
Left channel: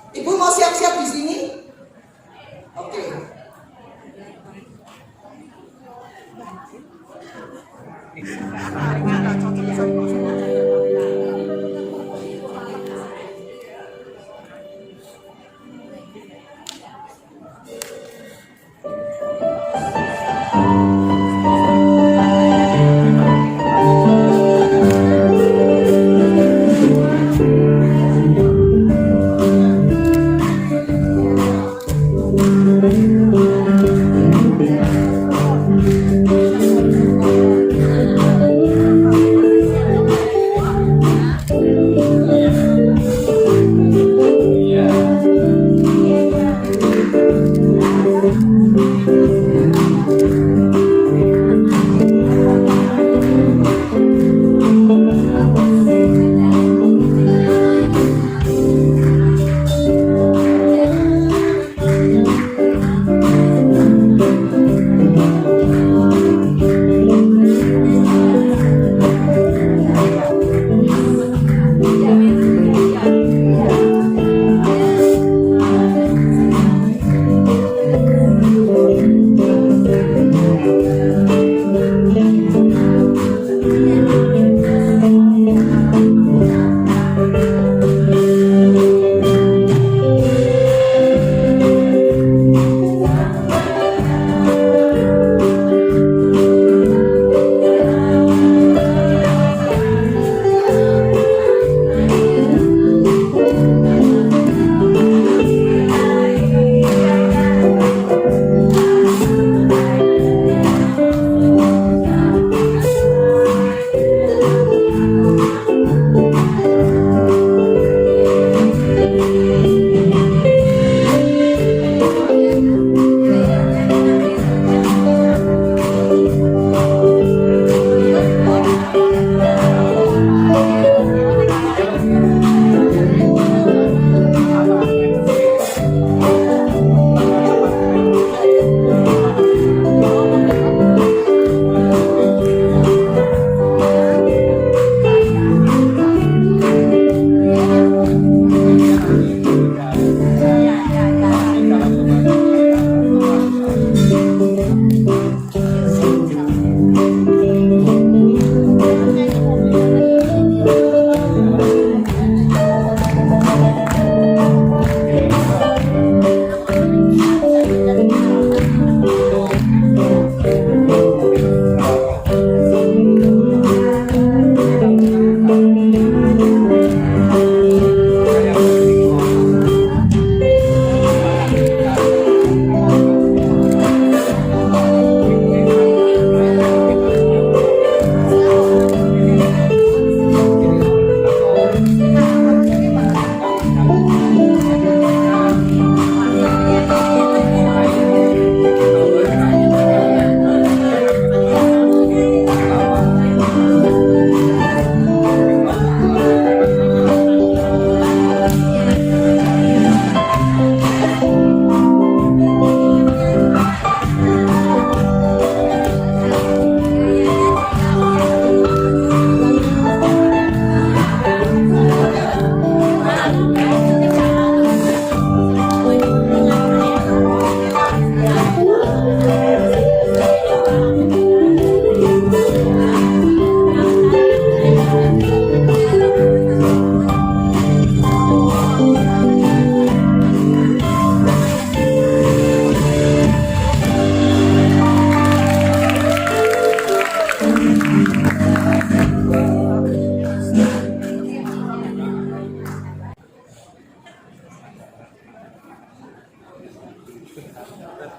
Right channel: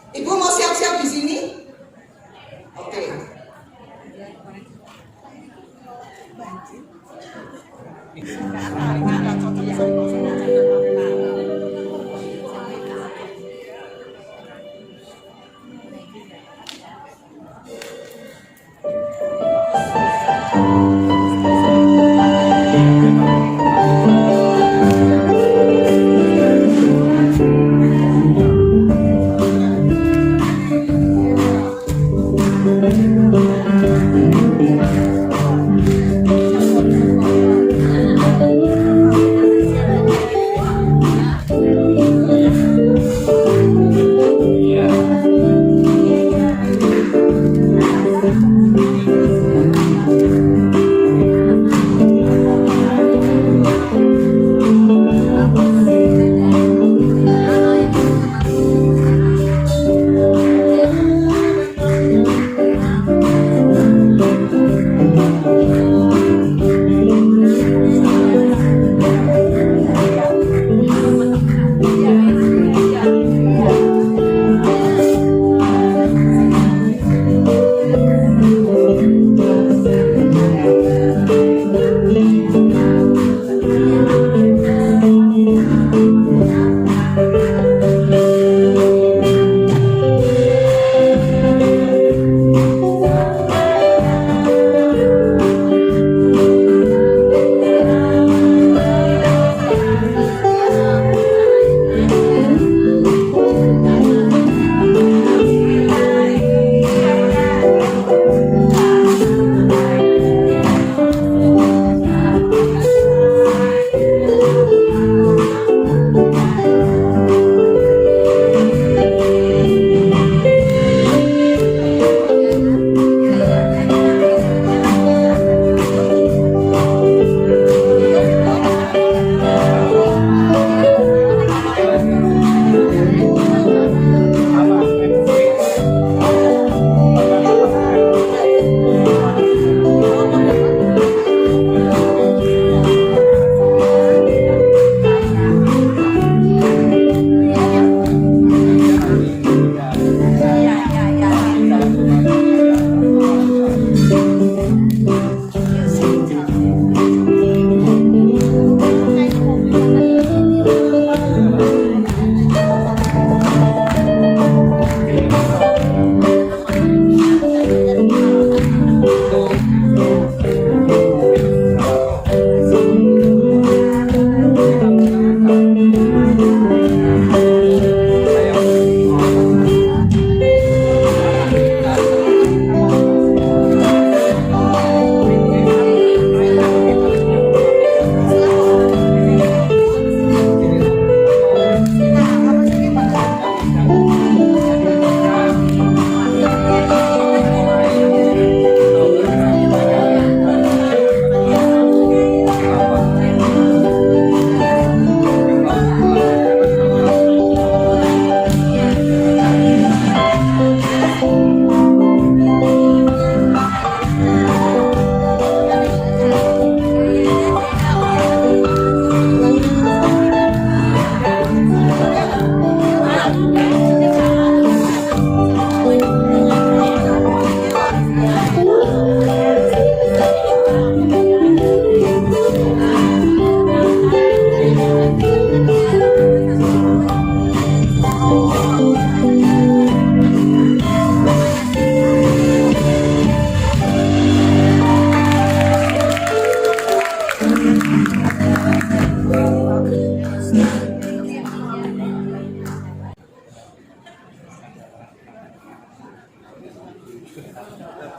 Ibu mau siap-siap di sini? Oke.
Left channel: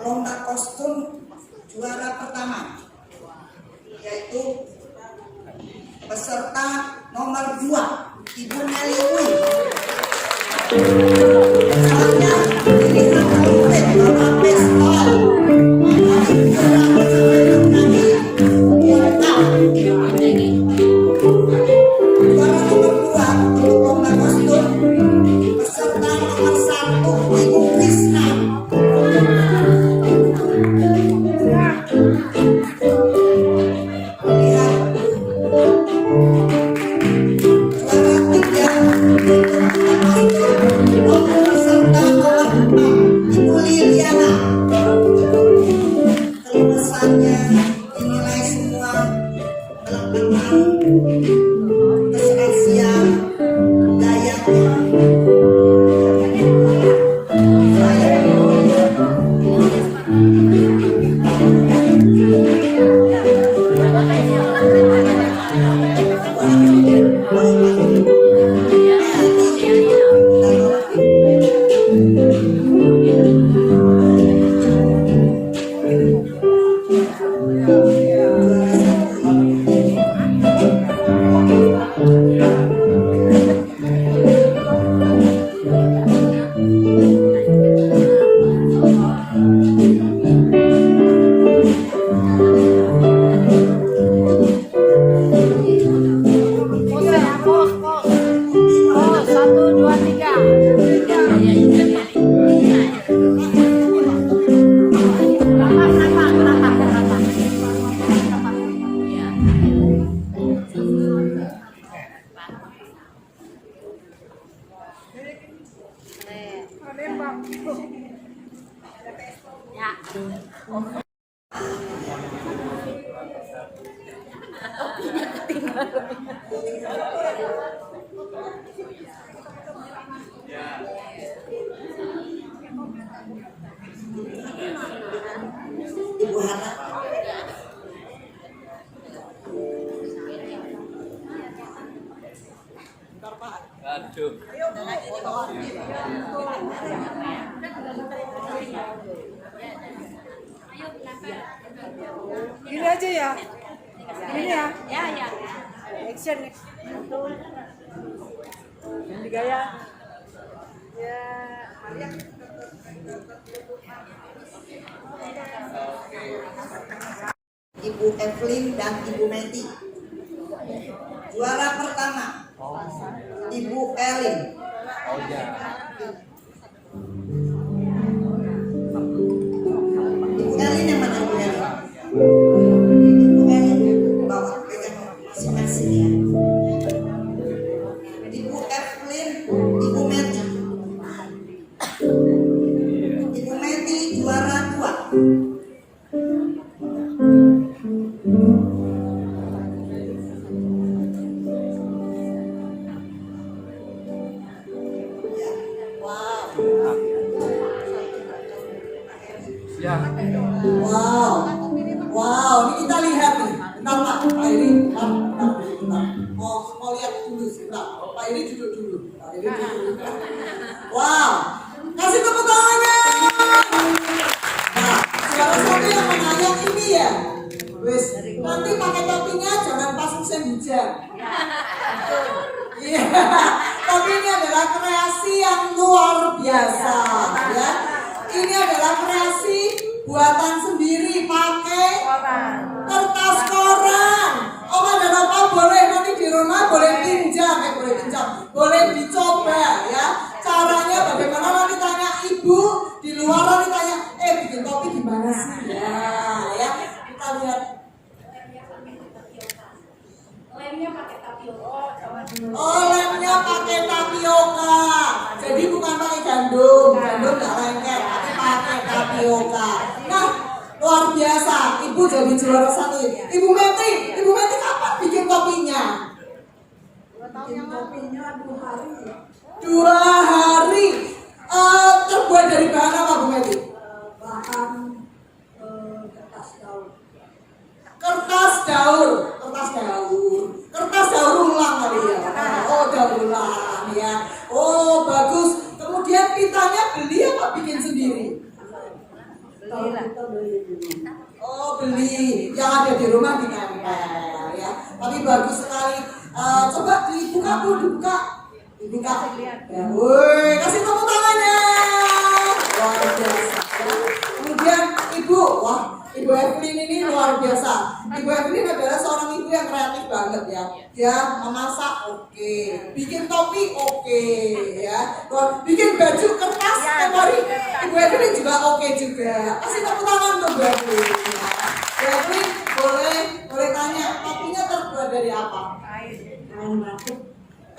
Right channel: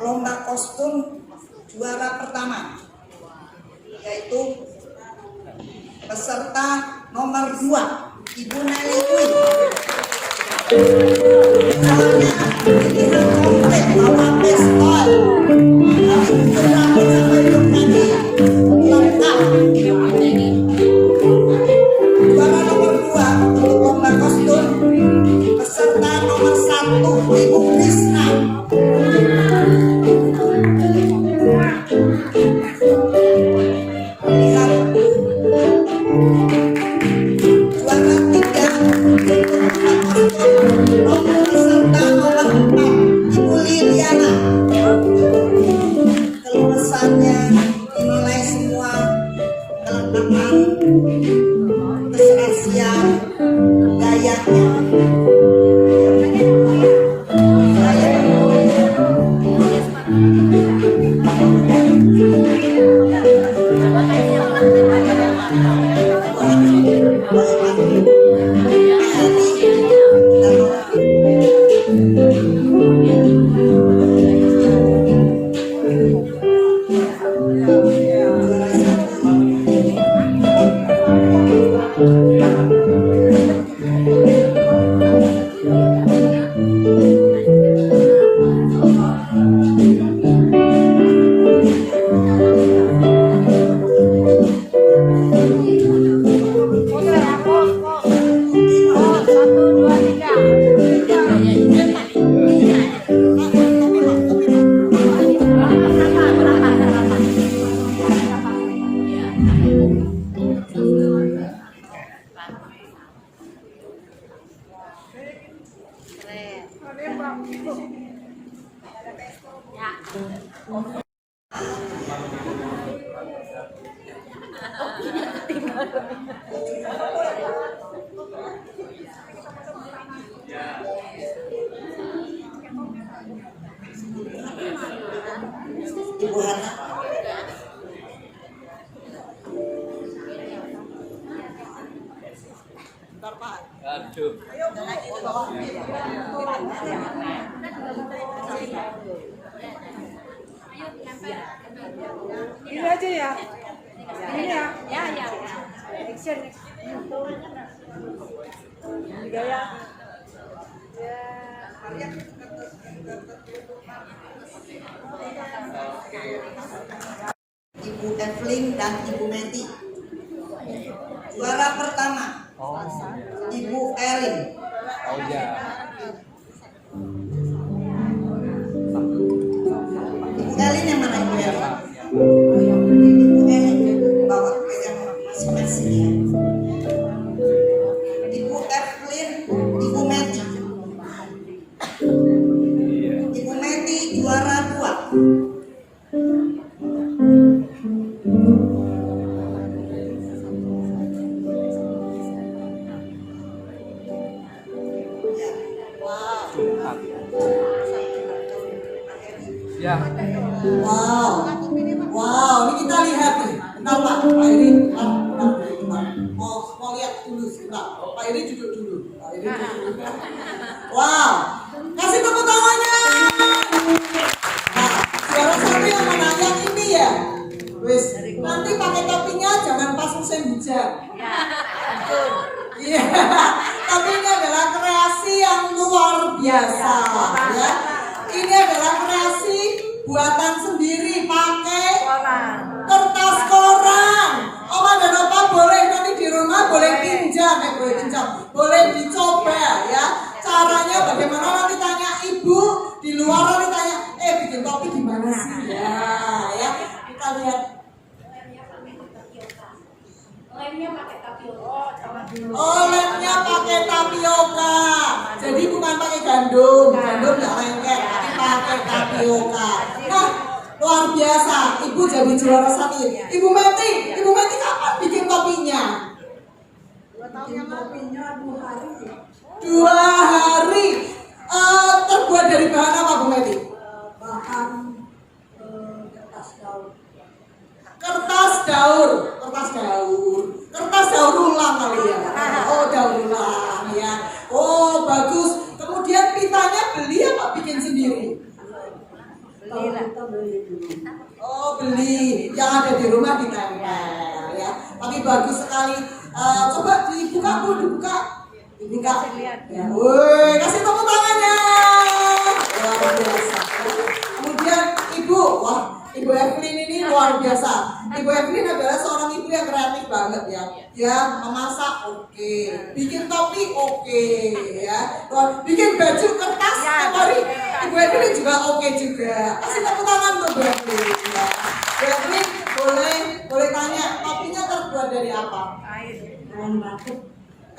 Lomba kostum juara pertama yaitu peserta nomor 2 Ibu Nelly Queen. Misalnya pilihan komplit Mama Pestol kami berangkat sampai hidup nanti lengkap. Juara nomor 2 untuk lomba kostum peserta nomor 1 Ibu Krisna. Ibu Hana. Aduh. Ini aja ya. Ini ya. Ya. Action. Ini gaya. Ya. Ibu Evelyn dan Ibu Meti. Juara pertama Ibu Elin. Oh ya. Ibu Elin yang mana Ibu Elin? Ibu Elin bawa pegang masing-masing ya. Ibu Evelyn, Ibu Meti. Ibu Meti juara 2. Ya. Wow, ini kita lihat nih. Bentar Pak, Pak Iri, bentar. Mau lihat dulu sebentar. Pak Iri duduk dulu. Wow, kasih tepuk tangannya. Nah, juara 1 yang mana? Yang ini ya. Wis, nanti pakai topinya jangan pas musim hujan. Iya, tapi ini adalah kreasi yang luar biasa, ya. Ini adalah kreasi buatan sendiri pakai kertas koran. Oma dan Opa boleh nanti di rumah boleh boleh dicoba ya. Caranya bagaimana nanti tanya ibu di luar, nanti tanya bikin topi gimana sih ya. Kita lihat. Lemnya pakai tapioka. Jadi bukan pakai gandum nggak lengket, tapi pakai tapioka. Nah, luar biasa. Ibu jadi juara 1. Ibu Meti kapan bikin topinya? Bikin topinya 2 hari. 2 hari. Terbuat dari bahan apa Bu Meti? Bahan kertas daur. Kertas daur ulang kali ya. Oh, daur ulang ya. Oh, bagus. Kemudian pitanya beli apa bikin sendiri? Beli. Oh, beli. Yang ada di rumah ditempel ya. Tapi bagus sekali. Coba dibuka Bu, dibuka. Ya, woi, kasih tepuk tangannya. Luar biasa. Kemudian Ibu, Ibu Evelyn ini luar biasa. Ibu Evelyn adalah seorang ibu yang kreatif banget ya. Ya, memasak oke, bikin topi oke, ya. Bikin baju kertas hari Ibu Evelyn juga oke juga. Kasih tepuk tangan untuk Bu Evelyn ya. Bu Evelyn boleh tanya, topinya terbuat dari apa?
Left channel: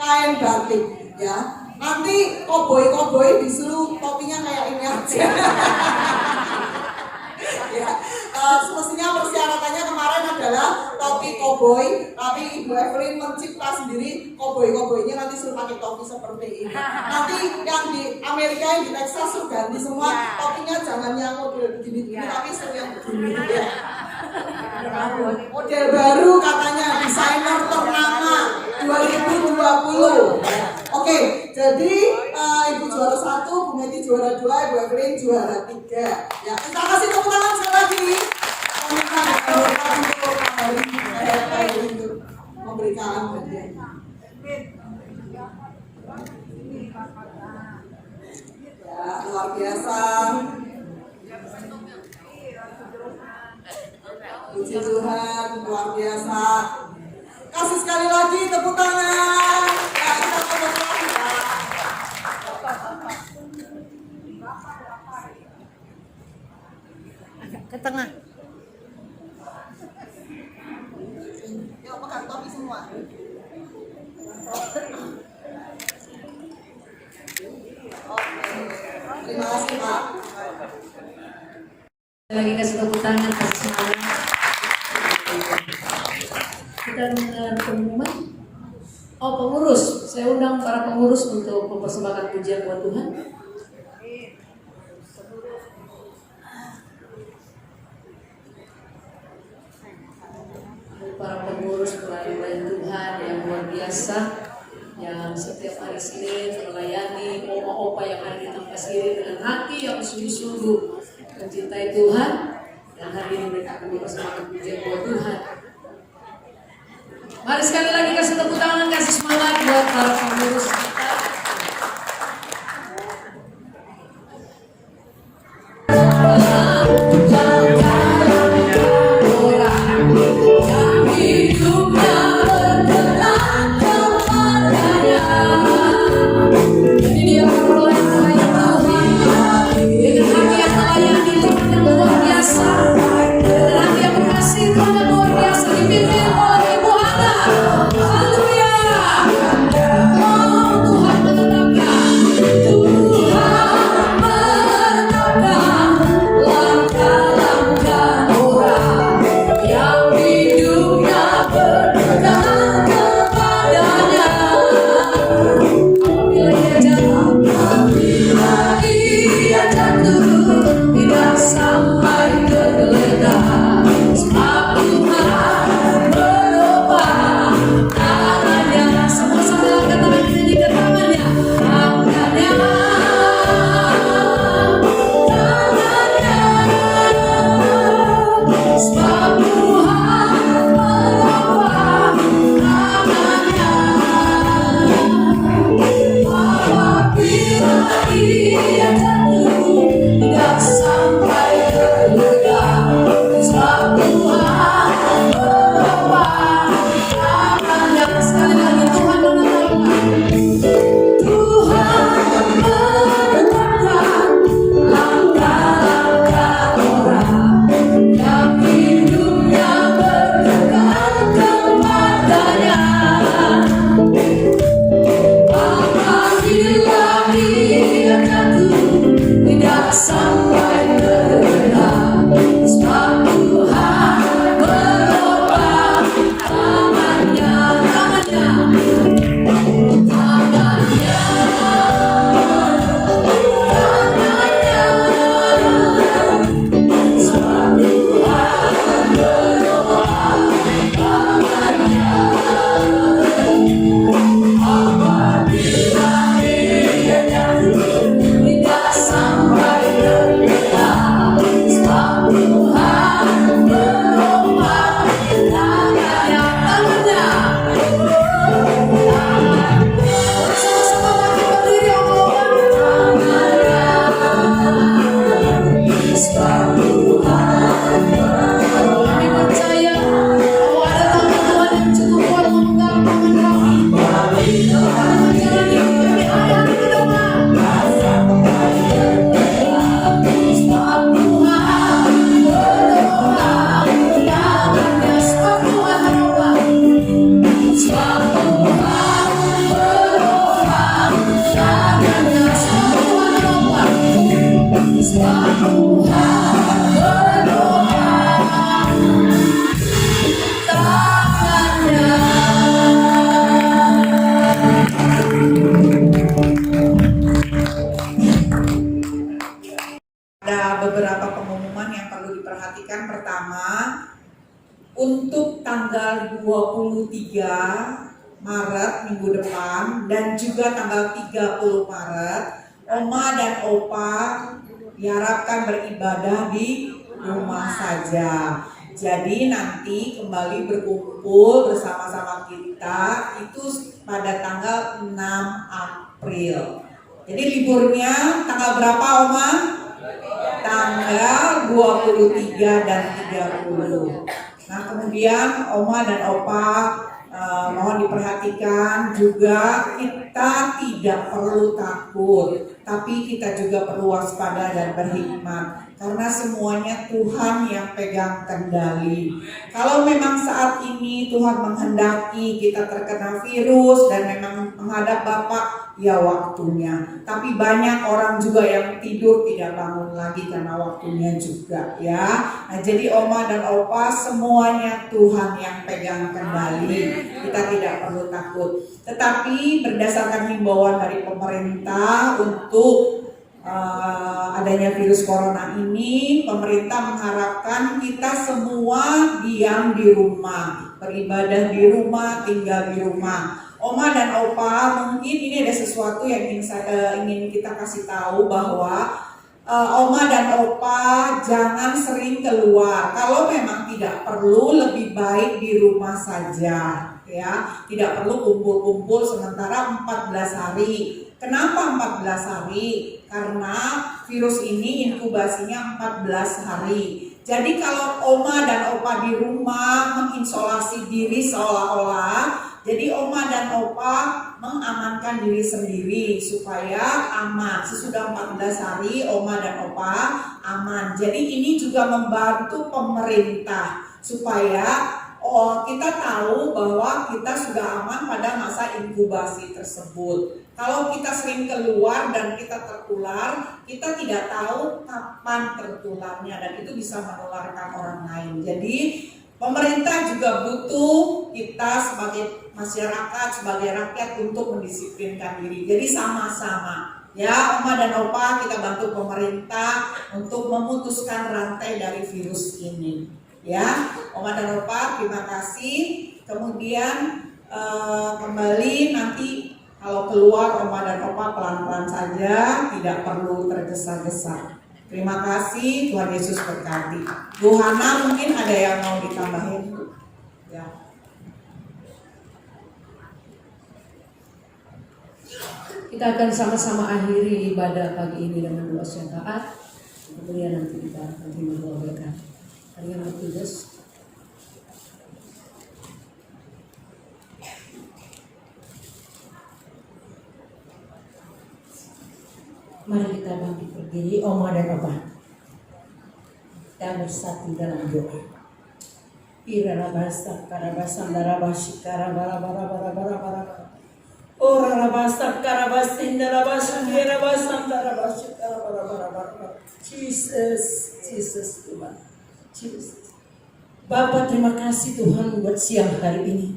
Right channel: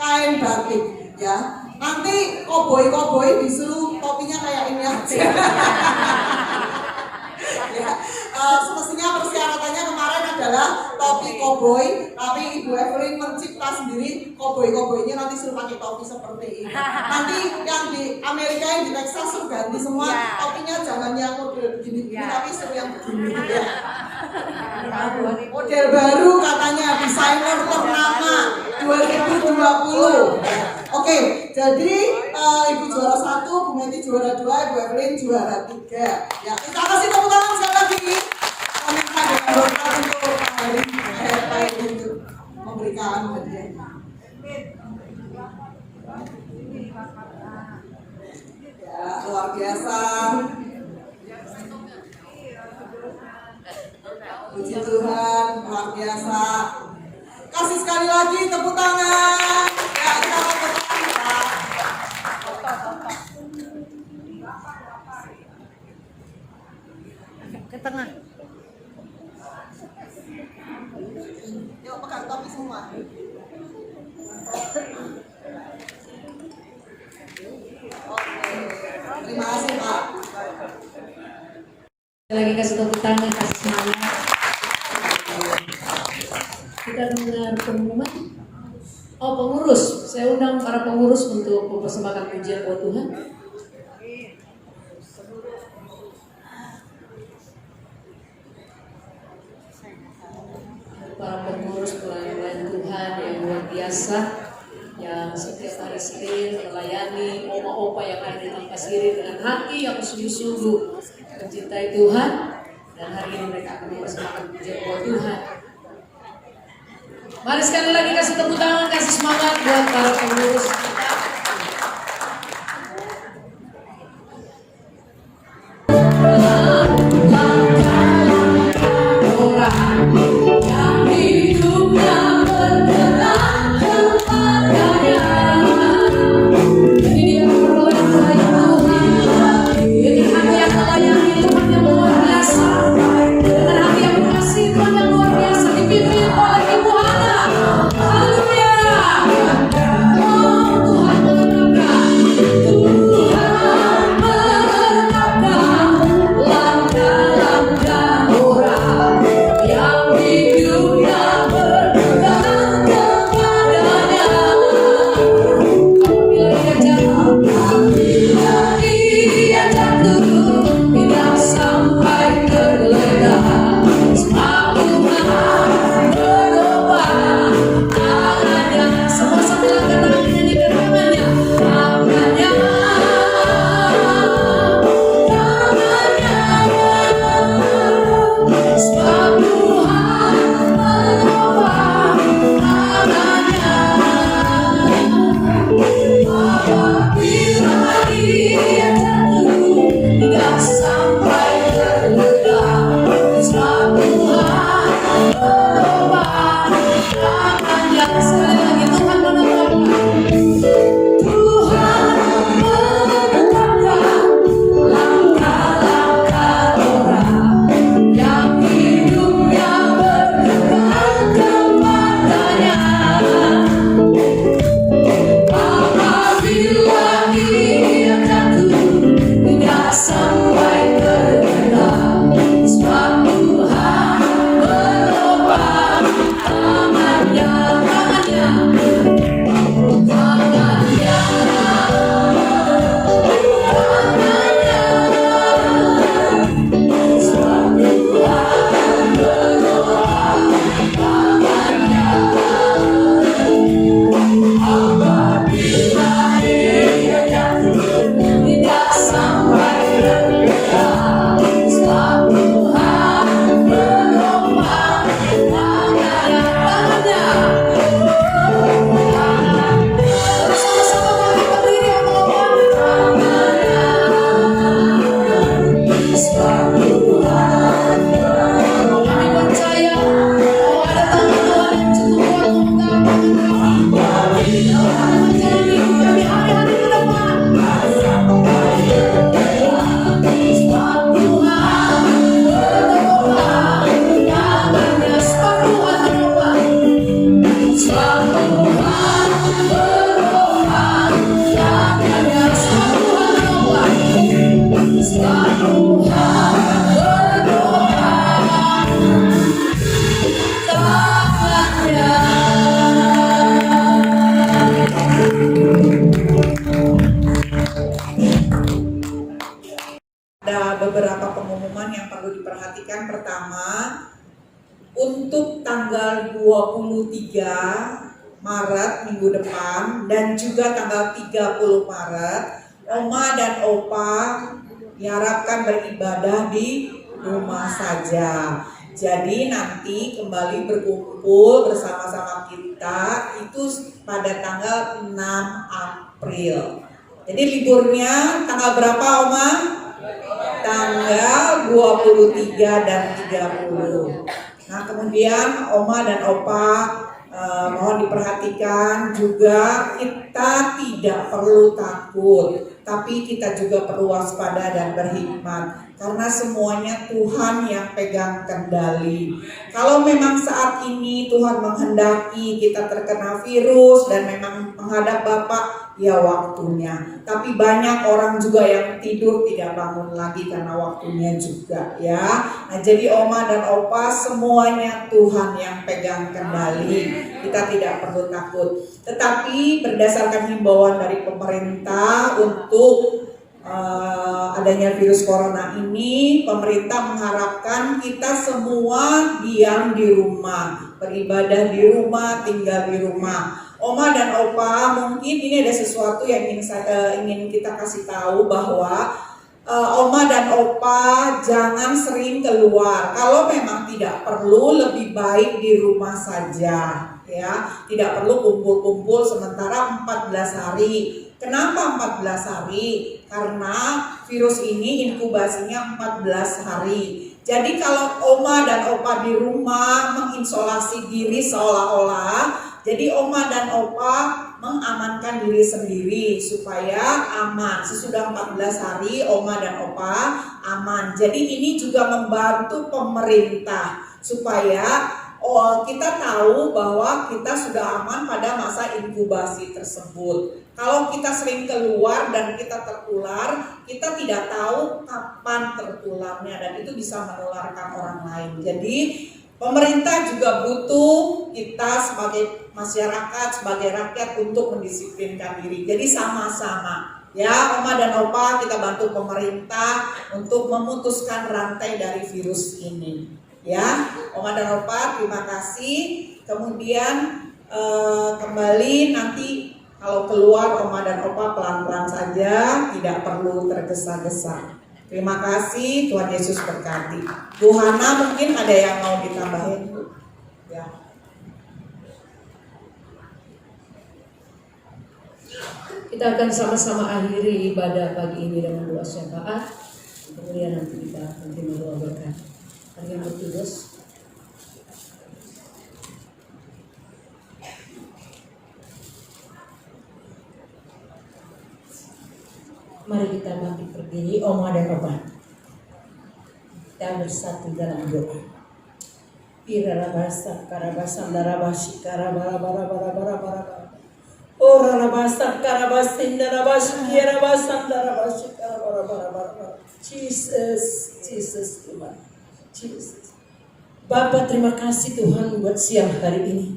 Kain batik ya. Nanti koboi disuruh topinya kayak ini aja. Ya, semestinya persyaratannya kemarin adalah topi koboi, tapi Ibu Evelyn mencipta sendiri koboi-koboinya nanti suruh pakai topi seperti ini. Nanti yang di Amerika, yang di Texas suruh ganti semua topinya, jangan yang model begini, tapi suruh yang begini ya. Model baru katanya, desainer ternama 2020. Oke, jadi Ibu juara 1, Bu Meti juara 2, Ibu Evelyn juara 3. Ya, kita kasih tepuk tangan sekali lagi. Kami berdoa untuk hari untuk memberikan hadiah. Ya, luar biasa. Puji Tuhan, luar biasa. Kasih sekali lagi tepuk tangan. Ya, kita mau berdoa ya. Ke tengah. Yuk, pegang topi semua. Oke. Terima kasih, Pak. Lagi kasih tepuk tangan, kasih semangat. Kita mendengar pengumuman. Oh, pengurus. Saya undang para pengurus untuk mempersembahkan pujian buat Tuhan. Para pengurus pelayanan Tuhan yang luar biasa, yang setiap hari Senin melayani opa-opa yang ada di Tampas Siri dengan hati yang sungguh-sungguh mencintai Tuhan, dan hari ini mereka akan mempersembahkan pujian buat Tuhan. Mari sekali lagi kasih tepuk tangan, kasih semangat buat para pengurus kita. Beberapa pengumuman yang perlu diperhatikan. Pertama, untuk tanggal 23 Maret minggu depan dan juga tanggal 30 Maret, Oma dan Opa diharapkan beribadah di rumah saja. Jadi nanti kembali berkumpul bersama-sama kita itu pada tanggal 6 April. Jadi liburnya tanggal berapa, Oma? Tanggal 23 dan 30. Nah, kemudian Oma dan Opa mohon diperhatikan juga, kita tidak perlu takut, tapi kita juga perlu waspada dan berhikmat. karena semuanya Tuhan yang pegang kendali. Kalau memang saat ini Tuhan menghendaki kita terkena virus dan memang menghadap Bapak, ya waktunya. Tapi banyak orang juga yang tidur tidak bangun lagi karena waktunya juga ya. Nah, jadi Oma dan Opa semuanya Tuhan yang pegang kendali. Kita tidak perlu takut. Tetapi berdasarkan himbauan dari pemerintah untuk adanya virus corona ini, pemerintah mengharapkan kita semua diam di rumah, beribadah di rumah, tinggal di rumah. Oma dan Opa, mungkin ini ada sesuatu yang ingin kita kasih tahu bahwa Oma dan Opa jangan sering keluar. Kalau memang tidak perlu, lebih baik di rumah saja ya. Tidak perlu kumpul-kumpul sementara 14 hari. Kenapa 14 hari? Karena virus ini inkubasinya 14 hari. Jadi kalau Oma dan Opa di rumah mengisolasi diri seolah-olah, jadi Oma dan Opa mengamankan diri sendiri supaya aman. Sesudah 14 hari Oma dan Opa aman. Jadi ini juga membantu pemerintah supaya kita tahu bahwa kita sudah aman pada masa inkubasi tersebut. Kalau kita sering keluar dan kita tertular, kita tidak tahu kapan tertularnya dan itu bisa menularkan orang lain. Jadi pemerintah juga butuh kita sebagai masyarakat, sebagai rakyat untuk mendisiplinkan diri. Jadi sama-sama ya, Oma dan Opa kita bantu pemerintah untuk memutuskan rantai dari virus ini. Ya, Oma dan Opa terima kasih. Kemudian kembali nanti kalau keluar Oma dan Opa pelan-pelan saja, tidak perlu tergesa-gesa. Terima kasih, Tuhan Yesus berkati. Bu Hana mungkin ada yang mau ditambahin? Ya. Kita akan sama-sama akhiri ibadah pagi ini dengan doa syafaat. Kemudian nanti kita akan terima doa berkat. Kalian bertugas. Mari kita bangkit berdiri, Oma dan Opa. Kita bersatu dalam doa. Irarabasa karabasa darabashi karabara bara bara bara bara bara. Orarabasa karabasin darabashi kirabasa darabashi karabara bara bara bara. Jesus, Jesus Tuhan. Jesus. Bapa, terima kasih Tuhan buat siang hari ini.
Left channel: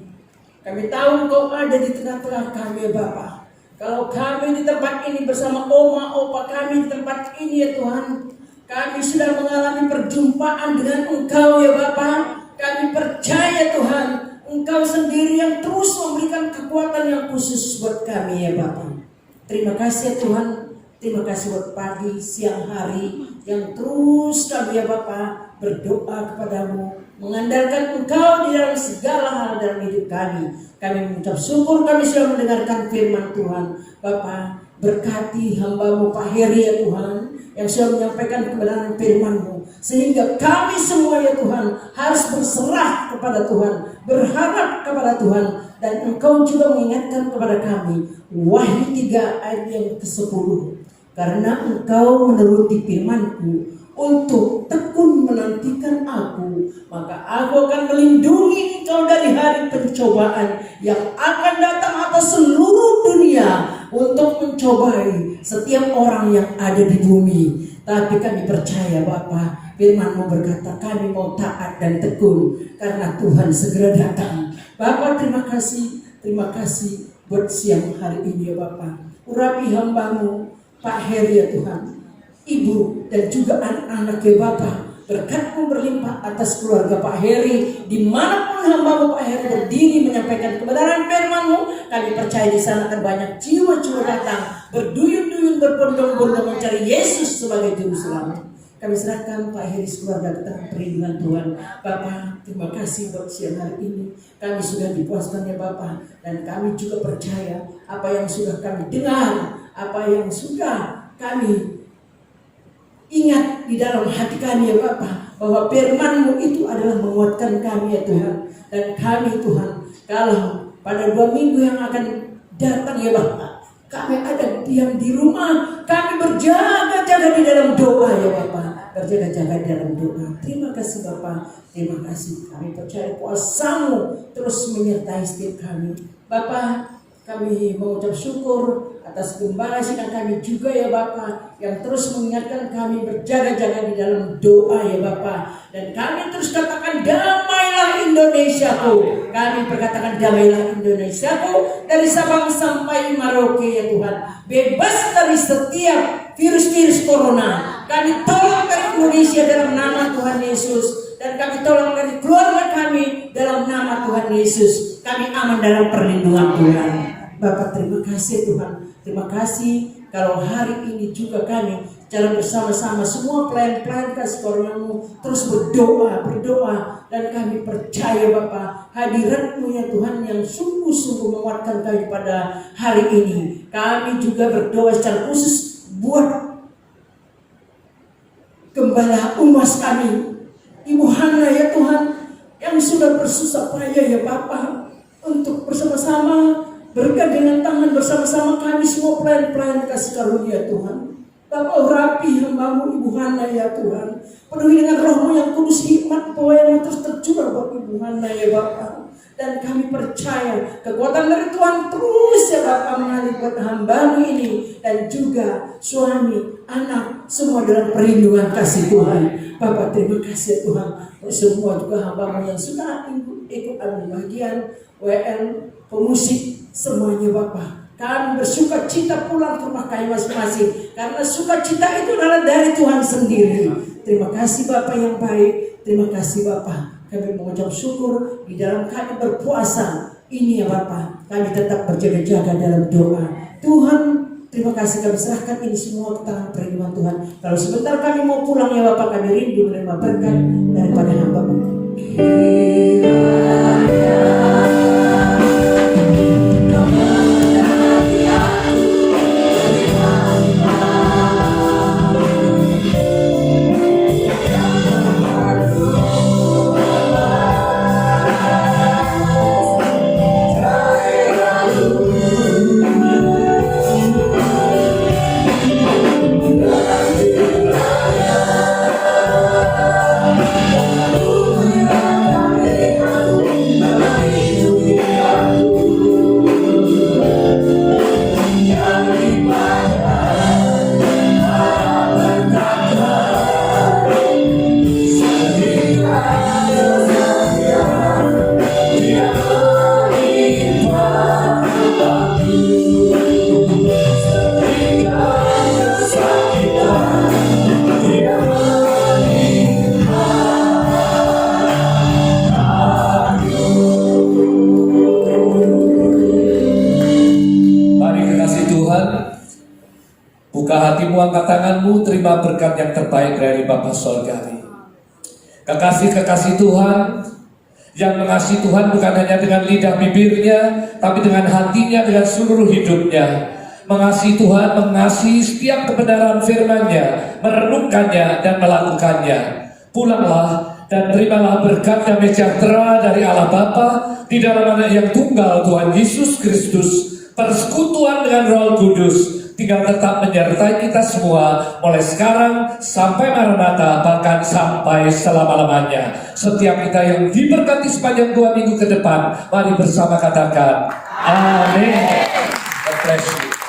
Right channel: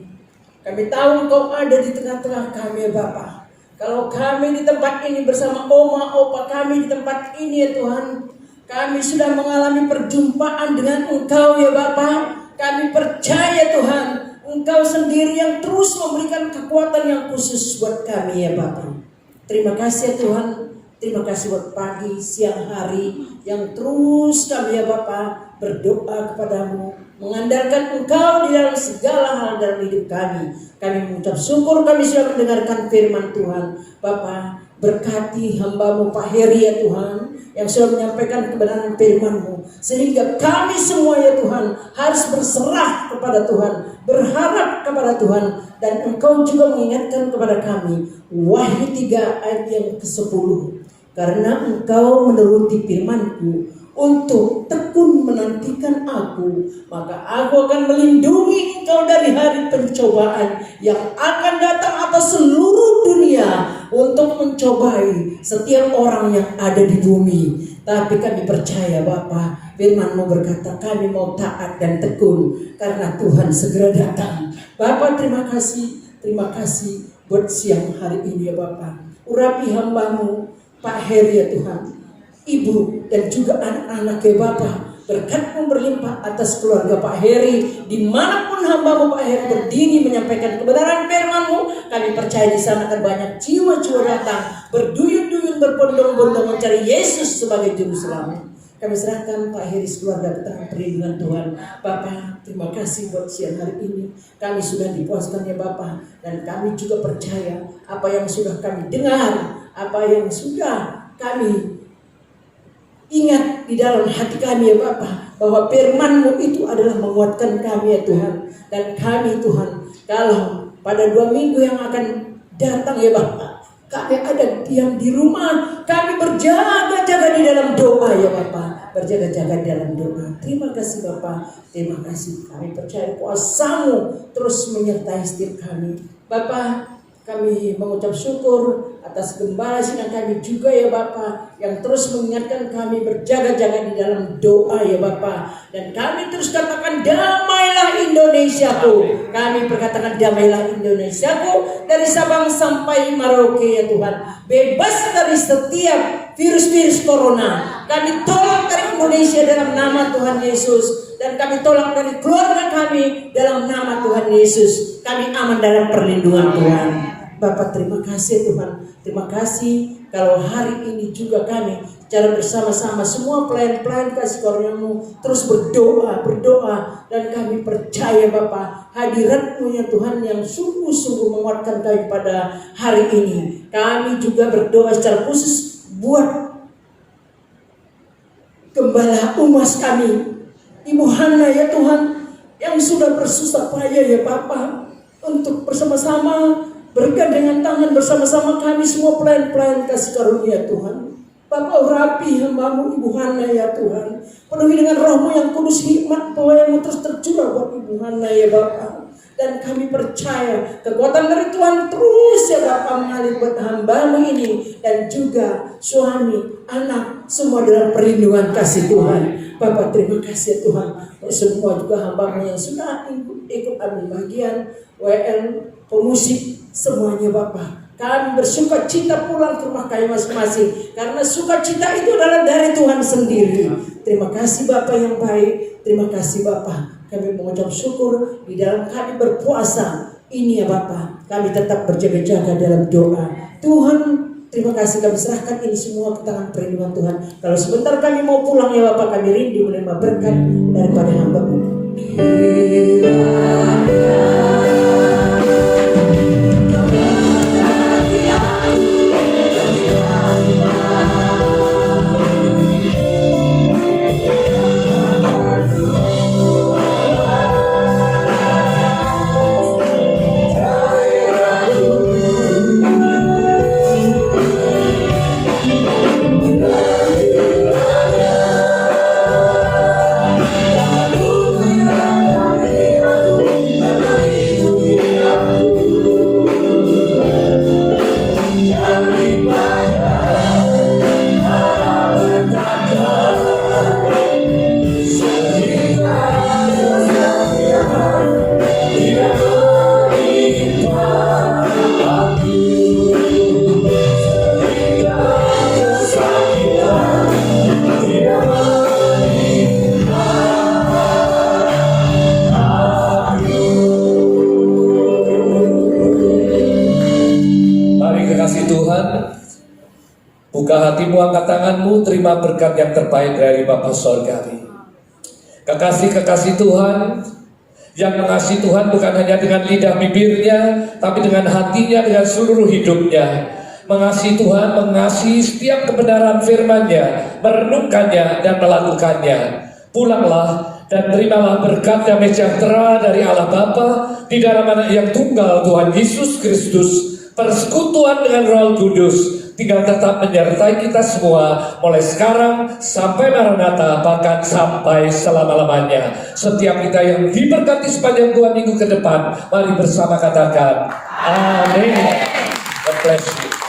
Kami tahu Engkau ada di tengah-tengah kami ya Bapa. Kalau kami di tempat ini bersama Oma, Opa kami di tempat ini ya Tuhan, kami sudah mengalami perjumpaan dengan Engkau ya Bapa. Kami percaya Tuhan, Engkau sendiri yang terus memberikan kekuatan yang khusus buat kami ya Bapa. Terima kasih ya Tuhan. Terima kasih buat pagi, siang hari yang terus kami ya Bapa berdoa kepadamu, mengandalkan Engkau di dalam segala hal dalam hidup kami. Kami mengucap syukur kami sudah mendengarkan firman Tuhan. Bapa, berkati hamba-Mu Pak Heri ya Tuhan, yang sudah menyampaikan kebenaran firman-Mu, sehingga kami semua ya Tuhan harus berserah kepada Tuhan, berharap kepada Tuhan, dan Engkau juga mengingatkan kepada kami Wahyu 3 ayat yang ke-10. Karena Engkau menuruti firman-Ku untuk tekun menantikan Aku, maka Aku akan melindungi engkau dari hari pencobaan yang akan datang atas seluruh dunia untuk mencobai setiap orang yang ada di bumi. Tapi kami percaya Bapa, firman-Mu berkata kami mau taat dan tekun karena Tuhan segera datang. Bapa, terima kasih buat siang hari ini ya Bapa. Urapi hamba-Mu Pak Heri ya Tuhan, Ibu dan juga anak-anak ya Bapa. Berkat-Mu berlimpah atas keluarga Pak Heri, dimanapun hamba-Mu Pak Heri berdiri menyampaikan kebenaran firman-Mu. Kami percaya di sana akan banyak jiwa-jiwa datang berduyun-duyun berbondong-bondong mencari Yesus sebagai juru selamat. Kami serahkan Pak Heri keluarga ke tangan perlindungan Tuhan. Bapak, terima kasih buat siang hari ini. Kami sudah dipuaskan ya Bapak, dan kami juga percaya apa yang sudah kami dengar, apa yang sudah kami ingat di dalam hati kami ya Bapak, bahwa firman-Mu itu adalah menguatkan kami ya Tuhan. Dan kami Tuhan, kalau pada 2 minggu yang akan datang ya Bapak, kami ada diam di rumah, kami berjaga-jaga di dalam doa ya Bapak. berjaga-jaga dalam doa. Terima kasih Bapa, terima kasih. Kami percaya kuasa-Mu terus menyertai setiap kami. Bapa, kami mengucap syukur atas gembala sidang kami juga ya Bapa, yang terus mengingatkan kami berjaga-jaga di dalam doa ya Bapa. Dan kami terus katakan damailah Indonesiaku. Kami berkatakan damailah Indonesiaku dari Sabang sampai Merauke ya Tuhan. Bebas dari setiap virus-virus corona. Kami tolak dari Indonesia dalam nama Tuhan Yesus. Dan kami tolak dari keluarga kami dalam nama Tuhan Yesus. Kami aman dalam perlindungan Tuhan. Bapak terima kasih Tuhan. Terima kasih kalau hari ini juga kami secara bersama-sama semua pelayan-pelayan kasih karunia-Mu terus berdoa. Dan kami percaya Bapak hadirat-Mu ya Tuhan yang sungguh-sungguh menguatkan kami pada hari ini. Kami juga berdoa secara khusus buat Gembala Umas kami, Ibu Hana ya Tuhan, yang sudah bersusah payah ya Bapak untuk bersama-sama bergandengan tangan bersama-sama kami semua pelayan-pelayan kasih karunia Tuhan. Bapak urapi hamba-Mu Ibu Hana ya Tuhan, penuhi dengan Roh-Mu yang kudus, hikmat pelayan-Mu terus tercurah buat Ibu Hana ya Bapak. Dan kami percaya kekuatan dari Tuhan terus ya Bapak mengalir buat hamba-Mu ini dan juga suami, anak, semua dalam perlindungan kasih Tuhan. Bapak terima kasih ya Tuhan. Semua juga hamba-Mu yang sudah ikut ambil bagian WL, pemusik, semuanya Bapak. Kami bersuka cita pulang ke rumah kami masing-masing. Karena sukacita itu adalah dari Tuhan sendiri. Terima kasih Bapak yang baik. Terima kasih Bapak. Kami mengucap syukur di dalam kami berpuasa ini ya Bapak. Kami tetap berjaga-jaga dalam doa. Tuhan, terima kasih kami serahkan ini semua ke tangan perlindungan Tuhan. Kalau sebentar kami mau pulang ya Bapak, kami rindu menerima berkat daripada hamba-Mu. Buka hatimu, angkat tanganmu, terima berkat yang terbaik dari Bapa Sorgawi. Kekasih-kekasih Tuhan yang mengasihi Tuhan bukan hanya dengan lidah bibirnya, tapi dengan hatinya, dengan seluruh hidupnya. Mengasihi Tuhan, mengasihi setiap kebenaran firman-Nya, merenungkannya dan melakukannya. Pulanglah dan terimalah berkat damai sejahtera dari Allah Bapa di dalam Anak yang tunggal Tuhan Yesus Kristus, persekutuan dengan Roh Kudus, tinggal tetap menyertai kita semua mulai sekarang sampai Maranatha, bahkan sampai selama-lamanya. Setiap kita yang diberkati sepanjang 2 minggu ke depan, mari bersama katakan amin. God bless you.